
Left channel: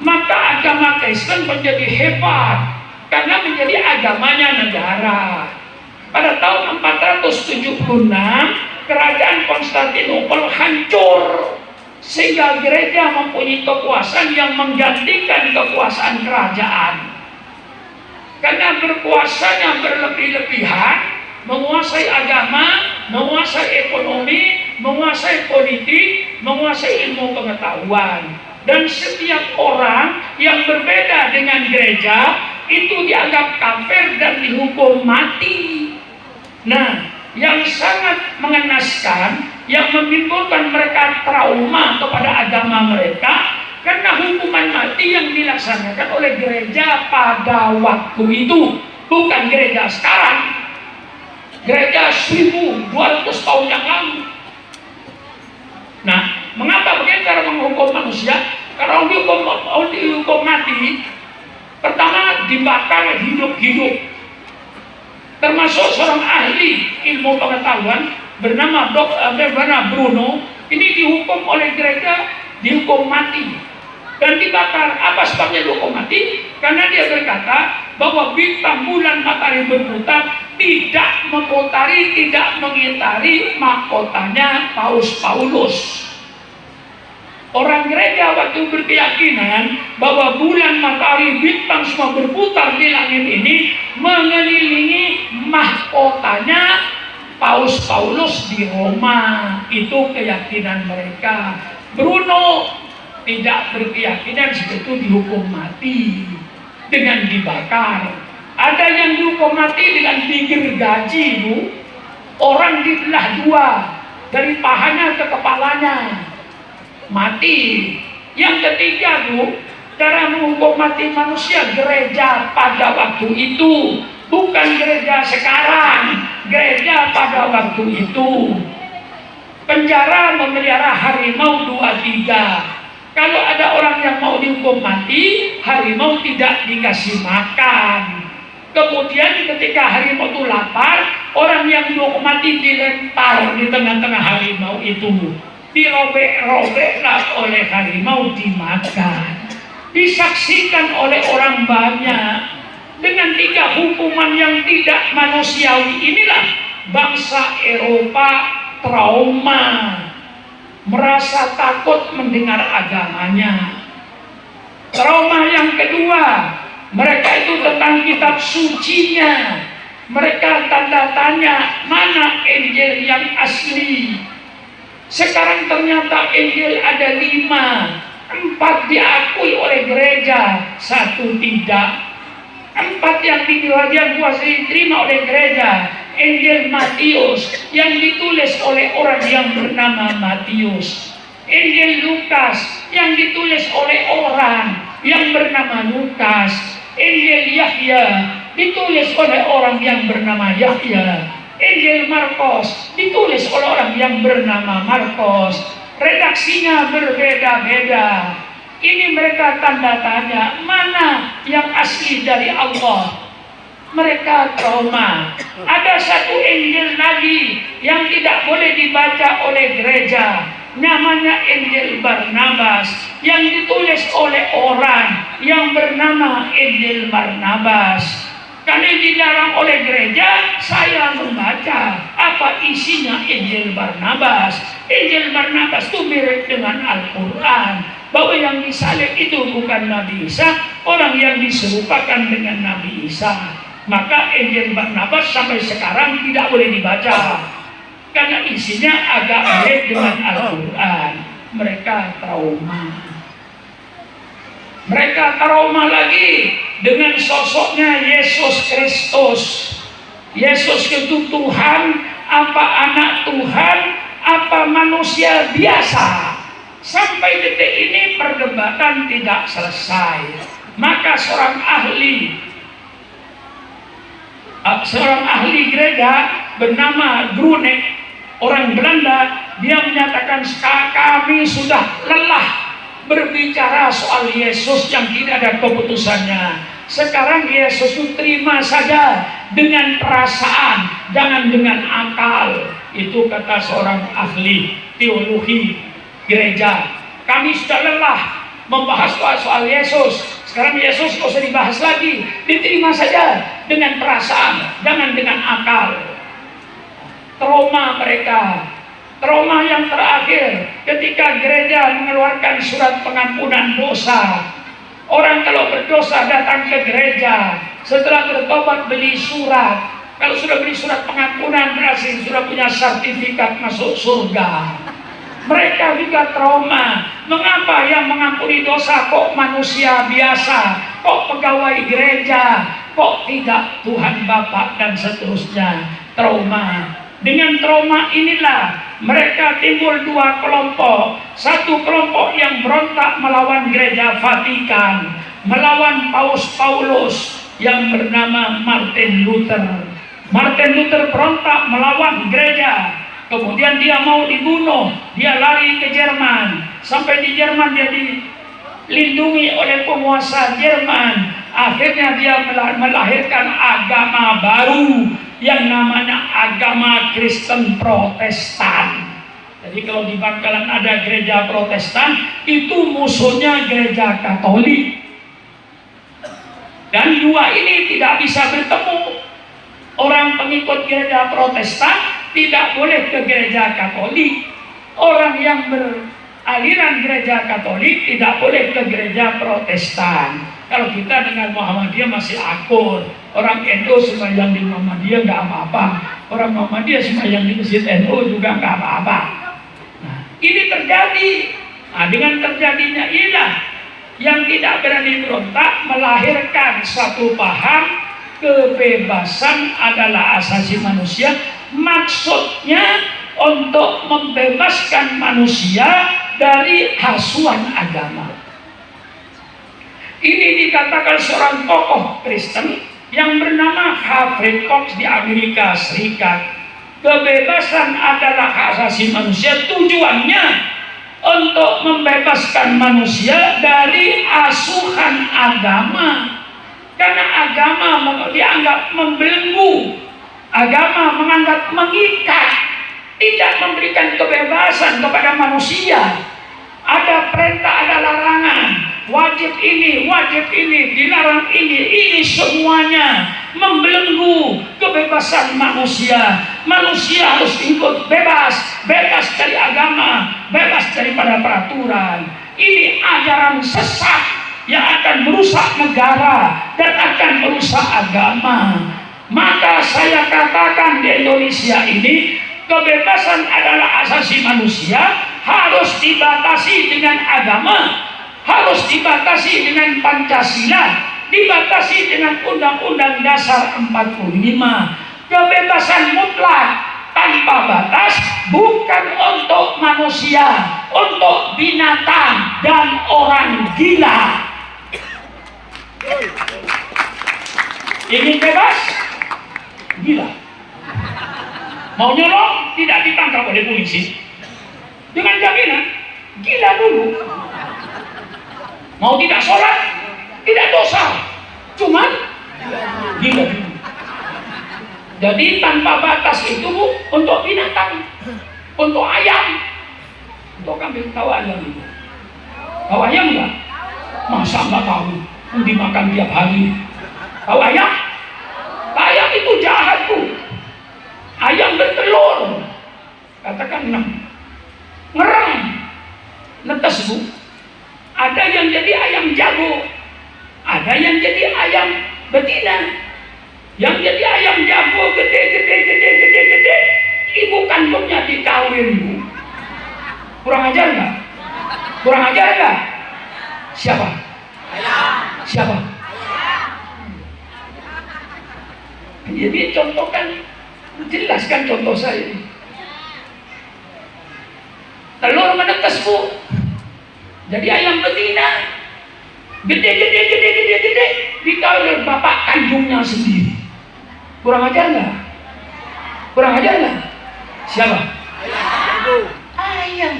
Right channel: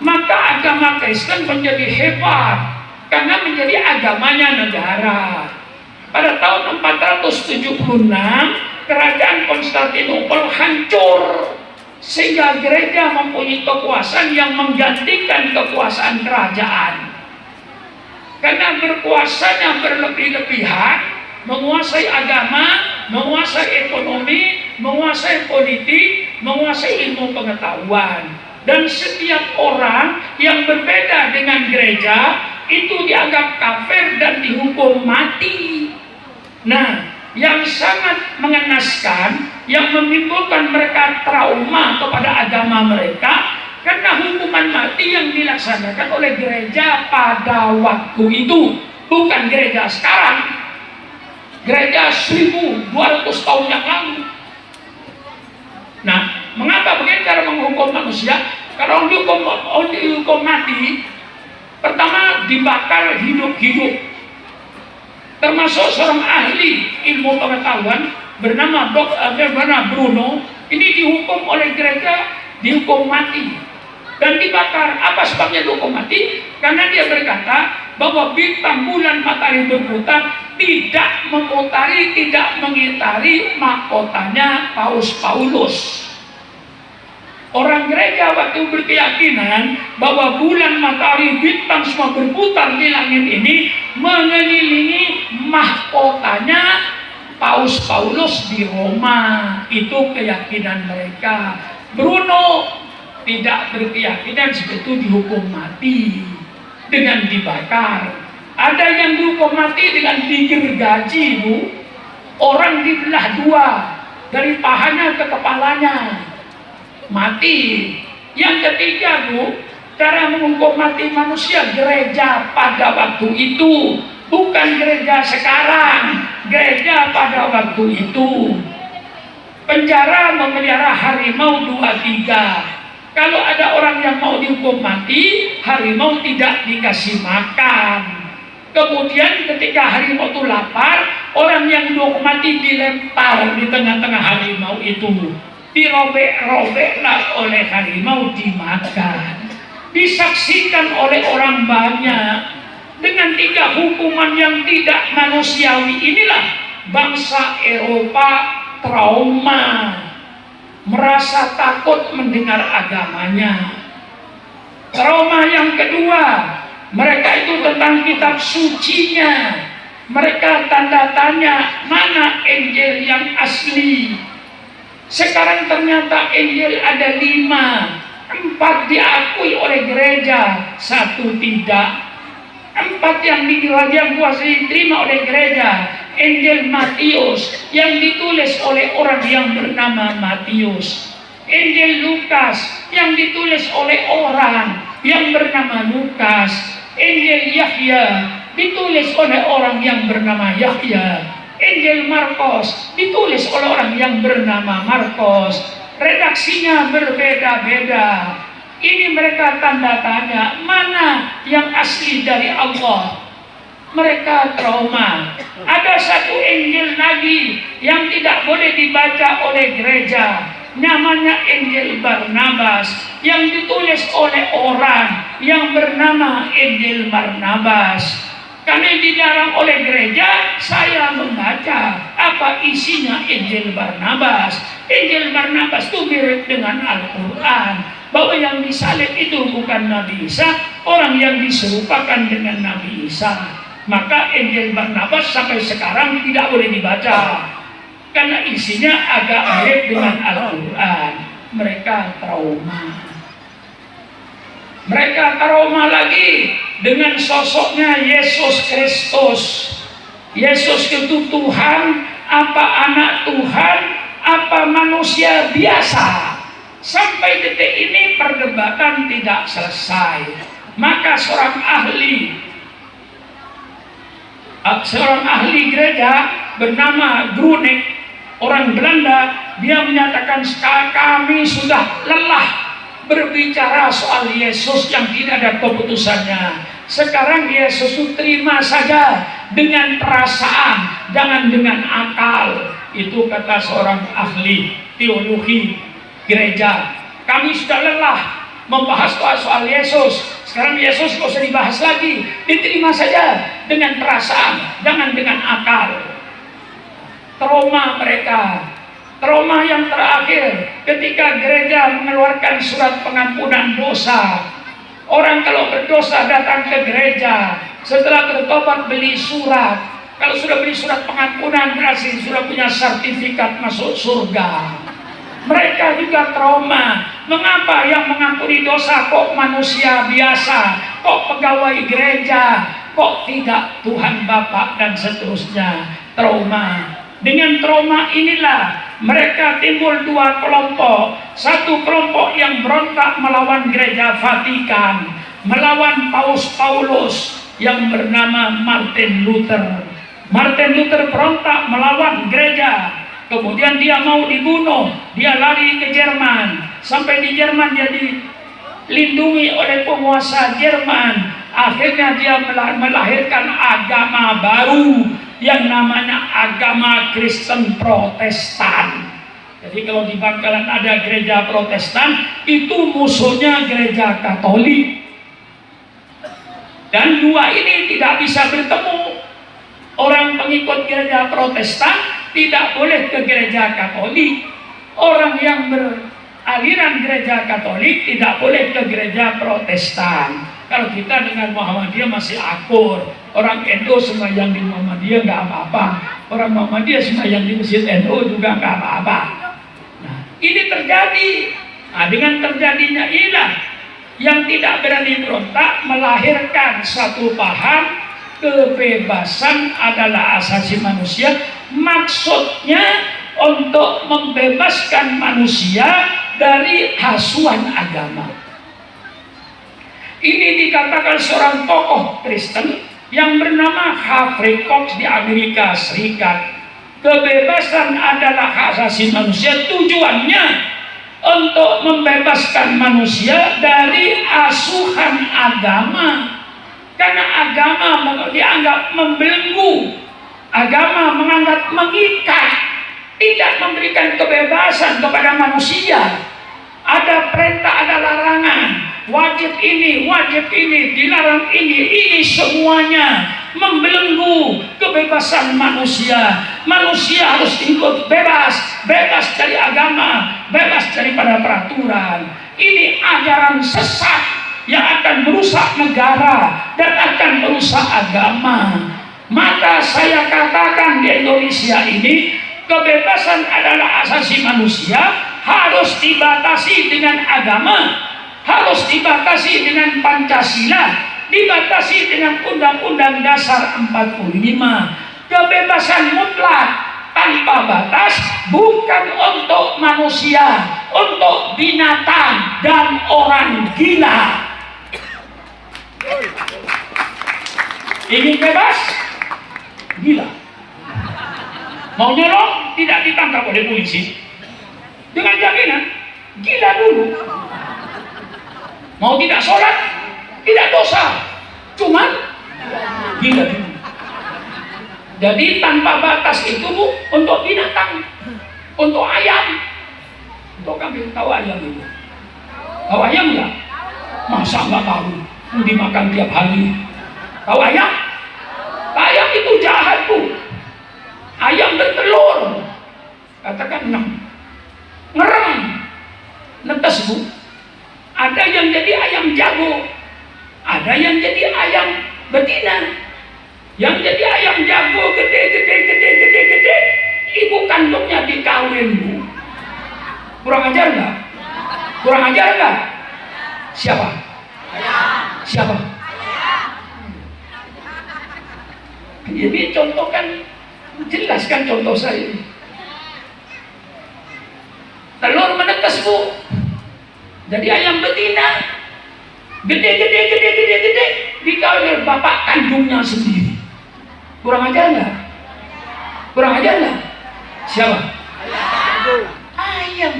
maka agama Kristen menjadi hebat karena menjadi agamanya negara. Pada tahun 476 kerajaan Konstantinopel hancur sehingga gereja mempunyai kekuasaan yang menggantikan kekuasaan kerajaan. Karena berkuasanya berlebih-lebihan menguasai agama, menguasai ekonomi, menguasai politik, menguasai ilmu pengetahuan. Dan setiap orang yang berbeda dengan gereja itu dianggap kafir dan dihukum mati. Nah, yang sangat mengenaskan, yang menimbulkan mereka trauma kepada agama mereka, karena hukuman mati yang dilaksanakan oleh gereja pada waktu itu, bukan gereja sekarang. Gereja 1200 tahun yang lalu. Nah, mengapa begitu cara menghukum manusia? Kalau dihukum mati, pertama dibakar hidup-hidup. Termasuk seorang ahli ilmu pengetahuan bernama Bruno, ini dihukum oleh gereja, dihukum mati dan dibakar. Apa sebabnya dihukum mati? Karena dia berkata bahwa bintang, bulan, matahari berputar tidak memutari, tidak mengitari mahkotanya Paus Paulus. Orang gereja waktu berkeyakinan bahwa bulan, matahari, bintang semua berputar di langit ini mengelilingi mahkotanya Paus Paulus di Roma. Itu keyakinan mereka. Bruno tidak berkeyakinan seperti dihukum mati dengan dibakar. Ada yang dihukum mati dengan digergaji, Bu. Orang dibelah dua dari pahanya ke kepalanya, mati. Yang ketiga, Bu, cara menghukum mati manusia gereja pada waktu itu, bukan gereja sekarang. Gereja pada waktu itu penjara memelihara harimau 2-3. Kalau ada orang yang mau dihukum mati, harimau tidak dikasih makan. Kemudian ketika harimau itu lapar, orang yang dihukum mati dilempar di tengah-tengah harimau itu, dirobek-robeklah oleh harimau, dimakan. Disaksikan oleh orang banyak. Dengan 3 hukuman yang tidak manusiawi inilah bangsa Eropa trauma, merasa takut mendengar agamanya. Trauma yang kedua, mereka itu tentang kitab sucinya. Mereka tanda tanya, mana Injil yang asli? Sekarang ternyata Injil ada 5, 4 diakui oleh gereja, 1 tidak. 4 yang dikuasai diterima oleh gereja. Injil Matius yang ditulis oleh orang yang bernama Matius. Injil Lukas yang ditulis oleh orang yang bernama Lukas. Injil Yahya ditulis oleh orang yang bernama Yahya. Injil Markus ditulis oleh orang yang bernama Markus. Redaksinya berbeda-beda. Ini mereka tanda tanya, mana yang asli dari Allah? Mereka trauma. Ada satu Injil lagi yang tidak boleh dibaca oleh gereja, namanya Injil Barnabas, yang ditulis oleh orang yang bernama Injil Barnabas. Karena dilarang oleh gereja, saya membaca apa isinya Injil Barnabas. Injil Barnabas itu mirip dengan Al-Quran, bahwa yang disalib itu bukan Nabi Isa, orang yang diserupakan dengan Nabi Isa. Maka Injil Barnabas sampai sekarang tidak boleh dibaca karena isinya agak mirip dengan Al-Quran. Mereka trauma. Mereka trauma lagi dengan sosoknya Yesus Kristus. Yesus itu Tuhan, apa anak Tuhan, apa manusia biasa. Sampai detik ini perdebatan tidak selesai. Maka seorang ahli gereja bernama Grunek, orang Belanda, dia menyatakan kami sudah lelah berbicara soal Yesus yang tidak ada keputusannya. Sekarang Yesus itu terima saja dengan perasaan, jangan dengan akal. Itu kata seorang ahli teologi gereja. Kami sudah lelah membahas soal Yesus. Sekarang Yesus tidak usah dibahas lagi, diterima saja dengan perasaan, jangan dengan akal. Trauma mereka. Trauma yang terakhir ketika gereja mengeluarkan surat pengampunan dosa. Orang kalau berdosa datang ke gereja, setelah bertobat beli surat. Kalau sudah beli surat pengampunan berarti sudah punya sertifikat masuk surga. Mereka juga trauma. Mengapa yang mengampuni dosa kok manusia biasa, kok pegawai gereja, kok tidak Tuhan Bapa dan seterusnya. Trauma. Dengan trauma inilah mereka timbul dua kelompok. Satu kelompok yang berontak melawan gereja Vatikan, melawan Paus Paulus yang bernama Martin Luther. Martin Luther berontak melawan gereja. Kemudian dia mau dibunuh, dia lari ke Jerman. Sampai di Jerman dia dilindungi oleh penguasa Jerman. Akhirnya dia melahirkan agama baru yang namanya agama Kristen Protestan. Jadi kalau di Bangkalan ada gereja Protestan, itu musuhnya gereja Katolik. Dan dua ini tidak bisa bertemu. Orang pengikut gereja Protestan tidak boleh ke gereja Katolik. Orang yang beraliran gereja Katolik tidak boleh ke gereja Protestan. Kalau kita dengan Muhammadiyah masih akur. Orang NU sembahyang di Muhammadiyah nggak apa-apa. Orang Muhammadiyah sembahyang di Masjid NU juga nggak apa-apa. Nah, ini terjadi. Nah, dengan terjadinya inilah yang tidak berani berontak melahirkan satu paham kebebasan adalah asasi manusia. Maksudnya untuk membebaskan manusia dari hasuan agama. Ini dikatakan seorang tokoh Kristen yang bernama Humphrey Cox di Amerika Serikat. Kebebasan adalah hak asasi manusia, tujuannya untuk membebaskan manusia dari asuhan agama. Karena agama dianggap membelenggu, agama menganggap mengikat, tidak memberikan kebebasan kepada manusia. Ada perintah, ada larangan, wajib ini, dilarang ini semuanya membelenggu kebebasan manusia. Manusia harus ikut bebas dari agama, bebas daripada peraturan. Ini ajaran sesat yang akan merusak negara dan akan merusak agama. Maka saya katakan di Indonesia ini kebebasan adalah asasi manusia, harus dibatasi dengan agama, harus dibatasi dengan Pancasila, dibatasi dengan Undang-Undang Dasar 45. Kebebasan mutlak tanpa batas bukan untuk manusia, untuk binatang dan orang gila. Ingin bebas? Gila. Mau nyolong? Tidak ditangkap oleh polisi. Dengan jaminan, gila dulu. Mau tidak sholat? Tidak dosa. Cuman gila dulu. Jadi tanpa batas itu untuk binatang, untuk ayam. Untuk kambing, tahu ayam itu? Tahu ayam enggak? Masa enggak tahu? Dimakan tiap hari. Tahu ayam? Ayam itu jahat tuh. Ayam bertelur, katakan 6, ngerem, netes bu. Ada yang jadi ayam jago, ada yang jadi ayam betina. Yang jadi ayam jago gede, ibu kandungnya dikawin bu. Kurang ajar nggak? Kurang ajar nggak? Siapa? Siapa? Jadi contohkan, jelaskan contoh saya. Telur menetes bu. Jadi ayam betina gede dikawin bapak kandungnya sendiri. Kurang ajar nggak? Kurang ajar nggak? Siapa? Ayam.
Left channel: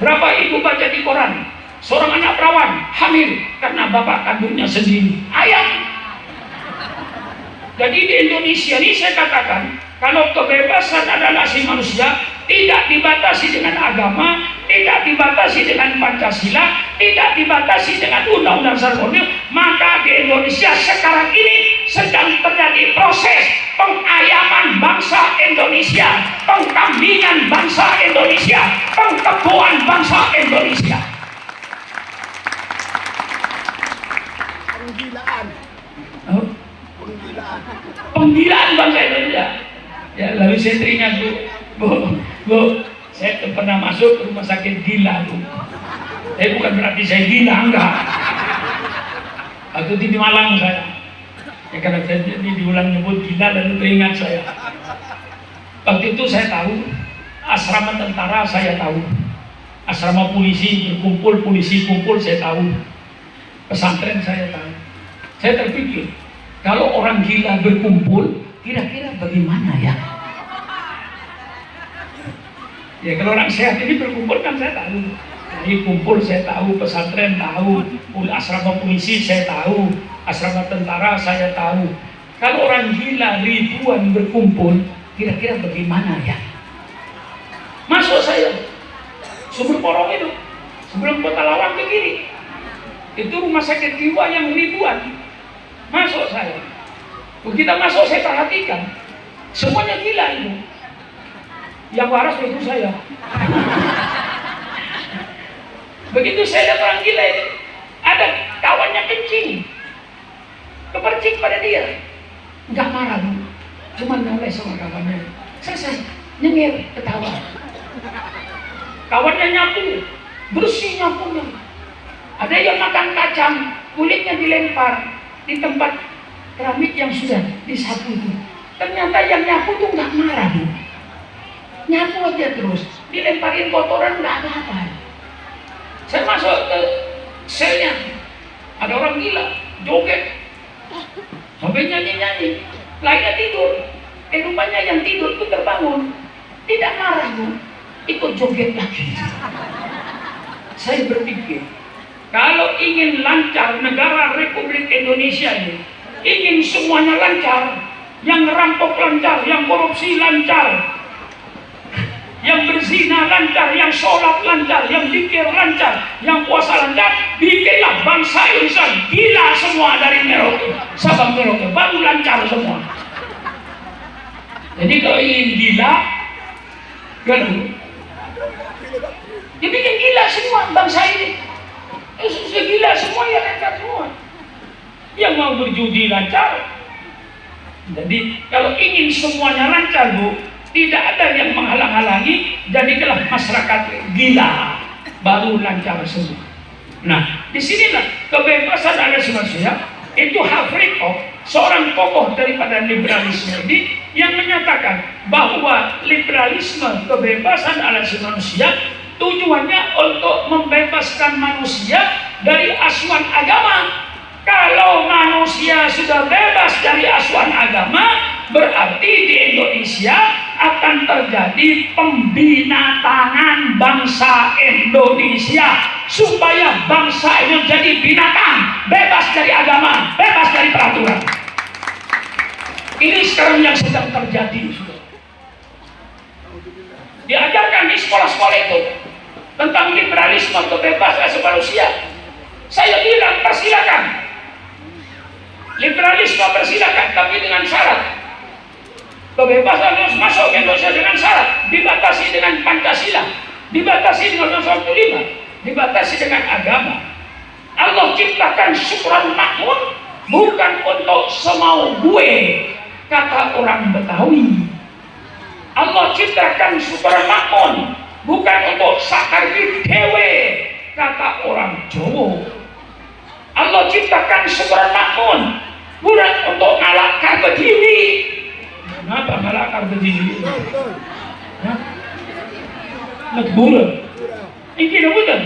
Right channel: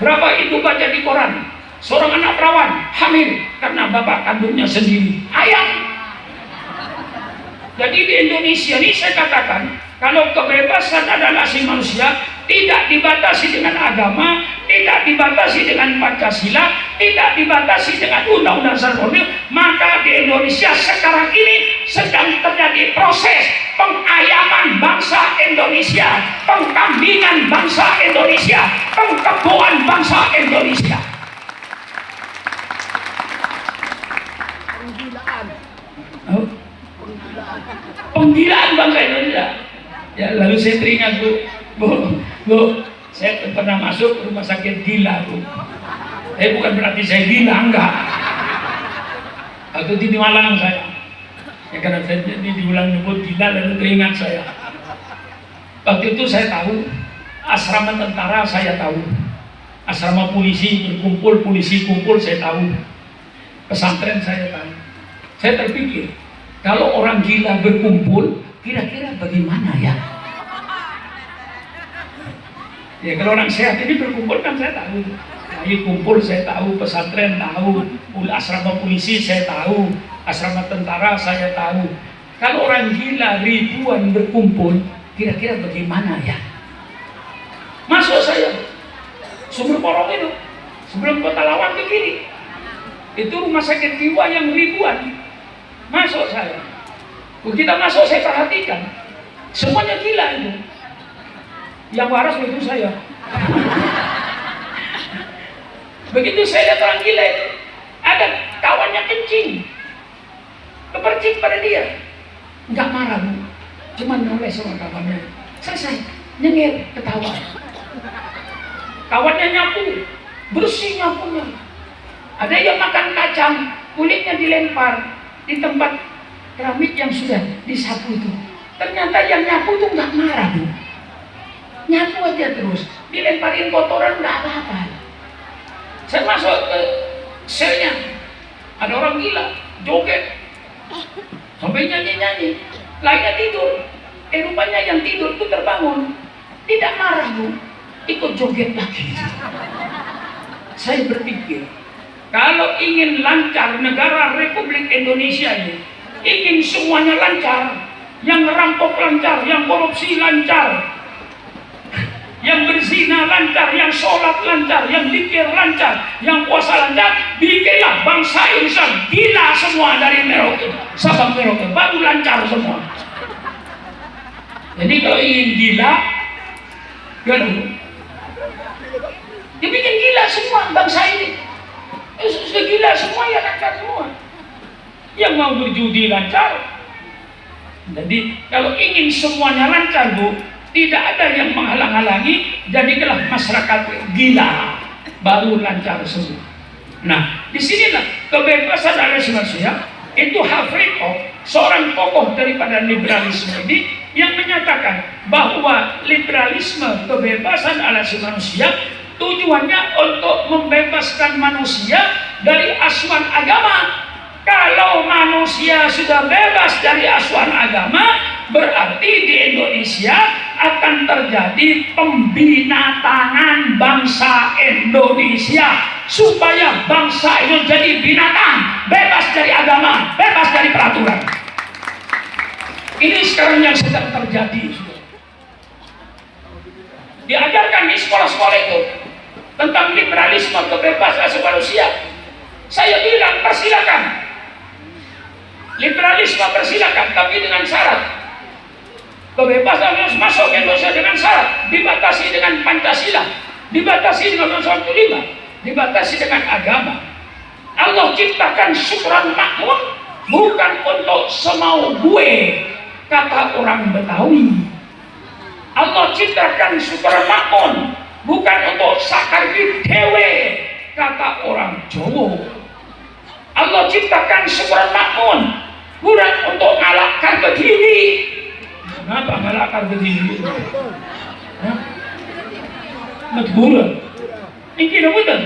Berapa ibu baca di koran? Seorang anak perawan hamil karena bapak kandungnya sendiri. Ayam. Jadi di Indonesia ini saya katakan, kalau kebebasan adalah asasi manusia, tidak dibatasi dengan agama, tidak dibatasi dengan Pancasila, tidak dibatasi dengan Undang-Undang Dasar 45, maka di Indonesia sekarang ini sedang terjadi proses pengayaman bangsa Indonesia, pengkambingan bangsa Indonesia, pengkeboan bangsa Indonesia. Penggilaan bangsa Indonesia. Ya, lalu saya teringat, Bu, saya pernah masuk rumah sakit gila, Bu. Bukan berarti saya gila, enggak. Waktu di Malang saya. Ya, karena saya diulang nyebut gila, lalu teringat saya. Waktu itu saya tahu, asrama tentara saya tahu. Asrama polisi berkumpul, polisi kumpul saya tahu. Pesantren saya tahu. Saya terpikir, kalau orang gila berkumpul, kira-kira bagaimana ya? Ya kalau orang sehat ini berkumpul kan saya tahu. Ayo kumpul saya tahu, pesantren tahu, asrama polisi saya tahu, asrama tentara saya tahu. Kalau orang gila ribuan berkumpul, kira-kira bagaimana ya? Masuk saya, Sumber Porong itu, sebelum Kota Lawang ke kiri, itu rumah sakit jiwa yang ribuan. Masuk saya, begitu masuk saya perhatikan, semuanya gila itu. Yang waras itu saya. Begitu saya lihat orang gila itu, ada kawannya kencing, kepercik pada dia, nggak marah, cuma noleh sama kawannya. Selesai, nyengir, ketawa. Kawannya nyapu, bersih nyapunya. Ada yang makan kacang, kulitnya dilempar di tempat keramik yang sudah disapu itu. Ternyata yang nyapu itu nggak marah, Bu. Nyapu aja terus, dilemparin kotoran nggak apa-apa. Saya masuk ke selnya, ada orang gila, joget, sampai nyanyi-nyanyi, lainnya tidur. Rupanya yang tidur itu terbangun, tidak marah, Bu, ikut joget lagi. Saya berpikir, kalau ingin lancar negara Republik Indonesia ini, ingin semuanya lancar, yang merampok lancar, yang korupsi lancar, yang berzina lancar, yang sholat lancar, yang zikir lancar, yang puasa lancar, bikinlah bangsa Indonesia gila semua dari Merauke, Sabang Merauke, baru lancar semua. Jadi kalau ingin gila, dibikin gila semua bangsa ini. Sudah gila semua ya lancar semua. Yang mau berjudi lancar. Jadi kalau ingin semuanya lancar, Bu, tidak ada yang menghalang-halangi, jadikanlah masyarakat gila, baru lancar semua. Nah, disinilah kebebasan asasi manusia itu Hafriko, seorang tokoh daripada liberalisme ini, yang menyatakan bahwa liberalisme, kebebasan asasi manusia, tujuannya untuk membebaskan manusia dari asuhan agama. Kalau manusia sudah bebas dari asuhan agama, berarti di Indonesia akan terjadi pembinatangan bangsa Indonesia, supaya bangsa itu jadi binatang, bebas dari agama, bebas dari peraturan. Ini sekarang yang sedang terjadi. Diajarkan di sekolah-sekolah itu tentang liberalisme, kebebasan asasi manusia. Saya bilang persilakan, liberalisme persilakan, tapi dengan syarat. Kebebasan harus masuk ke Indonesia dengan syarat, dibatasi dengan Pancasila, dibatasi dengan Undang-Undang 45, dibatasi dengan agama. Allah ciptakan syukuran makmur bukan untuk semau gue, kata orang Betawi. Allah ciptakan syukuran makmur bukan untuk sakar dewe, kata orang Jawa. Allah ciptakan syukuran makmur bukan untuk ngalahkan berdiri. Kenapa ngalahkan berdiri? Negara ini betul.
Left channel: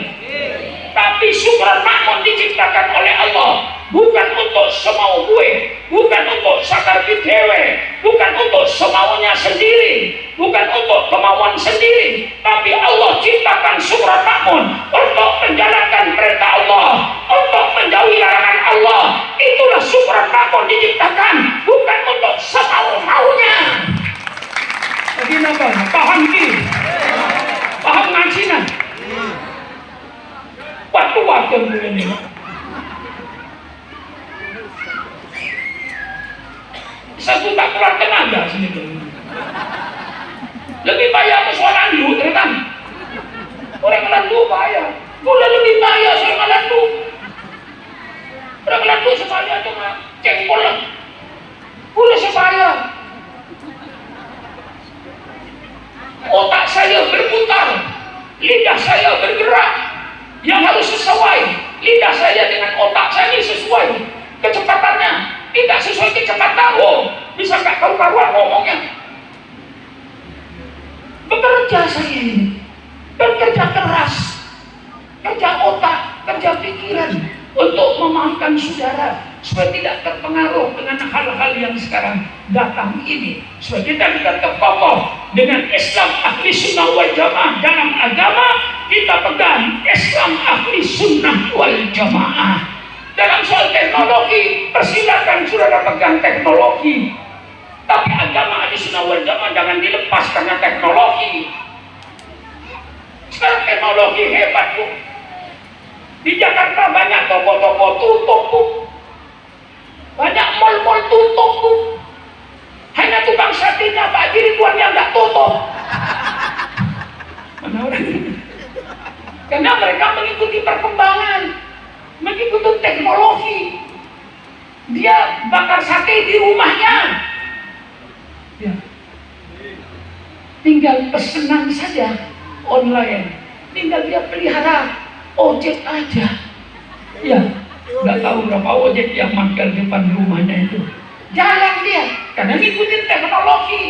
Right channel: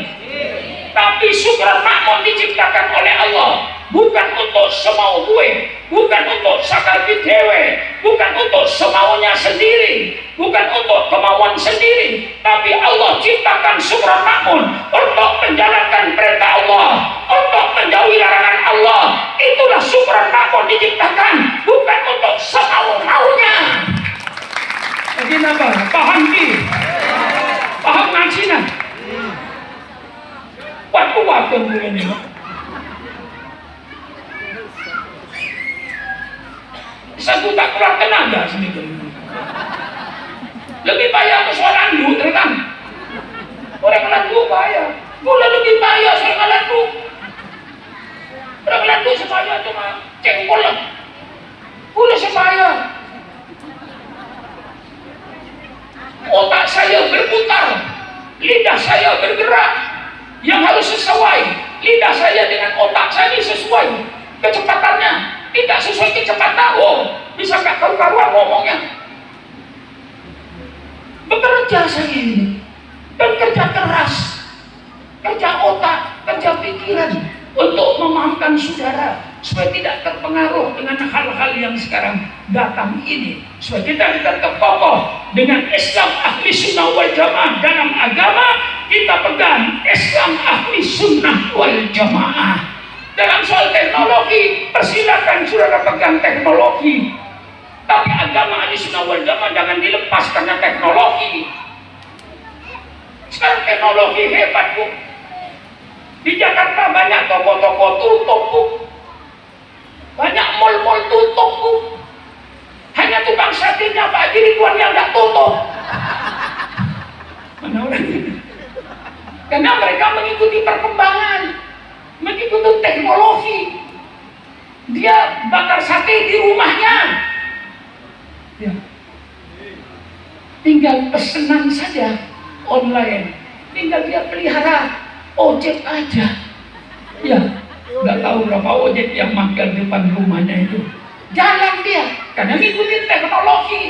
Tapi syukuran makmur diciptakan oleh Allah bukan untuk semau gue, bukan untuk sakar dewe, bukan untuk semaunya sendiri, bukan untuk kemauan sendiri, tapi Allah ciptakan syukuran makmur untuk menjalankan perintah Allah, untuk menjauhi larangan Allah. Itulah syukuran makmur diciptakan, bukan untuk semau-maunya. Jadi apa? Paham ki? Paham ngajinya? Waktu-waktu ini. Satu tak keluar tenaga sendiri. Lebih payah soal landu, kan? Orang landu payah. Udah lebih payah soal landu. Orang landu supaya cuma cengkol. Udah supaya. Otak saya berputar, lidah saya bergerak, yang harus sesuai. Lidah saya dengan otak saya ini sesuai kecepatannya, tidak sesuai kecepatan. Oh, bisa nggak karu-karuan ngomongnya. Bekerja saya ini, bekerja keras, kerja otak, kerja pikiran untuk memaafkan saudara supaya tidak terpengaruh dengan hal-hal yang sekarang datang ini, supaya kita tetap kokoh dengan Islam ahli sunnah wal jamaah. Dalam agama kita pegang Islam ahli sunnah wal jamaah. Dalam soal teknologi, persilakan saudara pegang teknologi, tapi agama ahli sunnah wal jamaah jangan dilepas karena teknologi. Sekarang teknologi hebat, Bu. Di Jakarta banyak toko-toko tutup, Bu. Banyak mal-mal tutup, Bu. Hanya tukang satenya Pak Haji Ridwan yang nggak tutup. Mana orang ini? Karena mereka mengikuti perkembangan, mengikuti teknologi. Dia bakar sate di rumahnya. Ya. Tinggal pesanan saja online. Tinggal dia pelihara ojek aja. Ya. Nggak tahu berapa ojek yang makan di depan rumahnya itu. Jalan dia, karena ngikutin teknologi.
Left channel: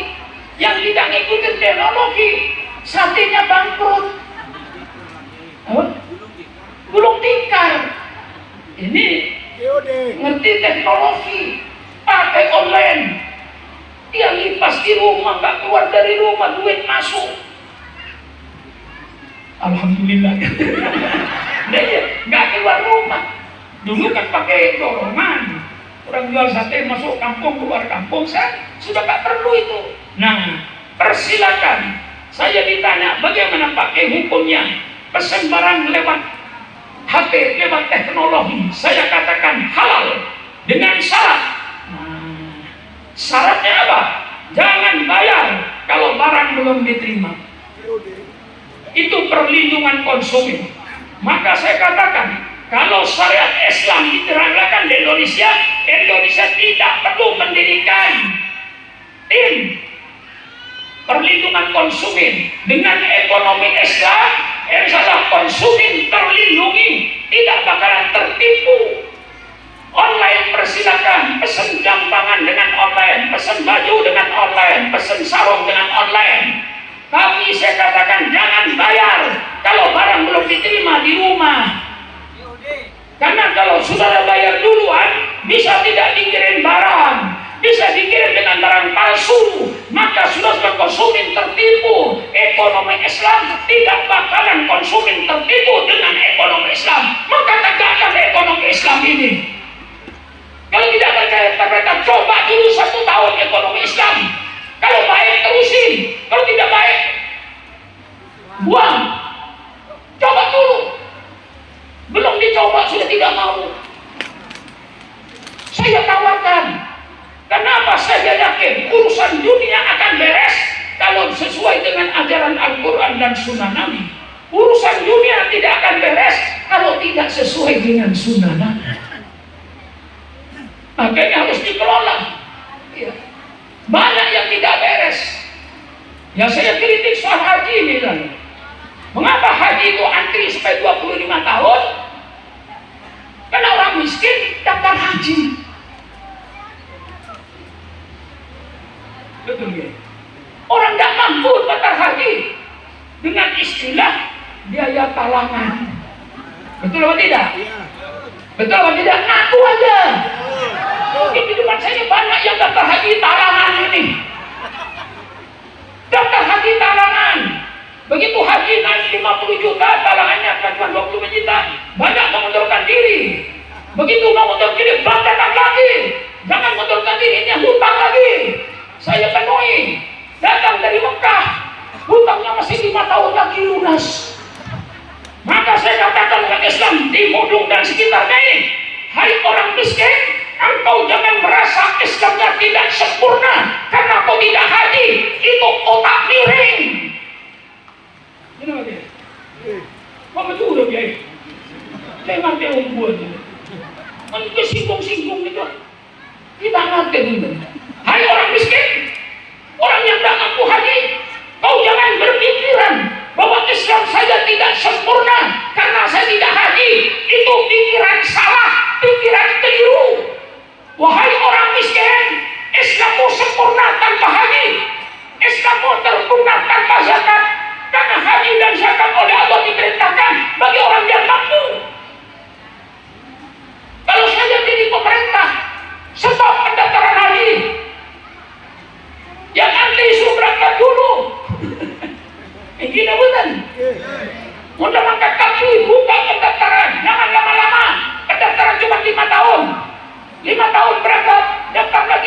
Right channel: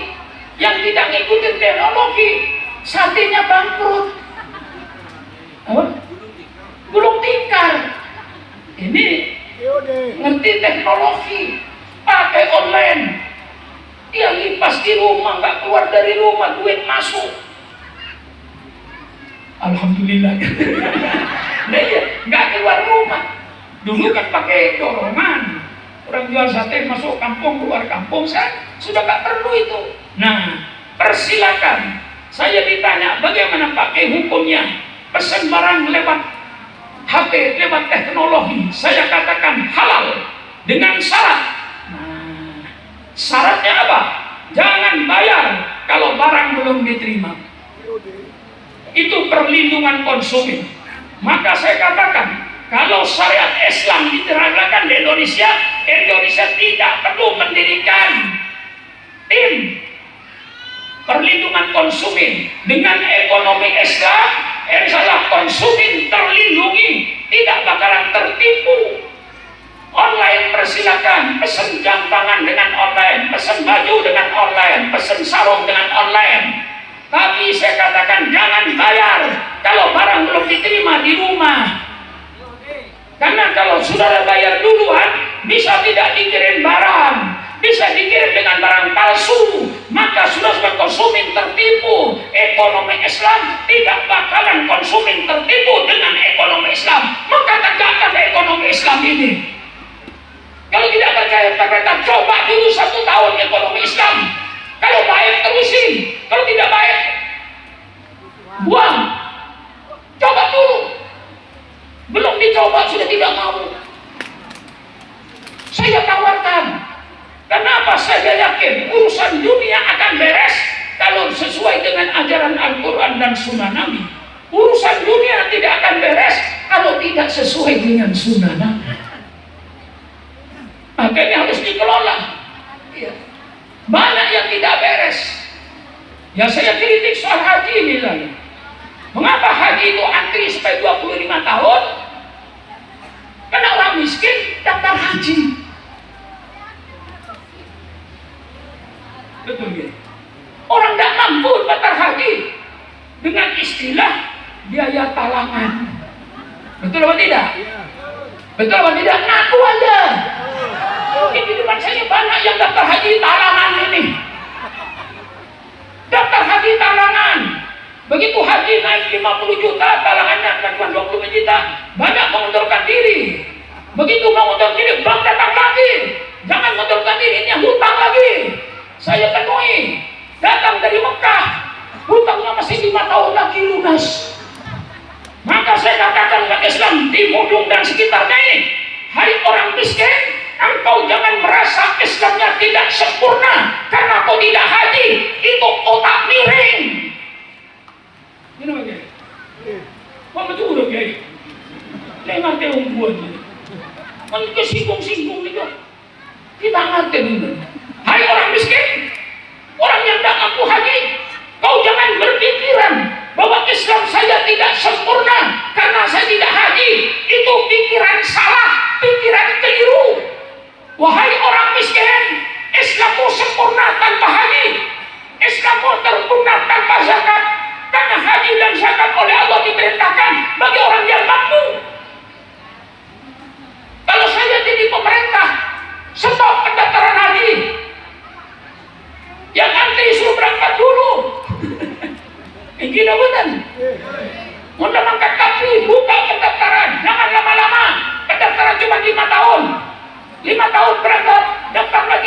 Yang tidak ngikutin teknologi, satenya bangkrut. Oh? Gulung tikar. Ini ngerti teknologi, pakai online. Dia lipas di rumah, nggak keluar dari rumah, duit masuk. Alhamdulillah. Nggak keluar rumah. Dulu kan pakai dorongan, orang jual sate masuk kampung keluar kampung, saya sudah nggak perlu itu. Nah, persilakan. Saya ditanya bagaimana pakai hukumnya, pesan barang lewat HP, lewat teknologi. Saya katakan halal dengan syarat. Nah, syaratnya apa? Jangan bayar kalau barang belum diterima. Itu perlindungan konsumen. Maka saya katakan, kalau syariat Islam diterapkan di Indonesia, Indonesia tidak perlu mendirikan tim perlindungan konsumen. Dengan ekonomi Islam, insyaallah konsumen terlindungi, tidak bakalan tertipu. Online persilakan, pesan jam tangan dengan online, pesan baju dengan online, pesan sarung dengan online. Tapi saya katakan jangan bayar kalau barang belum diterima di rumah. Karena kalau saudara bayar duluan, bisa tidak dikirim barang, bisa dikirim dengan barang palsu, maka sudah sebagai konsumen tertipu. Ekonomi Islam tidak bakalan konsumen tertipu dengan ekonomi Islam. Maka tegakkan ekonomi Islam ini. Kalau tidak percaya, kita coba dulu 1 tahun ekonomi Islam. Kalau baik terusin, kalau tidak baik buang. Coba dulu. Belum dicoba sudah tidak mau. Saya tawarkan. Kenapa saya yakin urusan dunia akan beres kalau sesuai dengan ajaran Al-Quran dan Sunnah Nabi. Urusan dunia tidak akan beres kalau tidak sesuai dengan Sunnah Nabi. Makanya harus dikelola. Ya. Banyak yang tidak beres. Ya saya kritik soal haji misalnya. Mengapa haji itu antri sampai 25 tahun? Karena orang miskin daftar haji. Betul ya? Orang tidak mampu daftar haji dengan istilah biaya talangan. Betul atau tidak? Betul atau tidak? Ngaku aja. Di depan saya banyak yang daftar haji talangan ini. Daftar haji talangan. Begitu haji naik 50 juta, talangannya cuma 20 juta. Banyak mengundurkan diri. Begitu mengundurkan diri, bank datang lagi. Jangan mengundurkan diri, ini hutang lagi. Saya penuhi. Datang dari Mekah, hutangnya masih 5 tahun lagi lunas. Maka saya katakan umat Islam di Mudung dan sekitarnya ini, hai orang miskin, engkau jangan merasa Islamnya tidak sempurna karena kau tidak haji. Itu otak miring. Ini bagaimana? Kau betul udah biaya. Saya ngerti umbuan. Kalau kita singgung-singgung itu, kita ngerti. Hai orang miskin, orang yang tak ngaku haji, kau jangan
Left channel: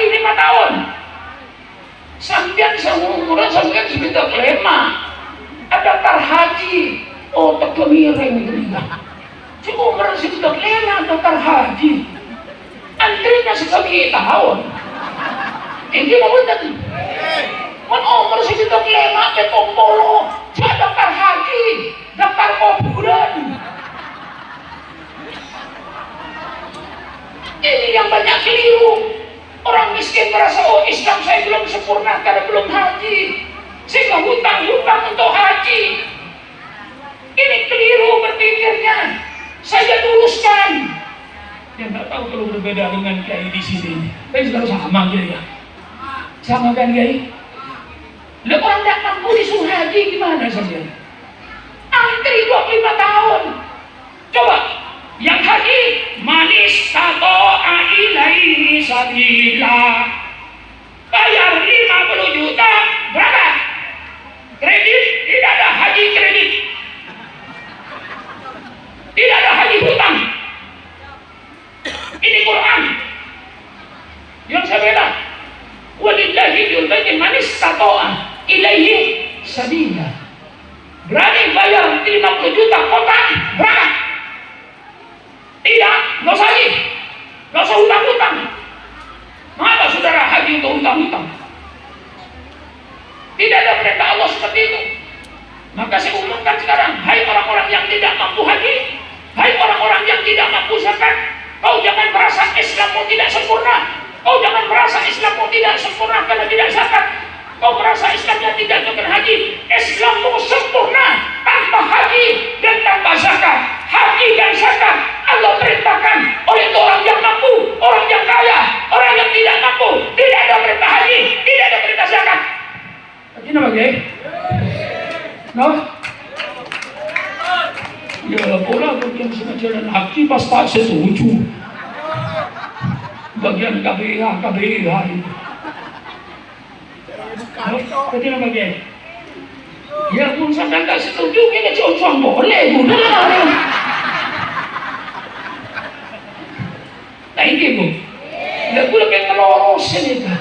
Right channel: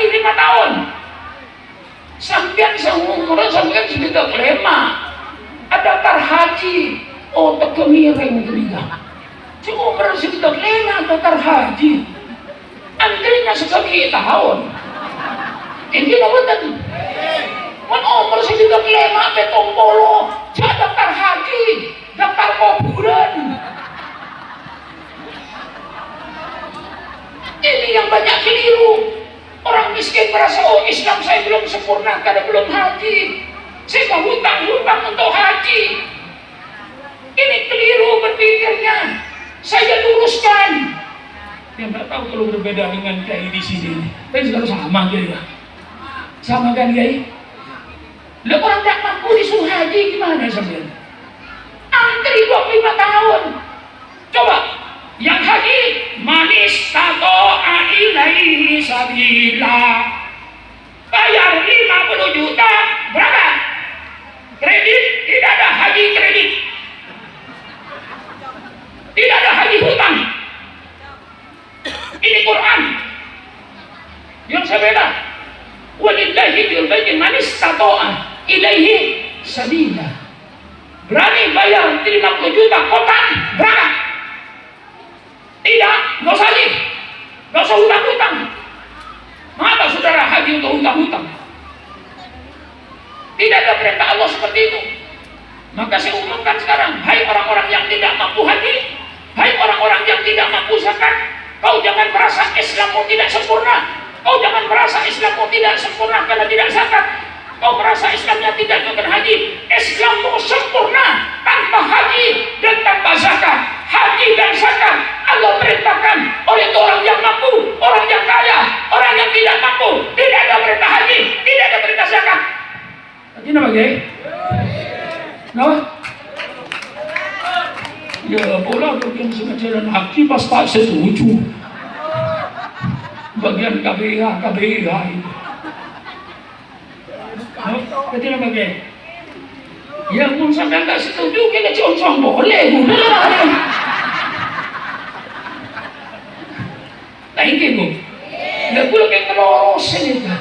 5 tahun. Sampai seumur sampai sudah kelema. Ada daftar haji. Oh, tak kemireng juga. Seumur sudah kelema daftar haji. Antrinya sekali tahun. Ini apa tadi? Man umur sudah kelema betompolo. Jangan daftar haji, daftar kuburan. Ini yang banyak keliru. Orang miskin merasa, oh Islam saya belum sempurna karena belum haji. Saya mau hutang-hutang untuk haji. Ini keliru berpikirnya. Saya luruskan. Yang tak tahu kalau berbeda dengan kiai di sini. Tapi sudah sama kiai ya. Sama kan kiai? Lo orang tak mampu disuruh haji gimana sampean? Antri 25 tahun. Coba. Yang haji manis tato ilaihi sabila. Bayar 50 juta berapa? Kredit, tidak ada haji kredit. Tidak ada haji hutang. Ini Quran. Yang saya beda. Walillahi juntaji manis tato ilaihi sabila. Berani bayar 50 juta kota berapa? Tidak, nggak usah haji, nggak usah hutang-hutang. Mengapa saudara haji untuk hutang-hutang? Tidak ada perintah Allah seperti itu. Maka saya umumkan sekarang, hai orang-orang yang tidak mampu haji, hai orang-orang yang tidak mampu zakat, kau jangan merasa Islammu tidak sempurna. Kau jangan merasa Islammu tidak sempurna karena tidak zakat. Kau merasa Islamnya tidak berhaji. Islammu sempurna tanpa haji dan tanpa zakat. Haji dan zakat Allah perintahkan oleh orang yang mampu, orang yang kaya, orang yang tidak mampu. Tidak ada perintah haji, tidak ada perintah zakat. Ini apa ya? No? Ya, bola bagian sejalan haji pas tak setuju. Bagian KBH itu. Kecil bagai, ya pun sampai tak setuju kita cocok boleh, tak ingin bu, ya gue lebih ngelorosin itu,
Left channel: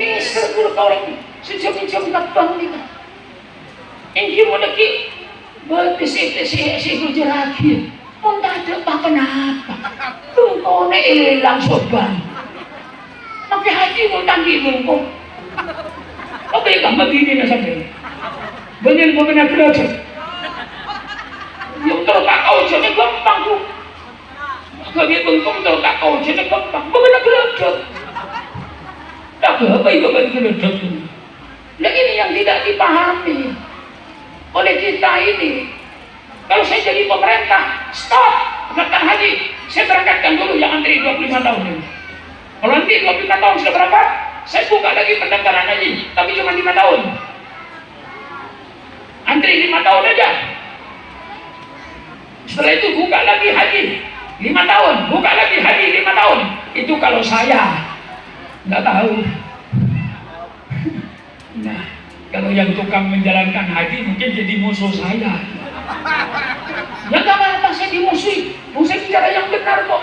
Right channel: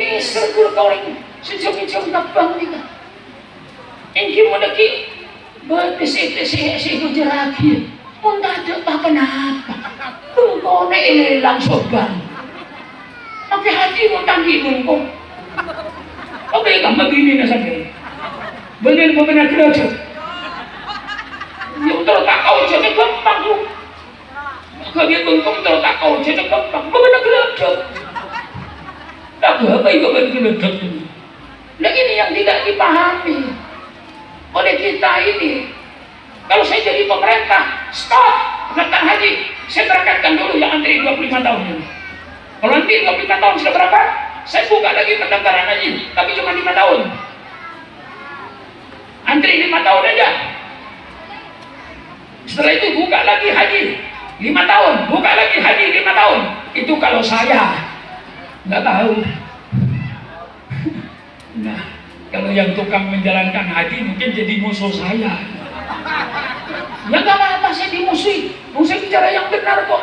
ini seru orang sejauh-jauh tak bang ini, ingin mau lagi, berpesi-pesi gue jerakin, pun tak ada apa kenapa, lu kau nak hilang soban, tapi hati mau tanggung kau. Apa yang begini na sabi? Banyan mo pinagkakot. Yung tertakau siya nagpampang mo. Kami kung tertakau siya nagpampang, mga nagkakot. Tapi apa yung nagkakot? Nah ini yang tidak dipahami oleh kita ini. Kalau saya jadi pemerintah, stop, berangkat haji. Saya berangkatkan dulu yang antri 25 tahun ini. Kalau nanti 25 tahun sudah berapa? Saya buka lagi pendaftaran haji, tapi cuma 5 tahun. Antri 5 tahun aja. Setelah itu buka lagi haji 5 tahun, buka lagi haji 5 tahun. Itu kalau saya nggak tahu. Nah, kalau yang tukang menjalankan haji mungkin jadi musuh saya. Ya nggak apa-apa, saya dimusuhi. Saya bicara yang benar kok.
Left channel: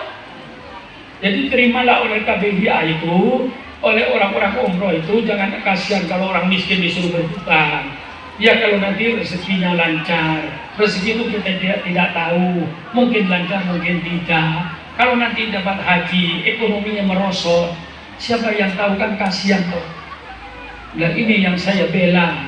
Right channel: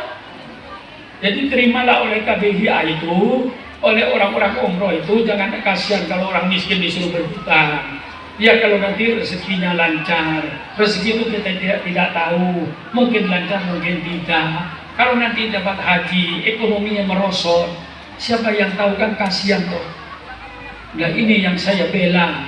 Jadi terimalah oleh KBHI itu, oleh orang-orang umroh itu, jangan kasihan kalau orang miskin disuruh berhutang. Ya kalau nanti rezekinya lancar, rezeki itu kita tidak tahu, mungkin lancar, mungkin tidak. Kalau nanti dapat haji, ekonominya merosot, siapa yang tahu, kan kasihan tuh. Nah ini yang saya bela.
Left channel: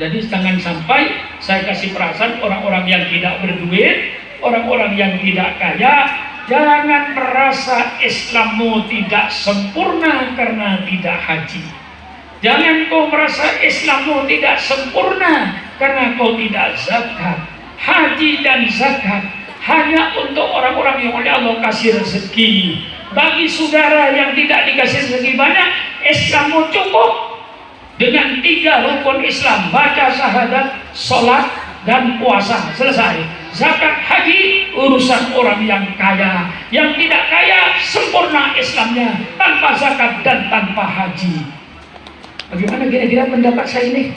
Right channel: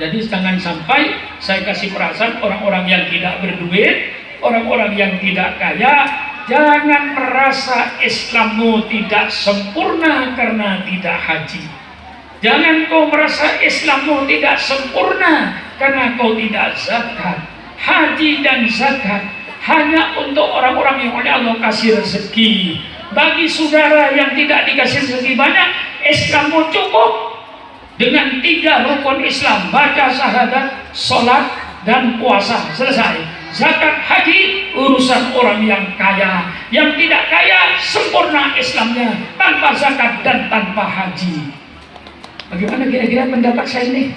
Jadi jangan sampai saya kasih perasaan orang-orang yang tidak berduit, orang-orang yang tidak kaya, jangan merasa Islammu tidak sempurna karena tidak haji. Jangan kau merasa Islammu tidak sempurna karena kau tidak zakat. Haji dan zakat hanya untuk orang-orang yang oleh Allah kasih rezeki. Bagi saudara yang tidak dikasih rezeki banyak, Islammu cukup dengan 3 rukun Islam: baca syahadat, sholat, dan puasa. Selesai. Zakat, haji, urusan orang yang kaya. Yang tidak kaya, sempurna Islamnya tanpa zakat dan tanpa haji. Bagaimana kira-kira pendapat saya ini?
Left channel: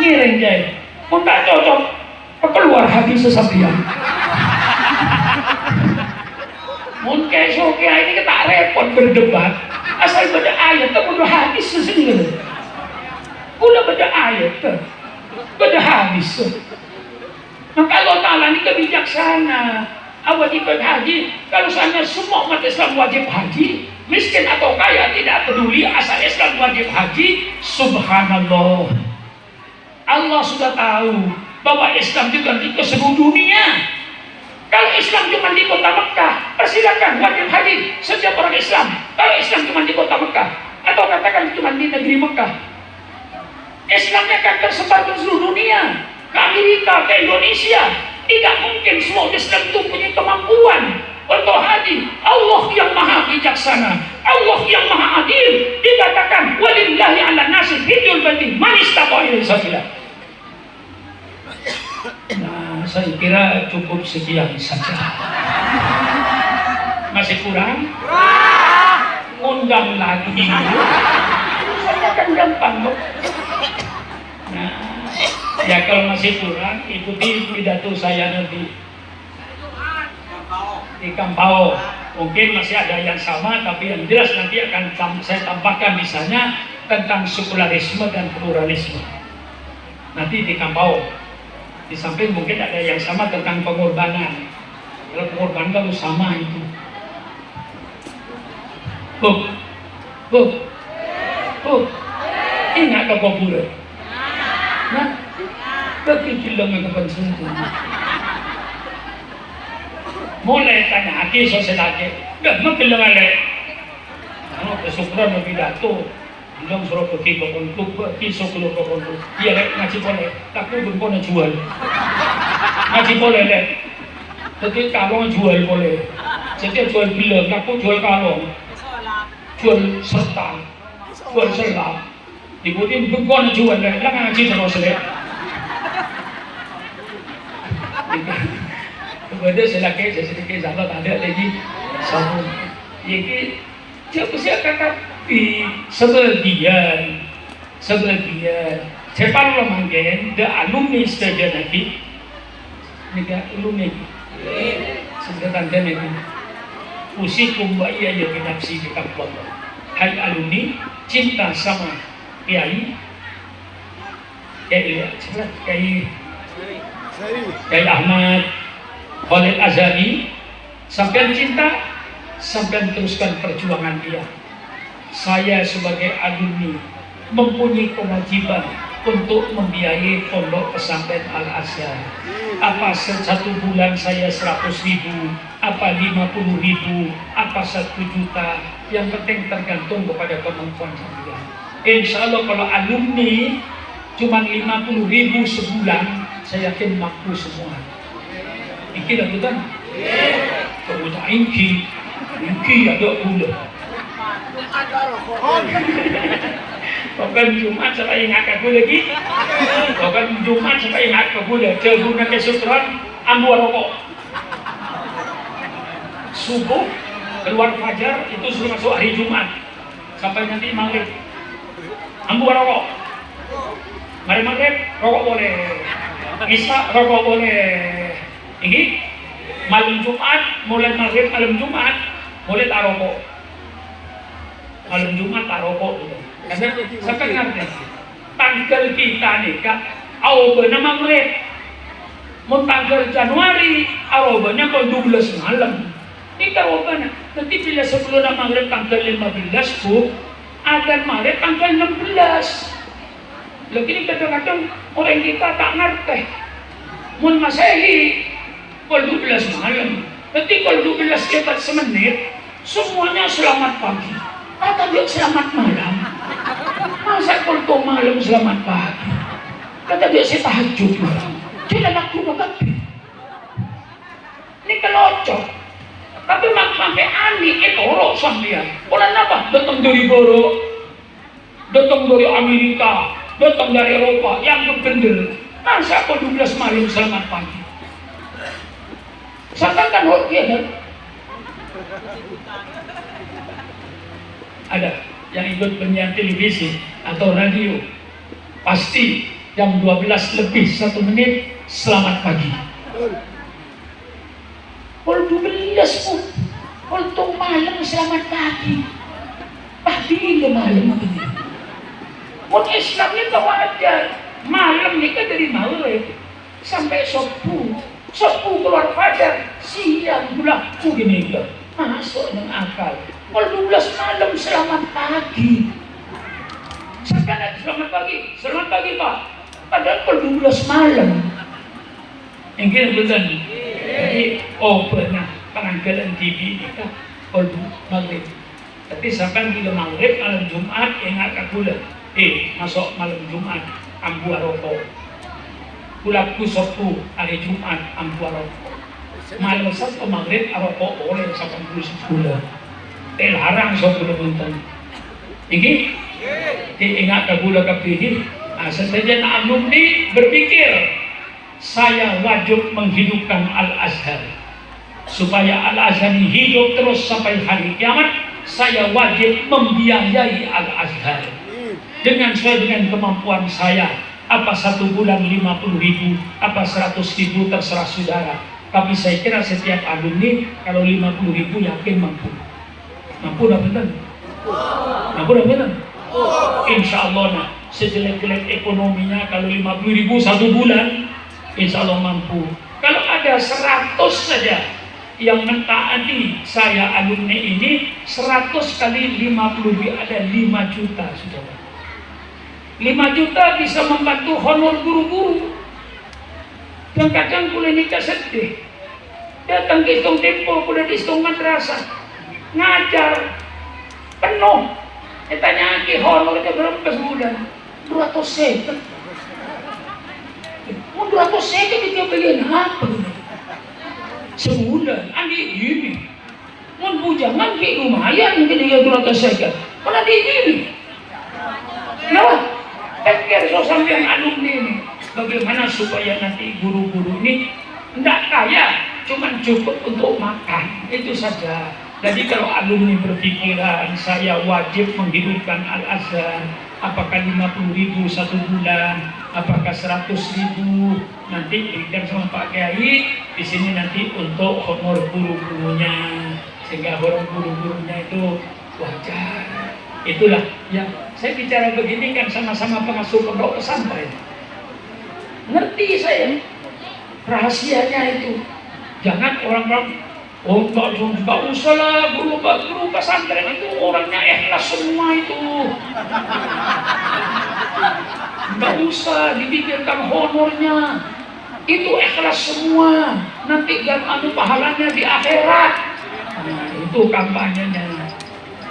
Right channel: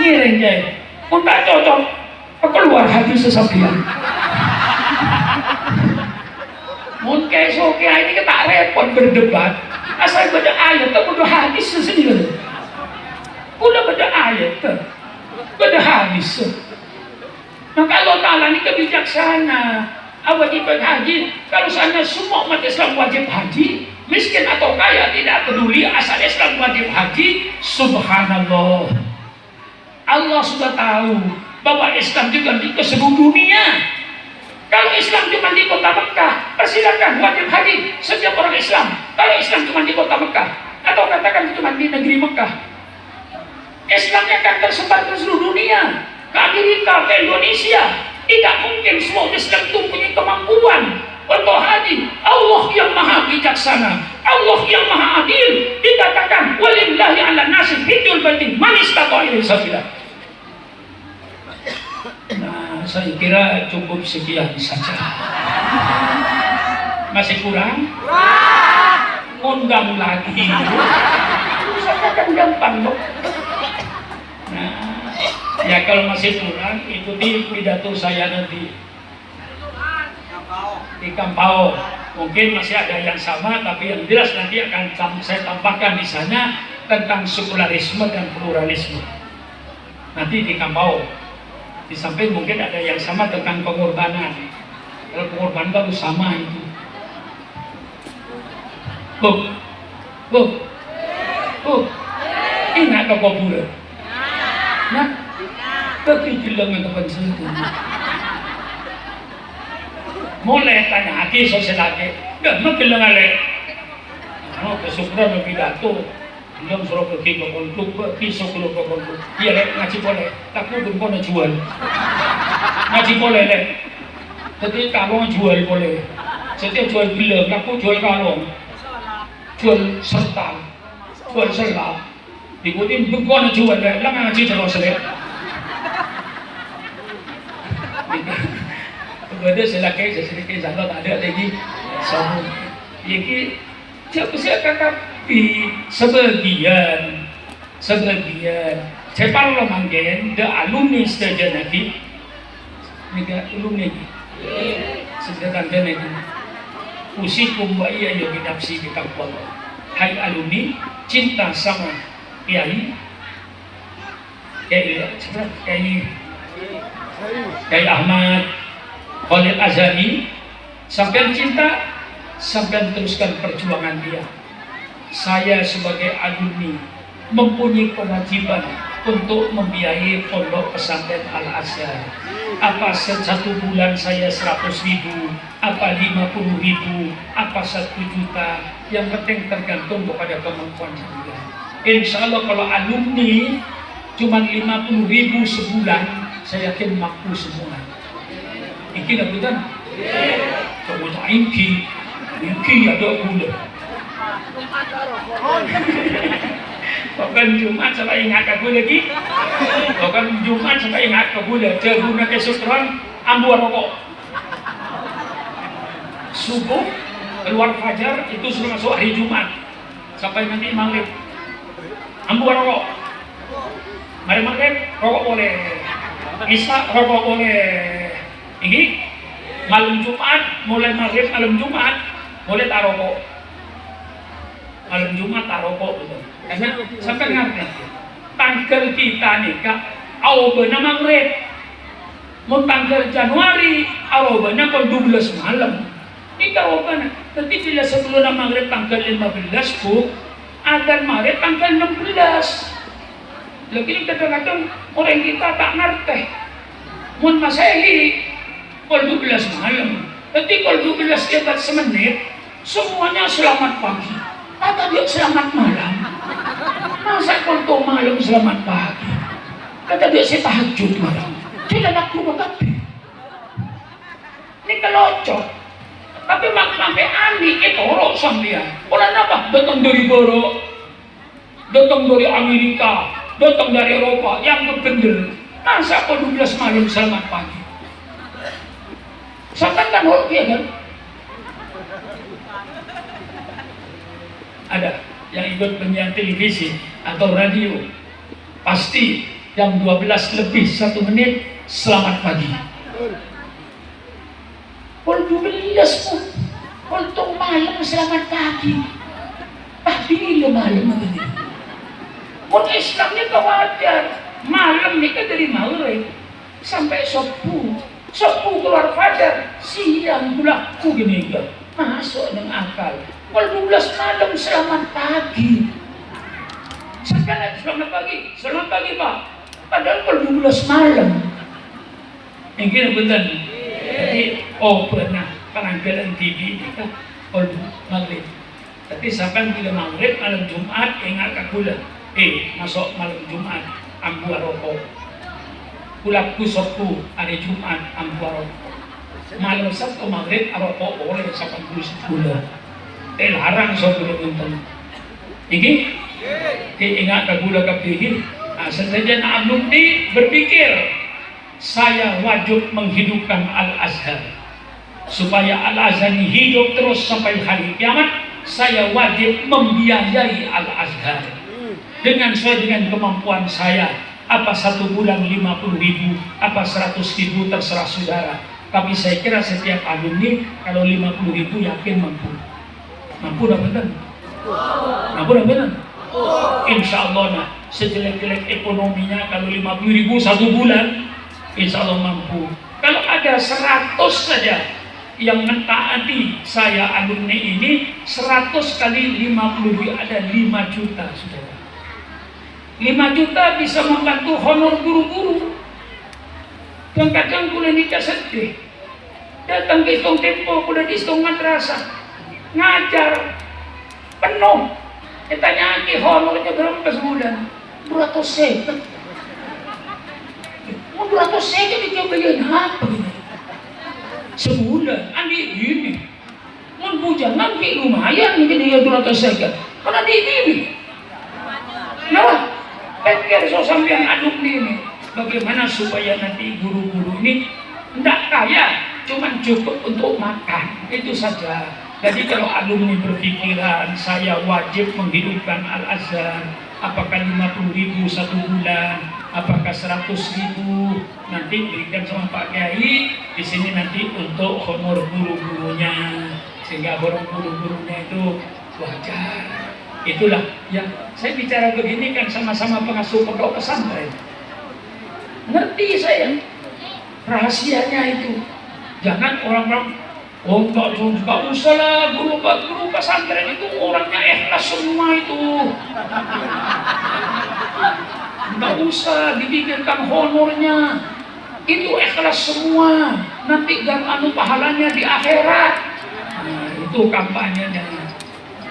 Ngiring ya, tak cocok, keluar hati sesabian. Mungkin sokia ini kita ayat pun berdebat asal beda ayat tak beda hadis sendiri. Udah beda ayat tak beda hadis. Maka Allah Ta'ala ini kebijaksana. Wajib haji. Kalau sana semua umat Islam wajib haji, miskin atau kaya tidak peduli, asal Islam wajib haji. Subhanallah. Allah sudah tahu bahwa Islam juga di seluruh dunia. Kalau Islam cuma di kota Mekah, persilakan wajib haji setiap orang Islam. Kalau Islam cuma di kota Mekah, atau katakan cuma di negeri Mekah, Islamnya akan tersebar ke seluruh dunia, ke Amerika, ke Indonesia. Tidak mungkin semua Islam itu punya kemampuan untuk haji. Allah yang maha bijaksana, Allah yang maha adil. Dikatakan walillahi ala nasi hijjul baiti man istata'a ilaihi sabila. Nah, saya kira cukup sekian saja. Masih kurang? Undang lagi. Saya akan gampang loh. Nah, ya kalau masih kurang, ikuti pidato saya nanti di Kampau. Mungkin masih ada yang sama, tapi yang jelas nanti akan saya tambahkan di sana tentang sekularisme dan pluralisme. Nanti di Kampau. Di samping mungkin ada yang sama tentang pengorbanan. Kalau pengorbanan baru sama itu. Ingat apa pula? Nah, kekikilang ang kapansin. Mulai tanya aki lagi, gak makilang alay. Ano, kasukran na pidato. Ilang suruh pergi ke kontuk, pisau keluar ke kontuk. Iya lek, ngaji boleh. Takut dun ko na jual. Ngaji boleh lek. Tapi kalong jual boleh. Setiap jual bilang, aku jual kalong. Jual serta. Jual selap. Ikutin bukan jual lek. Lang ngaji terus lek. Kemudian selagi sedikit zakat ada lagi sahur. Jadi siapa kata di sebagian saya tahu mungkin the alumni stage lagi nika alumni sedang lagi usikum wa iya ya binafsi bikapol. Hai alumni, cinta sama kiai Ahmad Khalid Azhari, sampai cinta, sampai teruskan perjuangan dia. Saya sebagai alumni mempunyai kewajiban untuk membiayai pondok pesantren Al-Azhar. Apa satu bulan saya 100.000, apa 50.000, apa 1 juta, yang penting tergantung kepada kemampuan saya. Insya Allah kalau alumni cuma 50.000 sebulan, saya yakin mampu semua. Iki lah betul. Kalau tak iki ada gula. Bukan Jumat sampai ingat aku lagi. Bukan Jumat sampai ingat aku lagi. Terguna kesukran ambil rokok. Subuh keluar fajar itu sudah masuk hari Jumat sampai nanti maghrib. Ambil rokok. Mari maghrib rokok boleh. Isya rokok boleh. Ini malam Jumat, mulai maghrib malam Jumat, mulai taroko. Malam Jumat taroko itu. Karena sampai ngerti, tanggal kita nikah, awal benar maghrib. Mau tanggal Januari, awal benar kalau 12 malam. Nikah awal benar. Nanti bila sebelum maghrib tanggal 15 bu, akan maghrib tanggal 16. Lagi kadang-kadang orang kita tak ngerti. Mun Masehi kalau 12 malam, ketika kalau 12 kita semenit, semuanya selamat pagi. Kata dia selamat malam. Masa kalau malam selamat pagi? Kata dia saya tahajud malam. Tidak nak turun kaki. Ini kelocok. Tapi sampai ani itu orang sampean. Orang apa? Datang dari Barat, datang dari Amerika, datang dari Eropa yang bergendel. Masa kalau 12 malam selamat pagi? Sampaikan hoki kan? Ada yang ikut penyiar televisi atau radio, pasti jam 12 lebih 1 menit selamat pagi. Kalau 12 pun Untuk malam selamat pagi. Pagi ini malam ini. Pun Islam ni tak wajar. Malam ni kan dari maghrib sampai subuh. Subuh keluar fajar, siang bulaku gini ke. Masuk dengan akal. Kalau 12 malam selamat pagi. Siapa nak selamat pagi? Selamat pagi Pak. Padahal kalau 12 malam. Mungkin betul. Jadi, pernah penanggalan TV ini kan kalau maghrib. Tapi sampai bila maghrib malam Jumat ingat ke bulan. Masuk malam Jumat ambu aroko. Pulaku sopu hari Jumat ambu aroko. Malam Sabtu maghrib aroko oleh 80 bulan. Larang sopu nonton. Ini? Ingat ke bulan kepilih. Setelah alumni berpikir saya wajib menghidupkan Al-Azhar supaya Al-Azhar ini hidup terus sampai hari kiamat. Saya wajib membiayai Al-Azhar dengan sesuai dengan kemampuan saya. Apa 1 bulan 50.000, apa 100.000 terserah saudara. Tapi saya kira setiap alumni kalau 50.000 yakin mampu. Mampu dah betul. Mampu dah betul. Insya Allah nah, sejelek-jelek ekonominya kalau 50.000 1 bulan, insya Allah mampu. Kalau ada 100 saja yang mentaati saya alumni ini, 100 kali 50.000 ada 5 juta saudara. 5 juta bisa membantu honor guru-guru. Dan kadang boleh nikah sedih. Datang ke Istong Tempo, udah di Istong Madrasah, ngajar penuh. Ditanya lagi honornya berapa sebulan? 200 seket. Mau 200 seket itu bagian apa? Sebulan, andi ini. Mau bujangan ke lumayan mungkin dia 200 seket. Mana di ini? Kenapa? Pikir sampai alumni ini. Bagaimana supaya nanti guru-guru ini tidak kaya, cuma cukup untuk makan. Itu saja. Jadi kalau alumni berpikiran saya wajib menghidupkan Al-Azhar, apakah 50.000 1 bulan, apakah 100.000, nanti berikan sama Pak Kiai di sini nanti untuk honor guru-gurunya, sehingga guru-gurunya itu wajar. Itulah yang saya bicara begini kan sama-sama pengasuh pondok pesantren. Ngerti saya rahasianya itu. Jangan orang-orang enggak usah lah guru pesantren itu orangnya ikhlas semua itu. Enggak usah dipikirkan honornya. Itu ikhlas semua. Nanti pahalanya di akhirat. Nah, itu kampanyenya.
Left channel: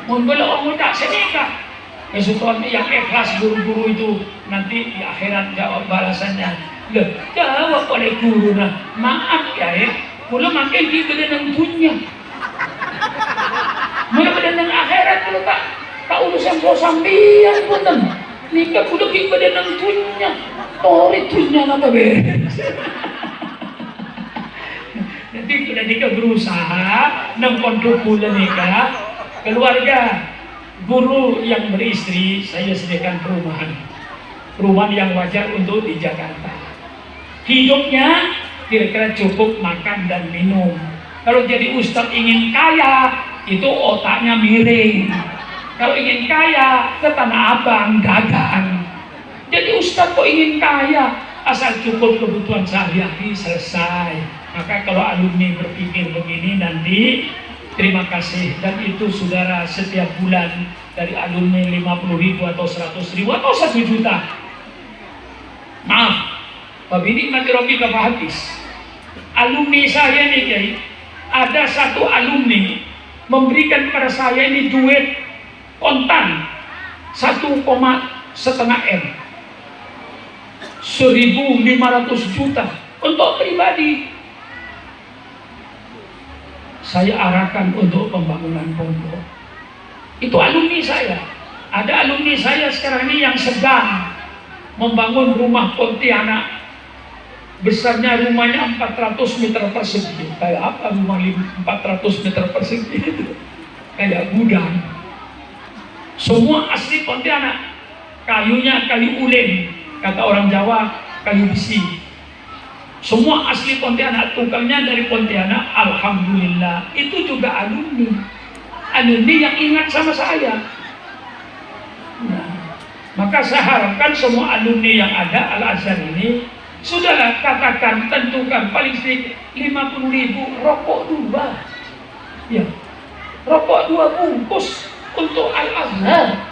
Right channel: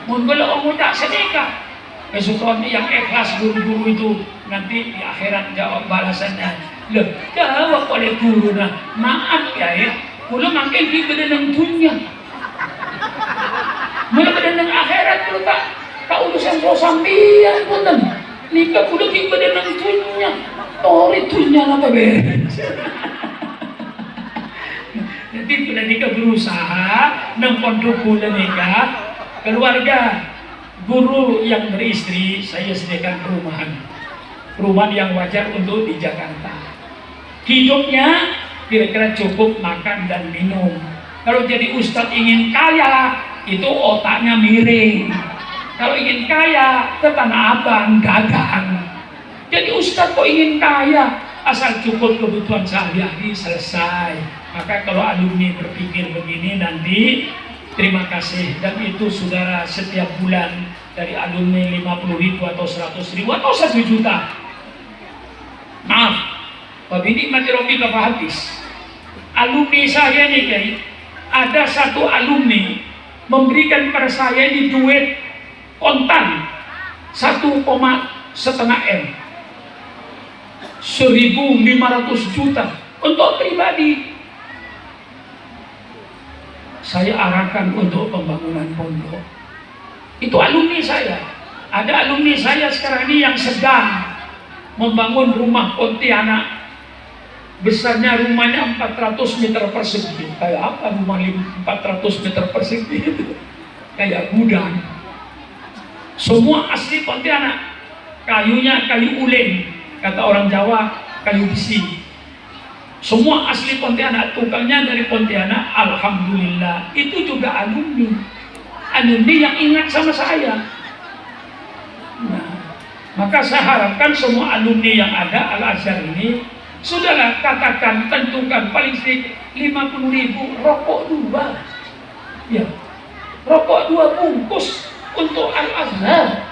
Mungkin orang tak sedekah. Kesukaan yang ikhlas guru-guru itu nanti di akhirat jawab balasannya. Loh, jawab oleh guru nah, maaf ya. Kalau makin di badan dunia, mulai badan akhirat kalau tak urusan sambian pun nikah kudu di badan dunia, tori dunia apa beres. Nanti bila nikah berusaha, 6 pondok bulan nikah, keluarga guru yang beristri saya sediakan perumahan yang wajar untuk di Jakarta. Hidupnya kira-kira cukup makan dan minum. Kalau jadi ustadz ingin kaya, itu otaknya miring. Kalau ingin kaya, ke Tanah Abang, dagang. Jadi ustadz kok ingin kaya, asal cukup kebutuhan sehari-hari selesai. Maka kalau alumni berpikir begini nanti, terima kasih. Dan itu saudara setiap bulan dari alumni 50.000 atau 100.000 atau 1 juta. Maaf, tapi ini mati Robi gak habis. Alumni saya nih Kiai, ada 1 alumni memberikan pada saya ini duit kontan 1,5 M, 1.500 juta untuk pribadi. Saya arahkan untuk pembangunan pondok. Itu alumni saya. Ada alumni saya sekarang ini yang sedang membangun rumah Pontianak. Besarnya rumahnya 400 meter persegi. Kayak apa rumah 400 meter persegi itu? Kayak gudang. Semua asli Pontianak. Kayunya kayu ulin. Kata orang Jawa, kayu besi. Semua asli Pontianak, tukangnya dari Pontianak, alhamdulillah. Itu juga alumni. Alumni yang ingat sama saya. Nah, maka saya harapkan semua alumni yang ada Al-Azhar ini, sudahlah katakan, tentukan paling sedikit 50.000 rokok 2. Ya, rokok 2 bungkus untuk Al-Azhar.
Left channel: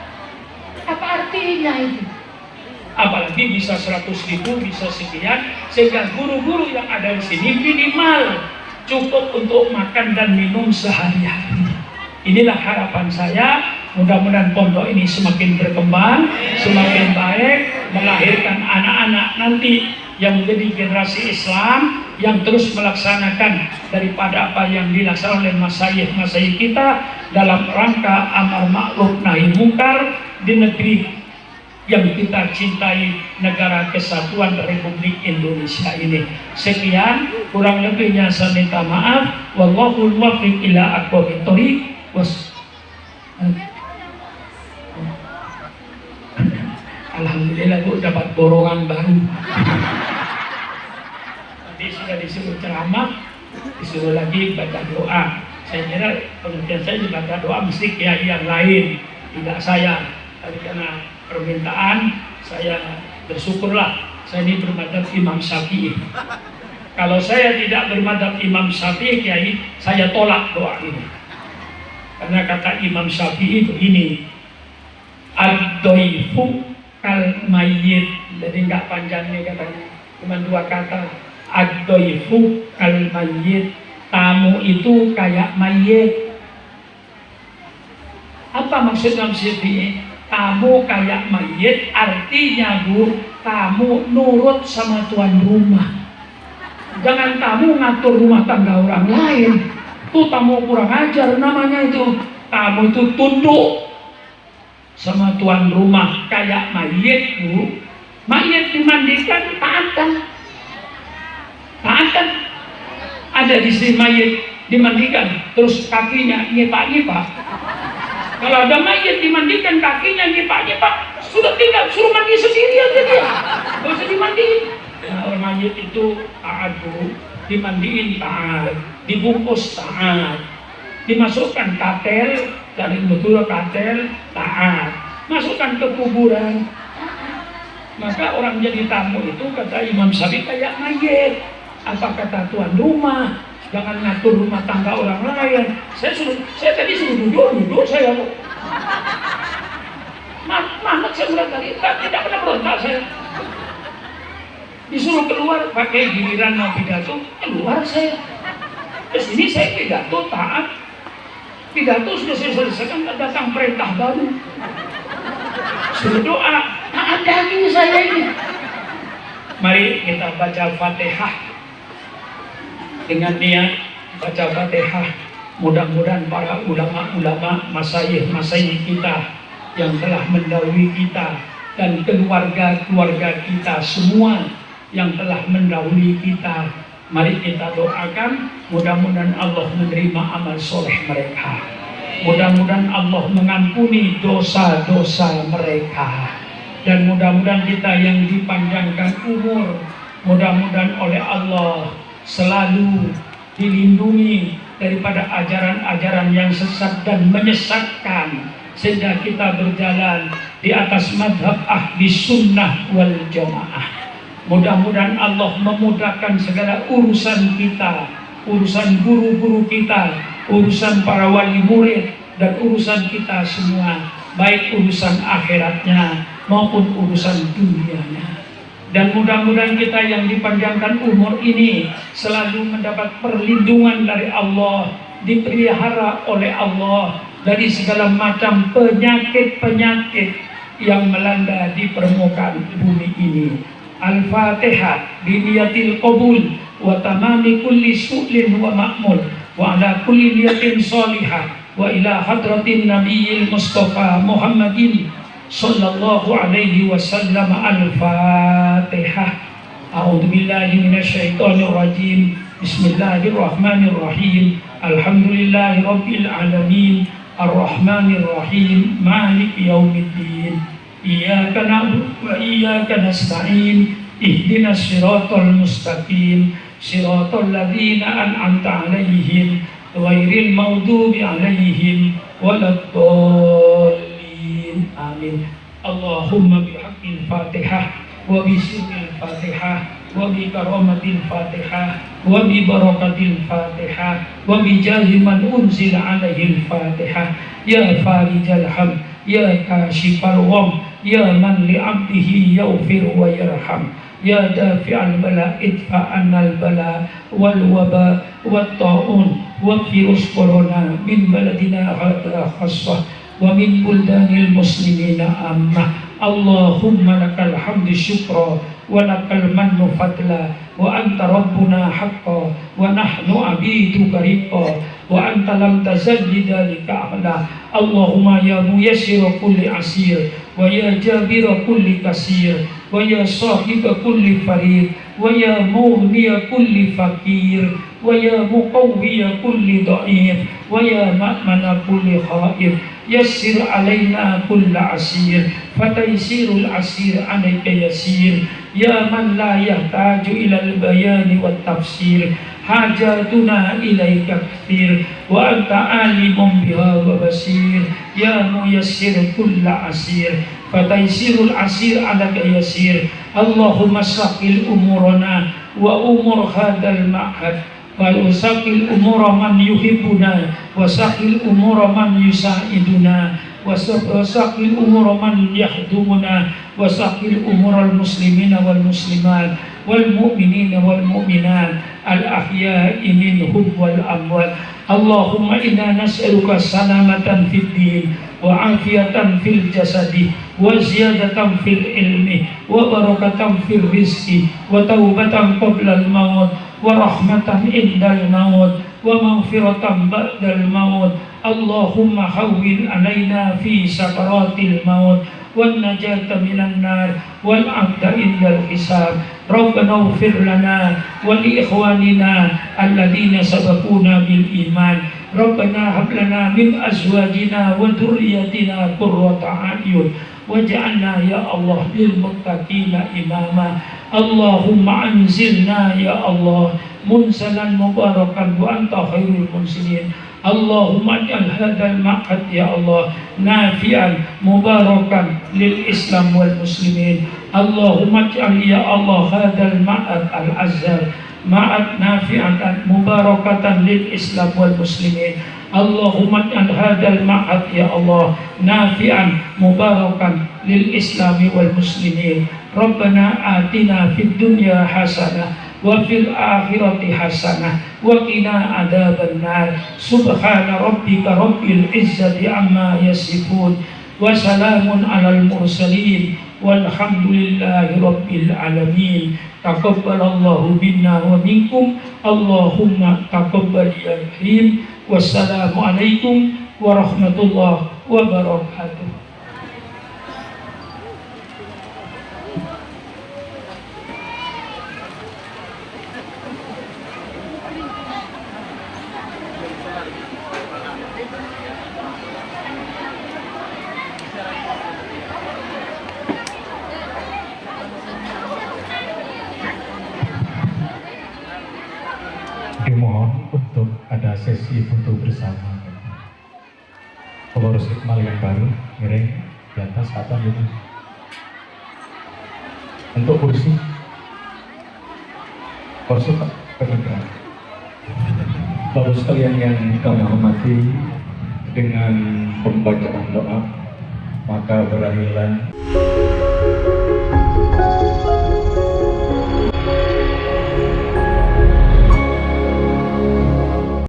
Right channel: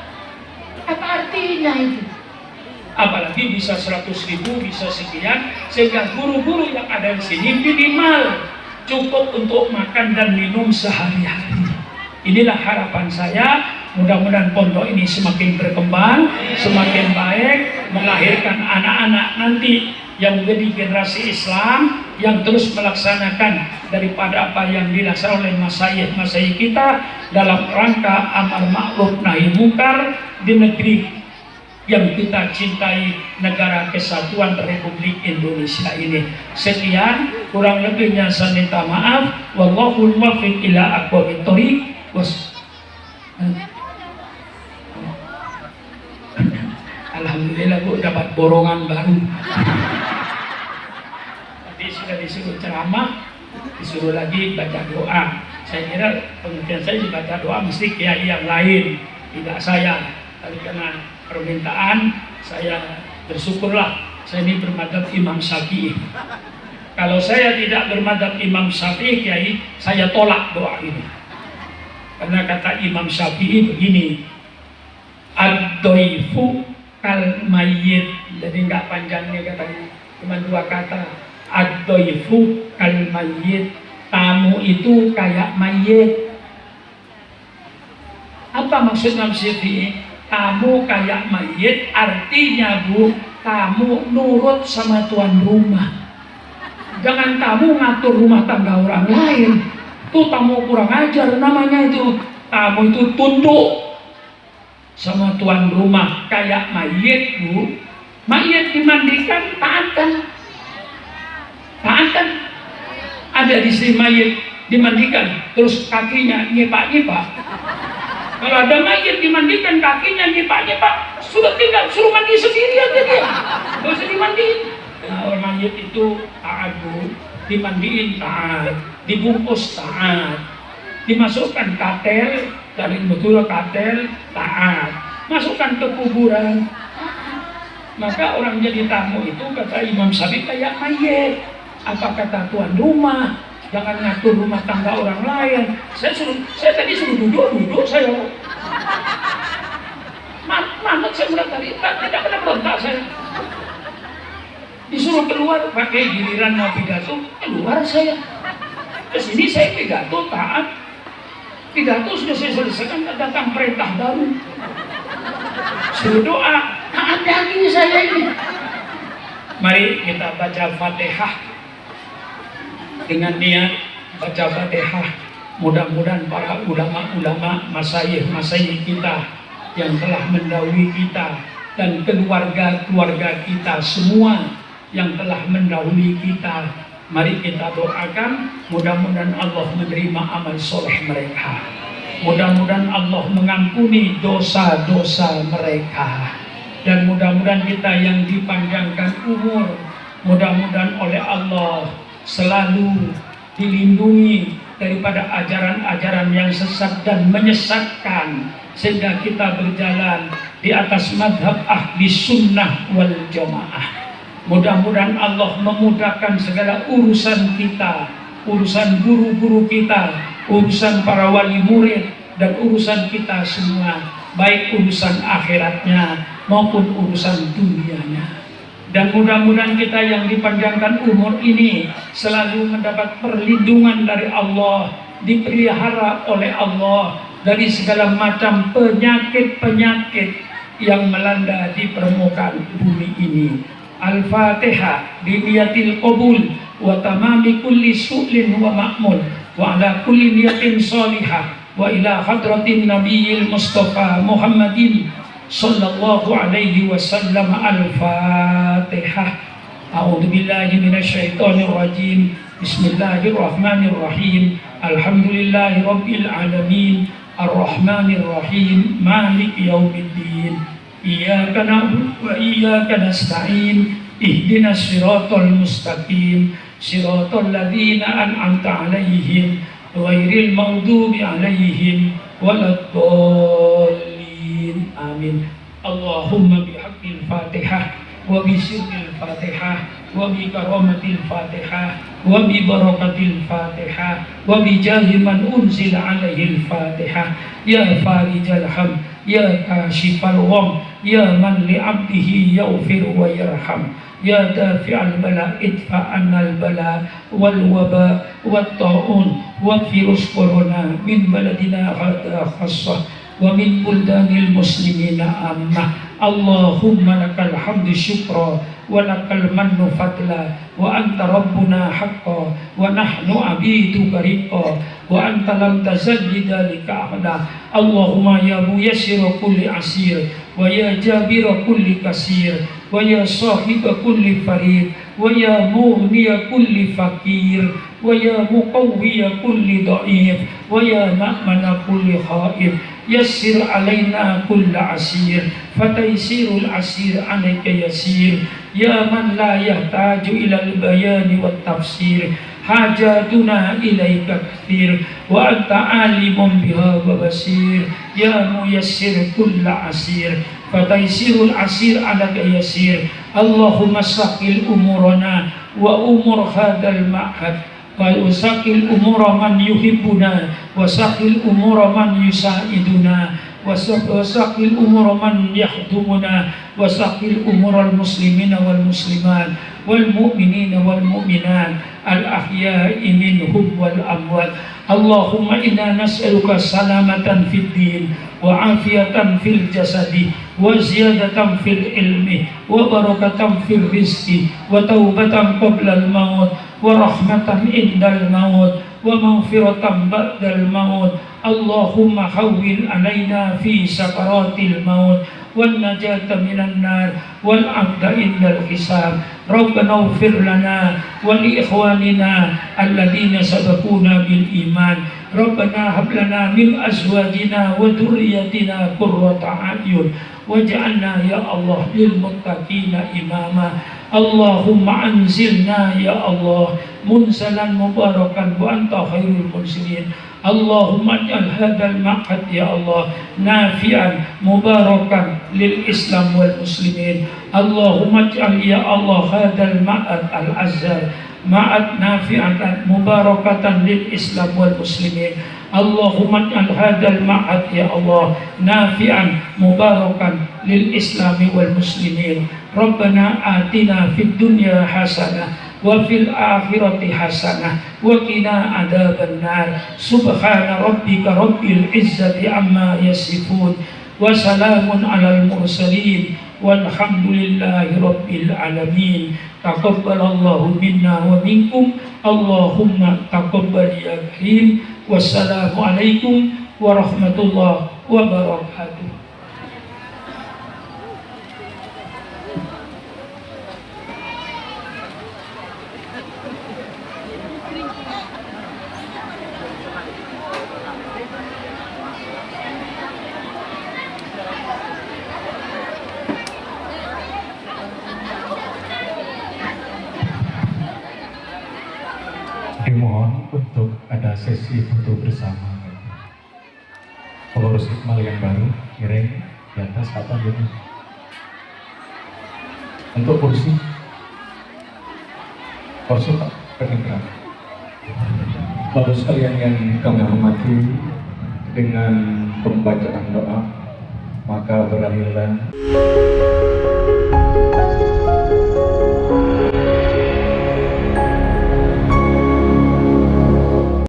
Apa artinya itu? Apalagi bisa 100.000, bisa sekian, sehingga guru-guru yang ada di sini minimal cukup untuk makan dan minum sehari-hari. Inilah harapan saya. Mudah-mudahan pondok ini semakin berkembang, semakin baik, melahirkan anak-anak nanti yang menjadi generasi Islam yang terus melaksanakan daripada apa yang dilaksanakan oleh masyayikh kita dalam rangka amar ma'ruf nahi munkar di negeri yang kita cintai, negara kesatuan Republik Indonesia ini. Sekian, kurang lebihnya saya minta maaf. Wallahul muwaffiq ila aqwamit thoriq. Alhamdulillah Bu dapat borongan baru. Tadi sudah disuruh ceramah, disuruh lagi baca doa. Saya kira pengertian saya dibaca doa mesti kiai yang lain, tidak saya. Tapi karena permintaan, saya bersyukurlah. Saya ini bermadzhab Imam Syafi'i. Kalau saya tidak bermadzhab Imam Syafi'i, kiai, saya tolak doa ini. Karena kata Imam Syafi'i begini, ad-doifu kal mayyit. Jadi enggak panjang nih katanya, cuma 2 kata. Ad-doifu kal mayyit, tamu itu kayak mayit. Apa maksudnya Syafi'i? Tamu kayak mayit artinya Bu, kamu nurut sama tuan rumah. Jangan kamu ngatur rumah tangga orang lain. Itu tamu kurang ajar namanya itu. Tamu itu tunduk sama tuan rumah kayak mayit Bu. Mayit dimandikan taatan. Taatan. Ada di sini mayit dimandikan terus kakinya nyepak-nyepak. Kalau ada mayit dimandikan kakinya nyepak-nyepak, sudah tinggal suruh mandi sendiri aja dia. Gak usah dimandiin. Nah, orang mayit itu taat Bu. Dimandiin taat, dibungkus taat, dimasukkan katel dari betul katel taat, masukkan ke kuburan. Maka orang jadi tamu itu kata Imam Syafi'i kayak mayit. Apa kata tuan rumah? Jangan ngatur rumah tangga orang lain. Saya tadi suruh duduk saya. Mamat saya udah kali, tidak pernah berontak saya. Disuruh keluar pakai giliran mau pidato, keluar saya. Kesini saya pidato taat. Pidato sudah saya selesaikan, datang perintah baru. Suruh doa, taat lagi saya ini. Mari kita baca Fatihah dengan niat baca Fatihah. Mudah-mudahan para ulama-ulama, masyayikh kita yang telah mendahului kita dan keluarga-keluarga kita semua yang telah mendahului kita, mari kita doakan mudah-mudahan Allah menerima amal soleh mereka, mudah-mudahan Allah mengampuni dosa-dosa mereka, dan mudah-mudahan kita yang dipanjangkan umur, mudah-mudahan oleh Allah selalu dilindungi daripada ajaran-ajaran yang sesat dan menyesatkan, sehingga kita berjalan di atas madhab ahli sunnah wal jamaah. Mudah-mudahan Allah memudahkan segala urusan kita, urusan guru-guru kita, urusan para wali murid, dan urusan kita semua, baik urusan akhiratnya maupun urusan dunianya. Dan mudah-mudahan kita yang dipanjangkan umur ini selalu mendapat perlindungan dari Allah, dipelihara oleh Allah dari segala macam penyakit-penyakit yang melanda di permukaan bumi ini. Al-Fatihah biniyatil qabul wa tamami kulli su'lin wa ma'mul wa ala kulli niyatin salihah wa ila hadratin nabiyil mustafa Muhammadin sallallahu alaihi wasallam. Al-Fatihah. A'udzu billahi minasyaitonir rajim. Bismillahirrahmanirrahim. Alhamdulillahi rabbil alamin. Ar-Rahmanir Rahim. Maliki yaumiddin. Iyyaka na'budu wa iyyaka nasta'in. ihdinas siratal mustaqim siratal ladzina an'amta 'alaihim ghairil maghdubi 'alaihim waladdallin. Amin. Allahumma bihaqqil Fatihah wa bi sirril Fatihah wa bi karamatil Fatihah wa bi barakatil Fatihah wa bi jahi man unzila 'alaihil Fatihah ya farijal ham ya kashifal gham ya man li 'abdihi yaghfir wa yarham ya dafi'al bala idfa' annal bala wal waba wat ta'un wa virus corona min baladina hadha khassah wa min buldanil muslimina ammah. Allahumma lakal hamdu syukra wa lakal mannu fadla wa anta rabbuna haqqa wa nahnu abiduka riqqa wa anta lam tazal bidhalika ahada. Allahumma ya muyassir kulli asir wa ya jabir kulli kasir wa ya sahib kulli farid wa ya mughni kulli fakir wa ya muqawwi kulli dha'if wa ya na'mana kulli khaif. Yassir alaina kulla asir fataysirul asir alayka yasir ya man la yahtaju ilal bayani wat tafsir hajatuna ilaika kathir wa anta alimun biha wa basir ya muyassir kulla asir fataysirul asir alayka yasir. Allahumma saqil umurana wa umur hadal ma'had wa usaqil umura man yuhibbuna wa saqil umura man yusaiduna wa saqil umura man yahdumuna wa saqil umural muslimina wal muslimat wal mu'minina wal mu'minat al ahya'i minhum wal amwat. Allahumma inna nas'aluka salamatan fid din wa afiyatan fil jasadi wa ziyadatan fil ilmi wa barakatan fil rizqi wa taubatan qabla al maut wa rahmatan indal maut wa maghfiratan ba'dal maut. Allahumma hawwin alaina fi sakaratil maut wan najata minan nar wal amda indal hisab. Rabbana ighfir lana wa li ikhwanina alladhina sabaquna bil iman. Rabbana hab lana min azwajina wa dhurriyyatina qurrata a'yun waj'alna ya Allah lil muttaqina imama. Allahumma anzilna ya Allah munzalan mubarakan wa anta khairul munzilin. Allahumma ij'al hadzal ma'had ya Allah nafi'an mubarakan lil Islam wal muslimin. Allahumma ij'al ya Allah hadzal ma'had al azhar ma'ad nafi'atan mubarakatan lil Islam wal muslimin. Allahumma ij'al hadzal ma'had ya Allah nafi'an mubarakan lil Islami wal muslimin. Rabbana atina fid dunya hasanah wa fil akhirati hasanah wa qina adzaban nar. Subhana rabbika rabbil izzati amma yasifun wa salamun alal mursalin walhamdulillahi rabbil alamin. Taqabbalallahu minna wa minkum. Allahumma taqabbal ya karim. Wassalamu alaikum warahmatullahi wabarakatuh. Dimohon untuk ada sesi foto bersama pengurus Hikmal yang baru, miring di atas atau gitu. Untuk kursi kedengeran. Bapak sekalian yang kami hormati, dengan pembacaan doa maka berakhirlah